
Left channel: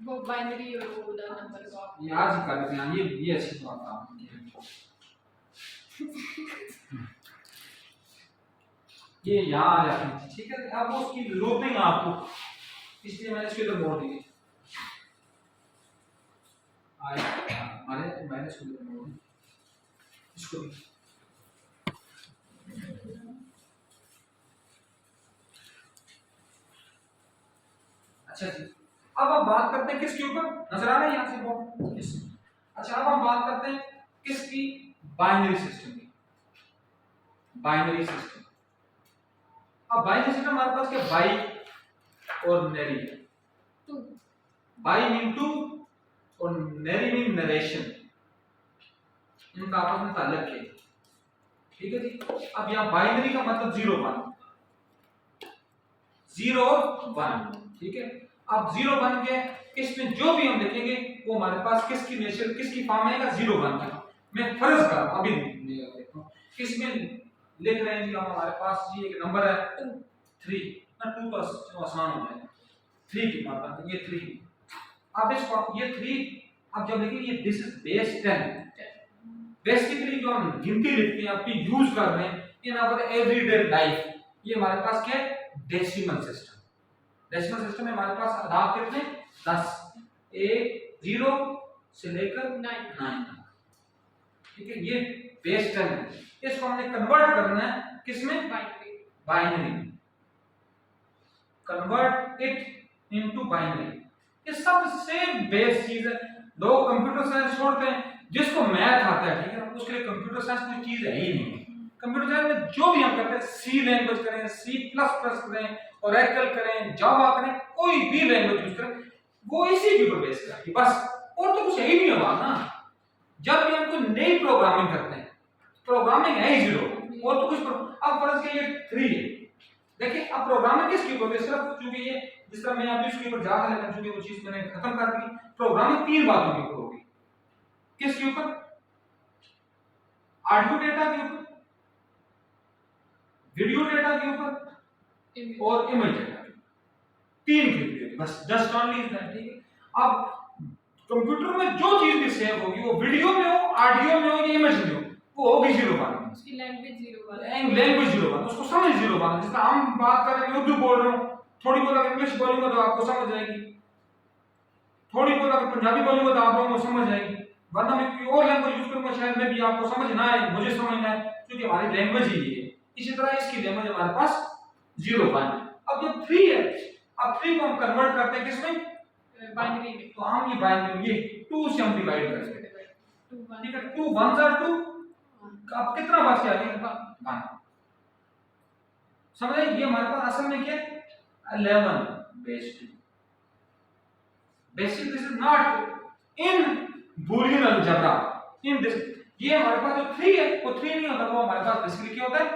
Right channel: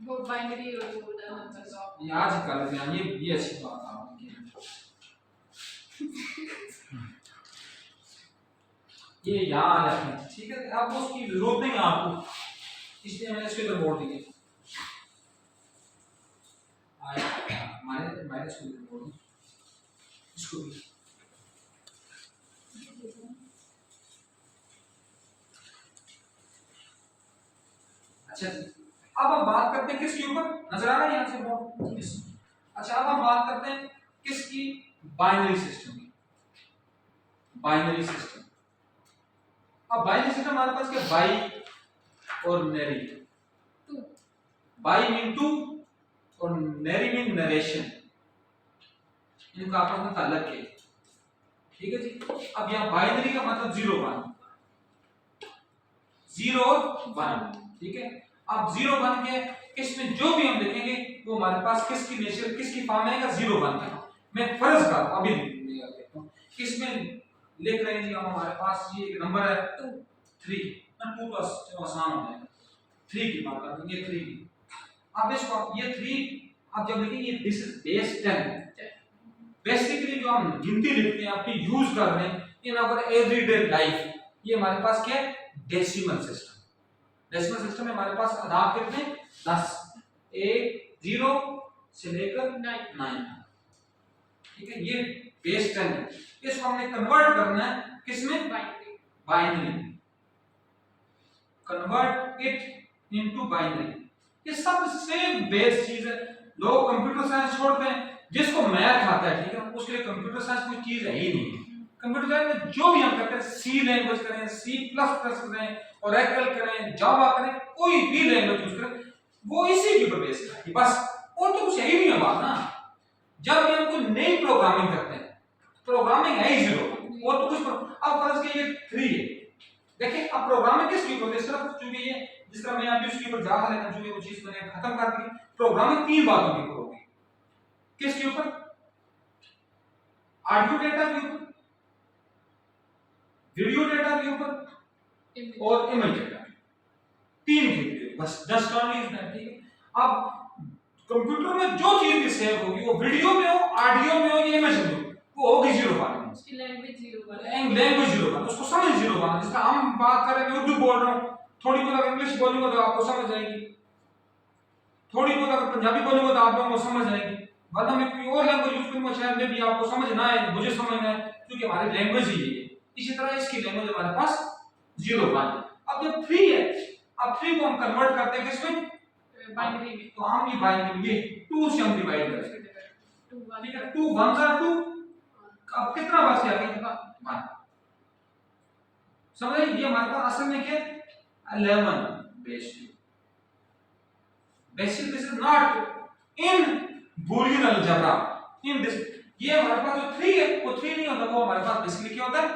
वो बाइनरी और वो उधर नंबर का ये आज ही कर लेते हैं, ये अच्छी बात आपने की, ये यहाँ आ जाती है, ठीक है, अब उसकी जरूरत नहीं आपको, इसलिए मैंने इसके इधर मोड़ दिए, मैंने इसको इधर मोड़ दिया, इसको भी। अच्छा जी, अब हम बात करते हैं किसके ऊपर, नजर आ रहा है यहाँ से बोर्ड, अच्छा अब हम बात करते हैं किसकी, बाइनरी सिस्टम की, बाइनरी सिस्टम। अब बाइनरी सिस्टम हमारे पास क्या, बाई और नरी, बाई मीन टू और नरी मीन नरेशन, इनका आपस में ताल्लुक है, ठीक है जी। अब यहाँ बाइनरी का मतलब 0 1, 0 1, ठीक है। अब 0 1 के इसमें जो भी हम लिखेंगे वो हमारे पास किसकी नेचर, किसकी फॉर्म आएगा, 0 1 का। मैं फर्ज का अभी देखता हूँ, इसमें लिख रहे हैं जी हम, हमारे पास ये एक नंबर है 2 3 ना, 2 तो चलो आसान हो जाएगा, 3 की बात करते हैं, ये 3। अब इसको ये 3 अब जब लिखेंगे दिस इज बेस 10, बेसिकली जो हम गिनती लिखते हैं अपनी यूज कर रहे हैं इन आवर एवरीडे लाइफ, ये हमारे पास क्या है, डेसिमल सिस्टम। डेसिमल सिस्टम में हमारे पास आधार कितने, 10, 0 से लेकर 9, ठीक है, ये बेस 10 है। इसको हमने कन्वर्ट करना है किसमें, binary, convert it into binary. ये सबसे बेस चीज है, लोग कंप्यूटर साइंस छोड़ते हैं, जिसको मैथ आता है, ठीक है, उसके लिए कंप्यूटर साइंस कोई चीज है ही नहीं। कंप्यूटर साइंस में जो भी हम करते हैं, सी लैंग्वेज करें, C++ करें, ओरेकल करें, जावा करें, कोई भी लैंग्वेज यूज करें, वो इसी के ऊपर बेस करेगी बस, और तो कुछ है ही नहीं है बात ना। जब भी हम कोई नई प्रोग्रामिंग करते हैं, प्रोग्रामिंग है ही 0, और तो कुछ अब फर्ज के ये 3 है, देखिए अब प्रोग्रामिंग किसके ऊपर बेस करा, क्योंकि ये जिस तरह मैं अभी उसके ऊपर जा रहा था, चूंकि वो चीज मैंने खत्म कर दी, प्रोग्रामिंग 3 बातों के ऊपर होगी, किसके ऊपर, ऑडियो डेटा के ऊपर, वीडियो डेटा के ऊपर और इमेज डेटा के ऊपर। 3 के लिए बस, जस्ट ओनली इज दैट, ठीक है। अब कंप्यूटर में जो चीज भी सेव होगी, वो वीडियो में हो, ऑडियो में हो या इमेज में हो, वो होगी 0 1 में। उसकी लैंग्वेज 0 1 लैंग्वेज 0 1, उसको समझ 0 1। जिस तरह हम बात कर रहे हैं, उर्दू बोल रहा हूँ, थोड़ी बहुत अगर इंग्लिश बोलूंगा तो आपको समझ आएगी, थोड़ी बहुत अगर पंजाबी बोलूंगा तो आप लोगों को समझ आएगी, वरना मैं कोई और लैंग्वेज यूज करूंगा शायद में भी आपको समझ ना आए, मुझे समझना है, क्योंकि हमारी लैंग्वेज ही ये है। इसी तरह इसकी लैंग्वेज हमारे पास 0 1। अब जब 3 है, अब 3 को हम कन्वर्ट करते हैं किसमें, बाइनरी में, तो हम ये बाइनरी ये 2 से हम डिवाइड करेंगे, 2 1 ठीक है। 2 1 are 2, अब कितना बच गया, 1। समझ रहे, ये हमारे पास असल में क्या है, 11 base 2। Basic this is not in Boolean algebra, in this, ये हमारे पास जो 3 है वो 3 नहीं होता, वो हमारे पास बेसिकली क्या होता है,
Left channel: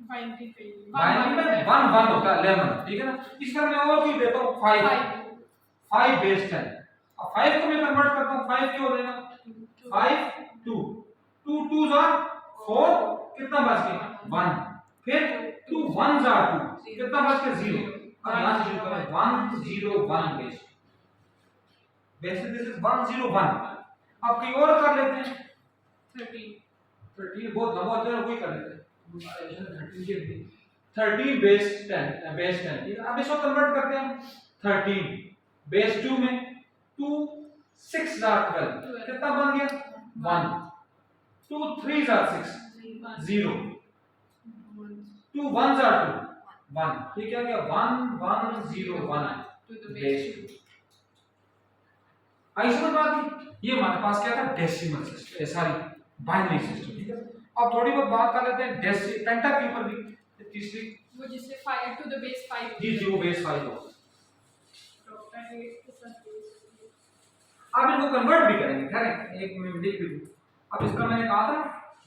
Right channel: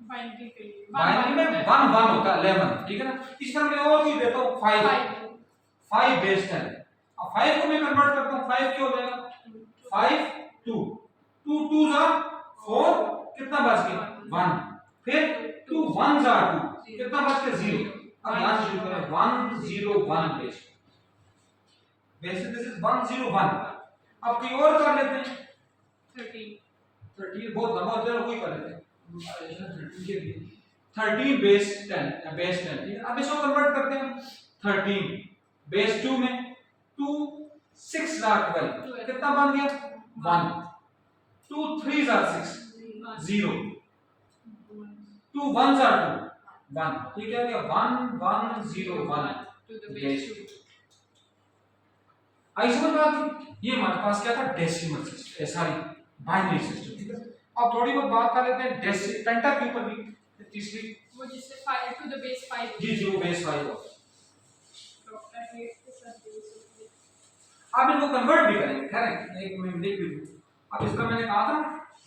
बाइनरी के लिए बाइनरी में 1 1 होता है, 11, ठीक है ना। इस तरह मैं और कोई देता हूं 5 base 10। अब 5 को मैं कन्वर्ट करता हूं, 5 क्या हो जाएगा, 5 2 2 2s are 4, कितना बच गया 1, फिर 2 1s are 2, कितना बच गया 0। अब यहां से शुरू करें 1 0 1 बेस, बेसिक दिस इज 1 0 1। अब कोई और कर लेते हैं, 13 बहुत लंबा चलो कोई कर लेते हैं, 13 के भी 13 बेस 10 बेस 10, ठीक है। अब इसको कन्वर्ट करते हैं हम, 13 बेस 2 में 2 6 are 12, कितना बन गया 1, 2 3s are 6 0, 2 1s are 2 1, ठीक है, 1 1 0 1 बेस 2। आई समझ बात की, ये हमारे पास क्या था, decimal system, sorry binary system, ठीक है। अब थोड़ी बहुत बात कर लेते हैं पेंटा के ऊपर भी, तीसरी वो जिससे 5 टू द बेस 5, जी जी वो बेस 5 होता है। डॉक्टर ये के साथ बेस, अब इनको कन्वर्ट भी करेंगे, खैर एक मिनट देख लीजिए। अब इस तरह मैंने कहा था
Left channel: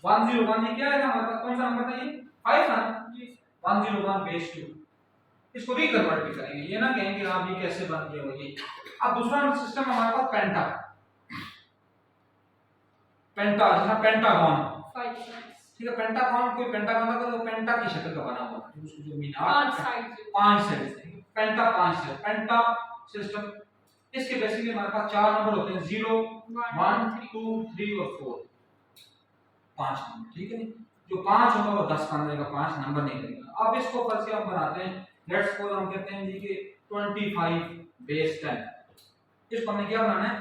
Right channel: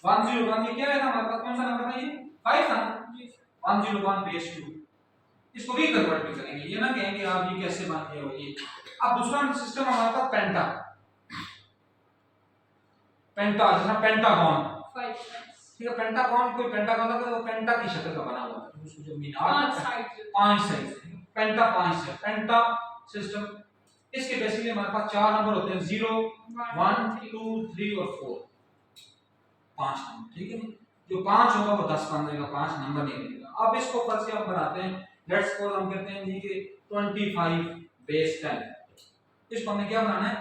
101, ये क्या है था हमारे पास, कौन सा नंबर था ये 5 था जी 101 बेस 2, इसको रीकन्वर्ट भी करेंगे, ये ना कहेंगे आप ये कैसे बन गया हो ये। अब दूसरा सिस्टम हमारे पास पेंटा, पेंटा जैसा पेंटागन, 5 साइड्स, ठीक है। पेंटागन, कोई पेंटागन था वो पेंटा की शक्ल का बना हुआ था, उसकी जो मीनार 5 साइड्स, 5 साइड, पेंटा 5 है, पेंटा सिस्टम। इसके बेसिकली हमारे पास 4 नंबर होते हैं, 0 1 2 3 और 4, 5 नंबर, ठीक है नी। जो 5 होगा वो 10 बन जाएगा, 5 नंबर नहीं बनेगा। अब इसको फर्स्ट से हम बनाते हैं, लेट्स सपोज हम कहते हैं जी कि 25 बेस 10, इसको हमने क्या बनाना है,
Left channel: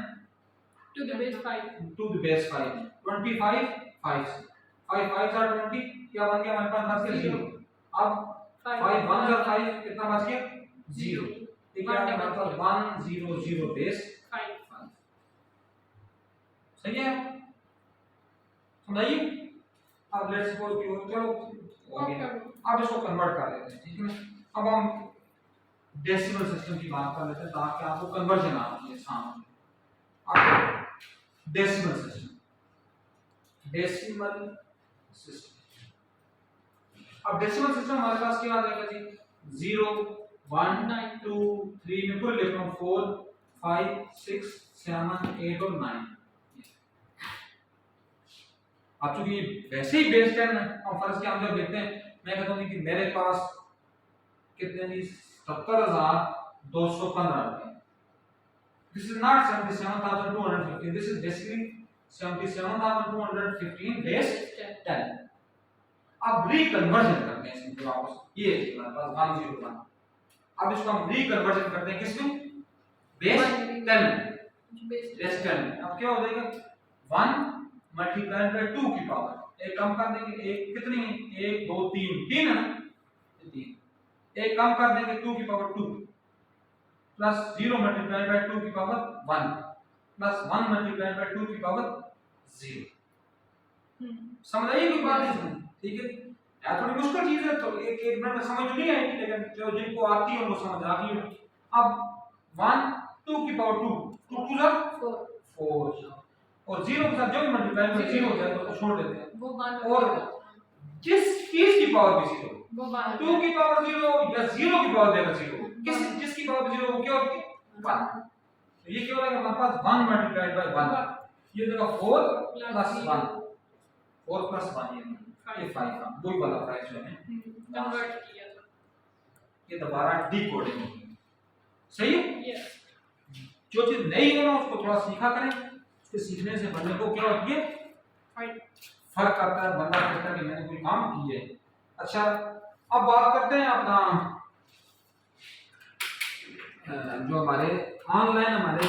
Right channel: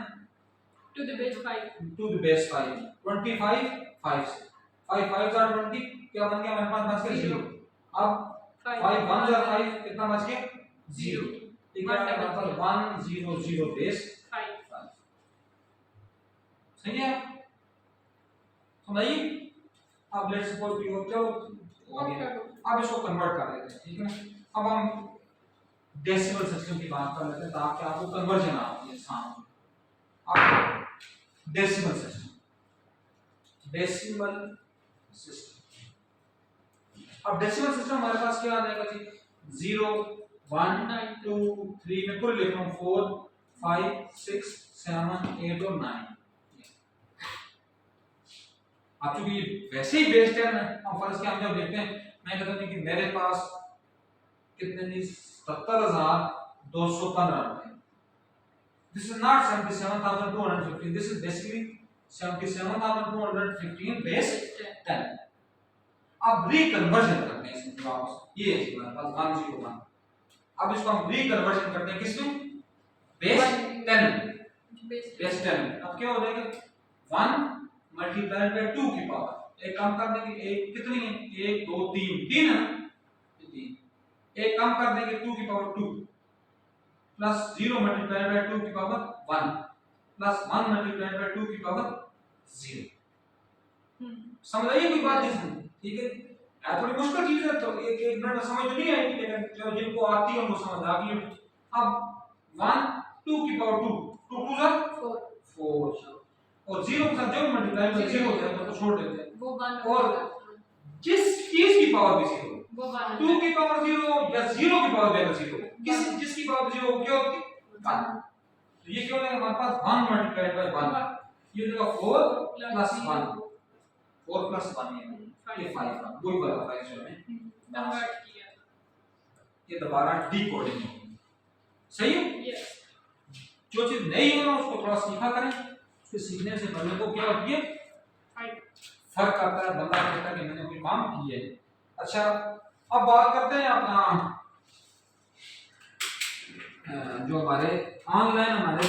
to the base 5, to the base 5, 25 5 से 5 5 are 20, क्या बन गया हमारे पास, बच गया 0। अब 5 1 are 5, कितना बच गया 0, ठीक है, हमारे पास 1 0 0 बेस 5, सही है, समझाइए। अब लेट्स सपोज कि चलो हो गया, अब इसको कन्वर्ट कर लेते हैं, ठीक है ना। अब हम डेसिमल सिस्टम की बात कर लेते हैं ताकि आपको कन्वर्जन आती है सामने। अब डेसिमल सिस्टम, डेसिमल सिस्टम, अब डेसिमल सिस्टम हमारे पास क्या आ जाएगा जी, 0 1 2 3 में पूरे लिख रहा हूं, 4 5 6 7 8 और 9। अब चूंकि वैसे ही बेस 10 है, हम फर्ज के हम जब देखते हैं, मैं कहता हूं कि मेरे पास कितने जी 70,215 रुपए, this is not 77,215, this is basically 77,215 base 10। अब रीकन्वर्जन करते हैं इसमें पूरा, ये है हमारे पास 101। अब इसको हम रीकन्वर्जन करते हैं किसमें, बेस 10, बेस 10। अब क्या हो जाएगा 1 मल्टीप्लाइड बाय 2 की पावर, एक कम कर देंगे, एक कितनी है 1 2 3 3 है ना, 3, एक कम कर देंगे 2 की पावर 2 प्लस 0 मल्टीप्लाइड बाय 2 की पावर 1 प्लस 1 मल्टीप्लाइड बाय 2 की पावर 0। समझ आई कोई बात नहीं, ठीक है। यार थोड़ी मुश्किल चीज है, तो एक एक मिनट में समझ तो नहीं आएगी, लेकिन जो जिनको आती है उनको समझ आ गई। अब 1 2 की पावर 2 2 2 जा 4 और 0 के साथ जो भी मल्टीप्लाई बाय 0 हो जाए उसको छोड़ देते हैं, वो 1 और जिस चीज की पावर भी 0, वो 1 2 की पावर 0 या 0 की पावर भी अगर 0, किस जिसकी पावर 0 क्या होती है 1, तो ये क्या हो जाएगा हमारे पास 1 मल्टीप्लाइड बाय 1, ये हो जाएगा 4 प्लस 1, 4 प्लस 1 ये 5 वही वाला प्राइस जो है कन्वर्ट किया था, ये दोबारा डिकोडिंग होगी। सही है। Yes. जो चीज नहीं हो ना उसको थोड़ा सीखा करें, उसके सीखने से बंदे को क्या होती है, फर्क आता है, बंदा कहता है कि मैंने कोई काम किया है। अच्छा अब बात करते हैं अपना जो हमारे ऑनलाइन हमारे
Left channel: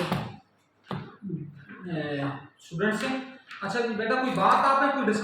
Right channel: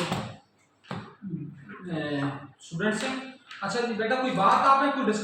स्टूडेंट्स हैं। अच्छा जी बेटा कोई बात आपने कोई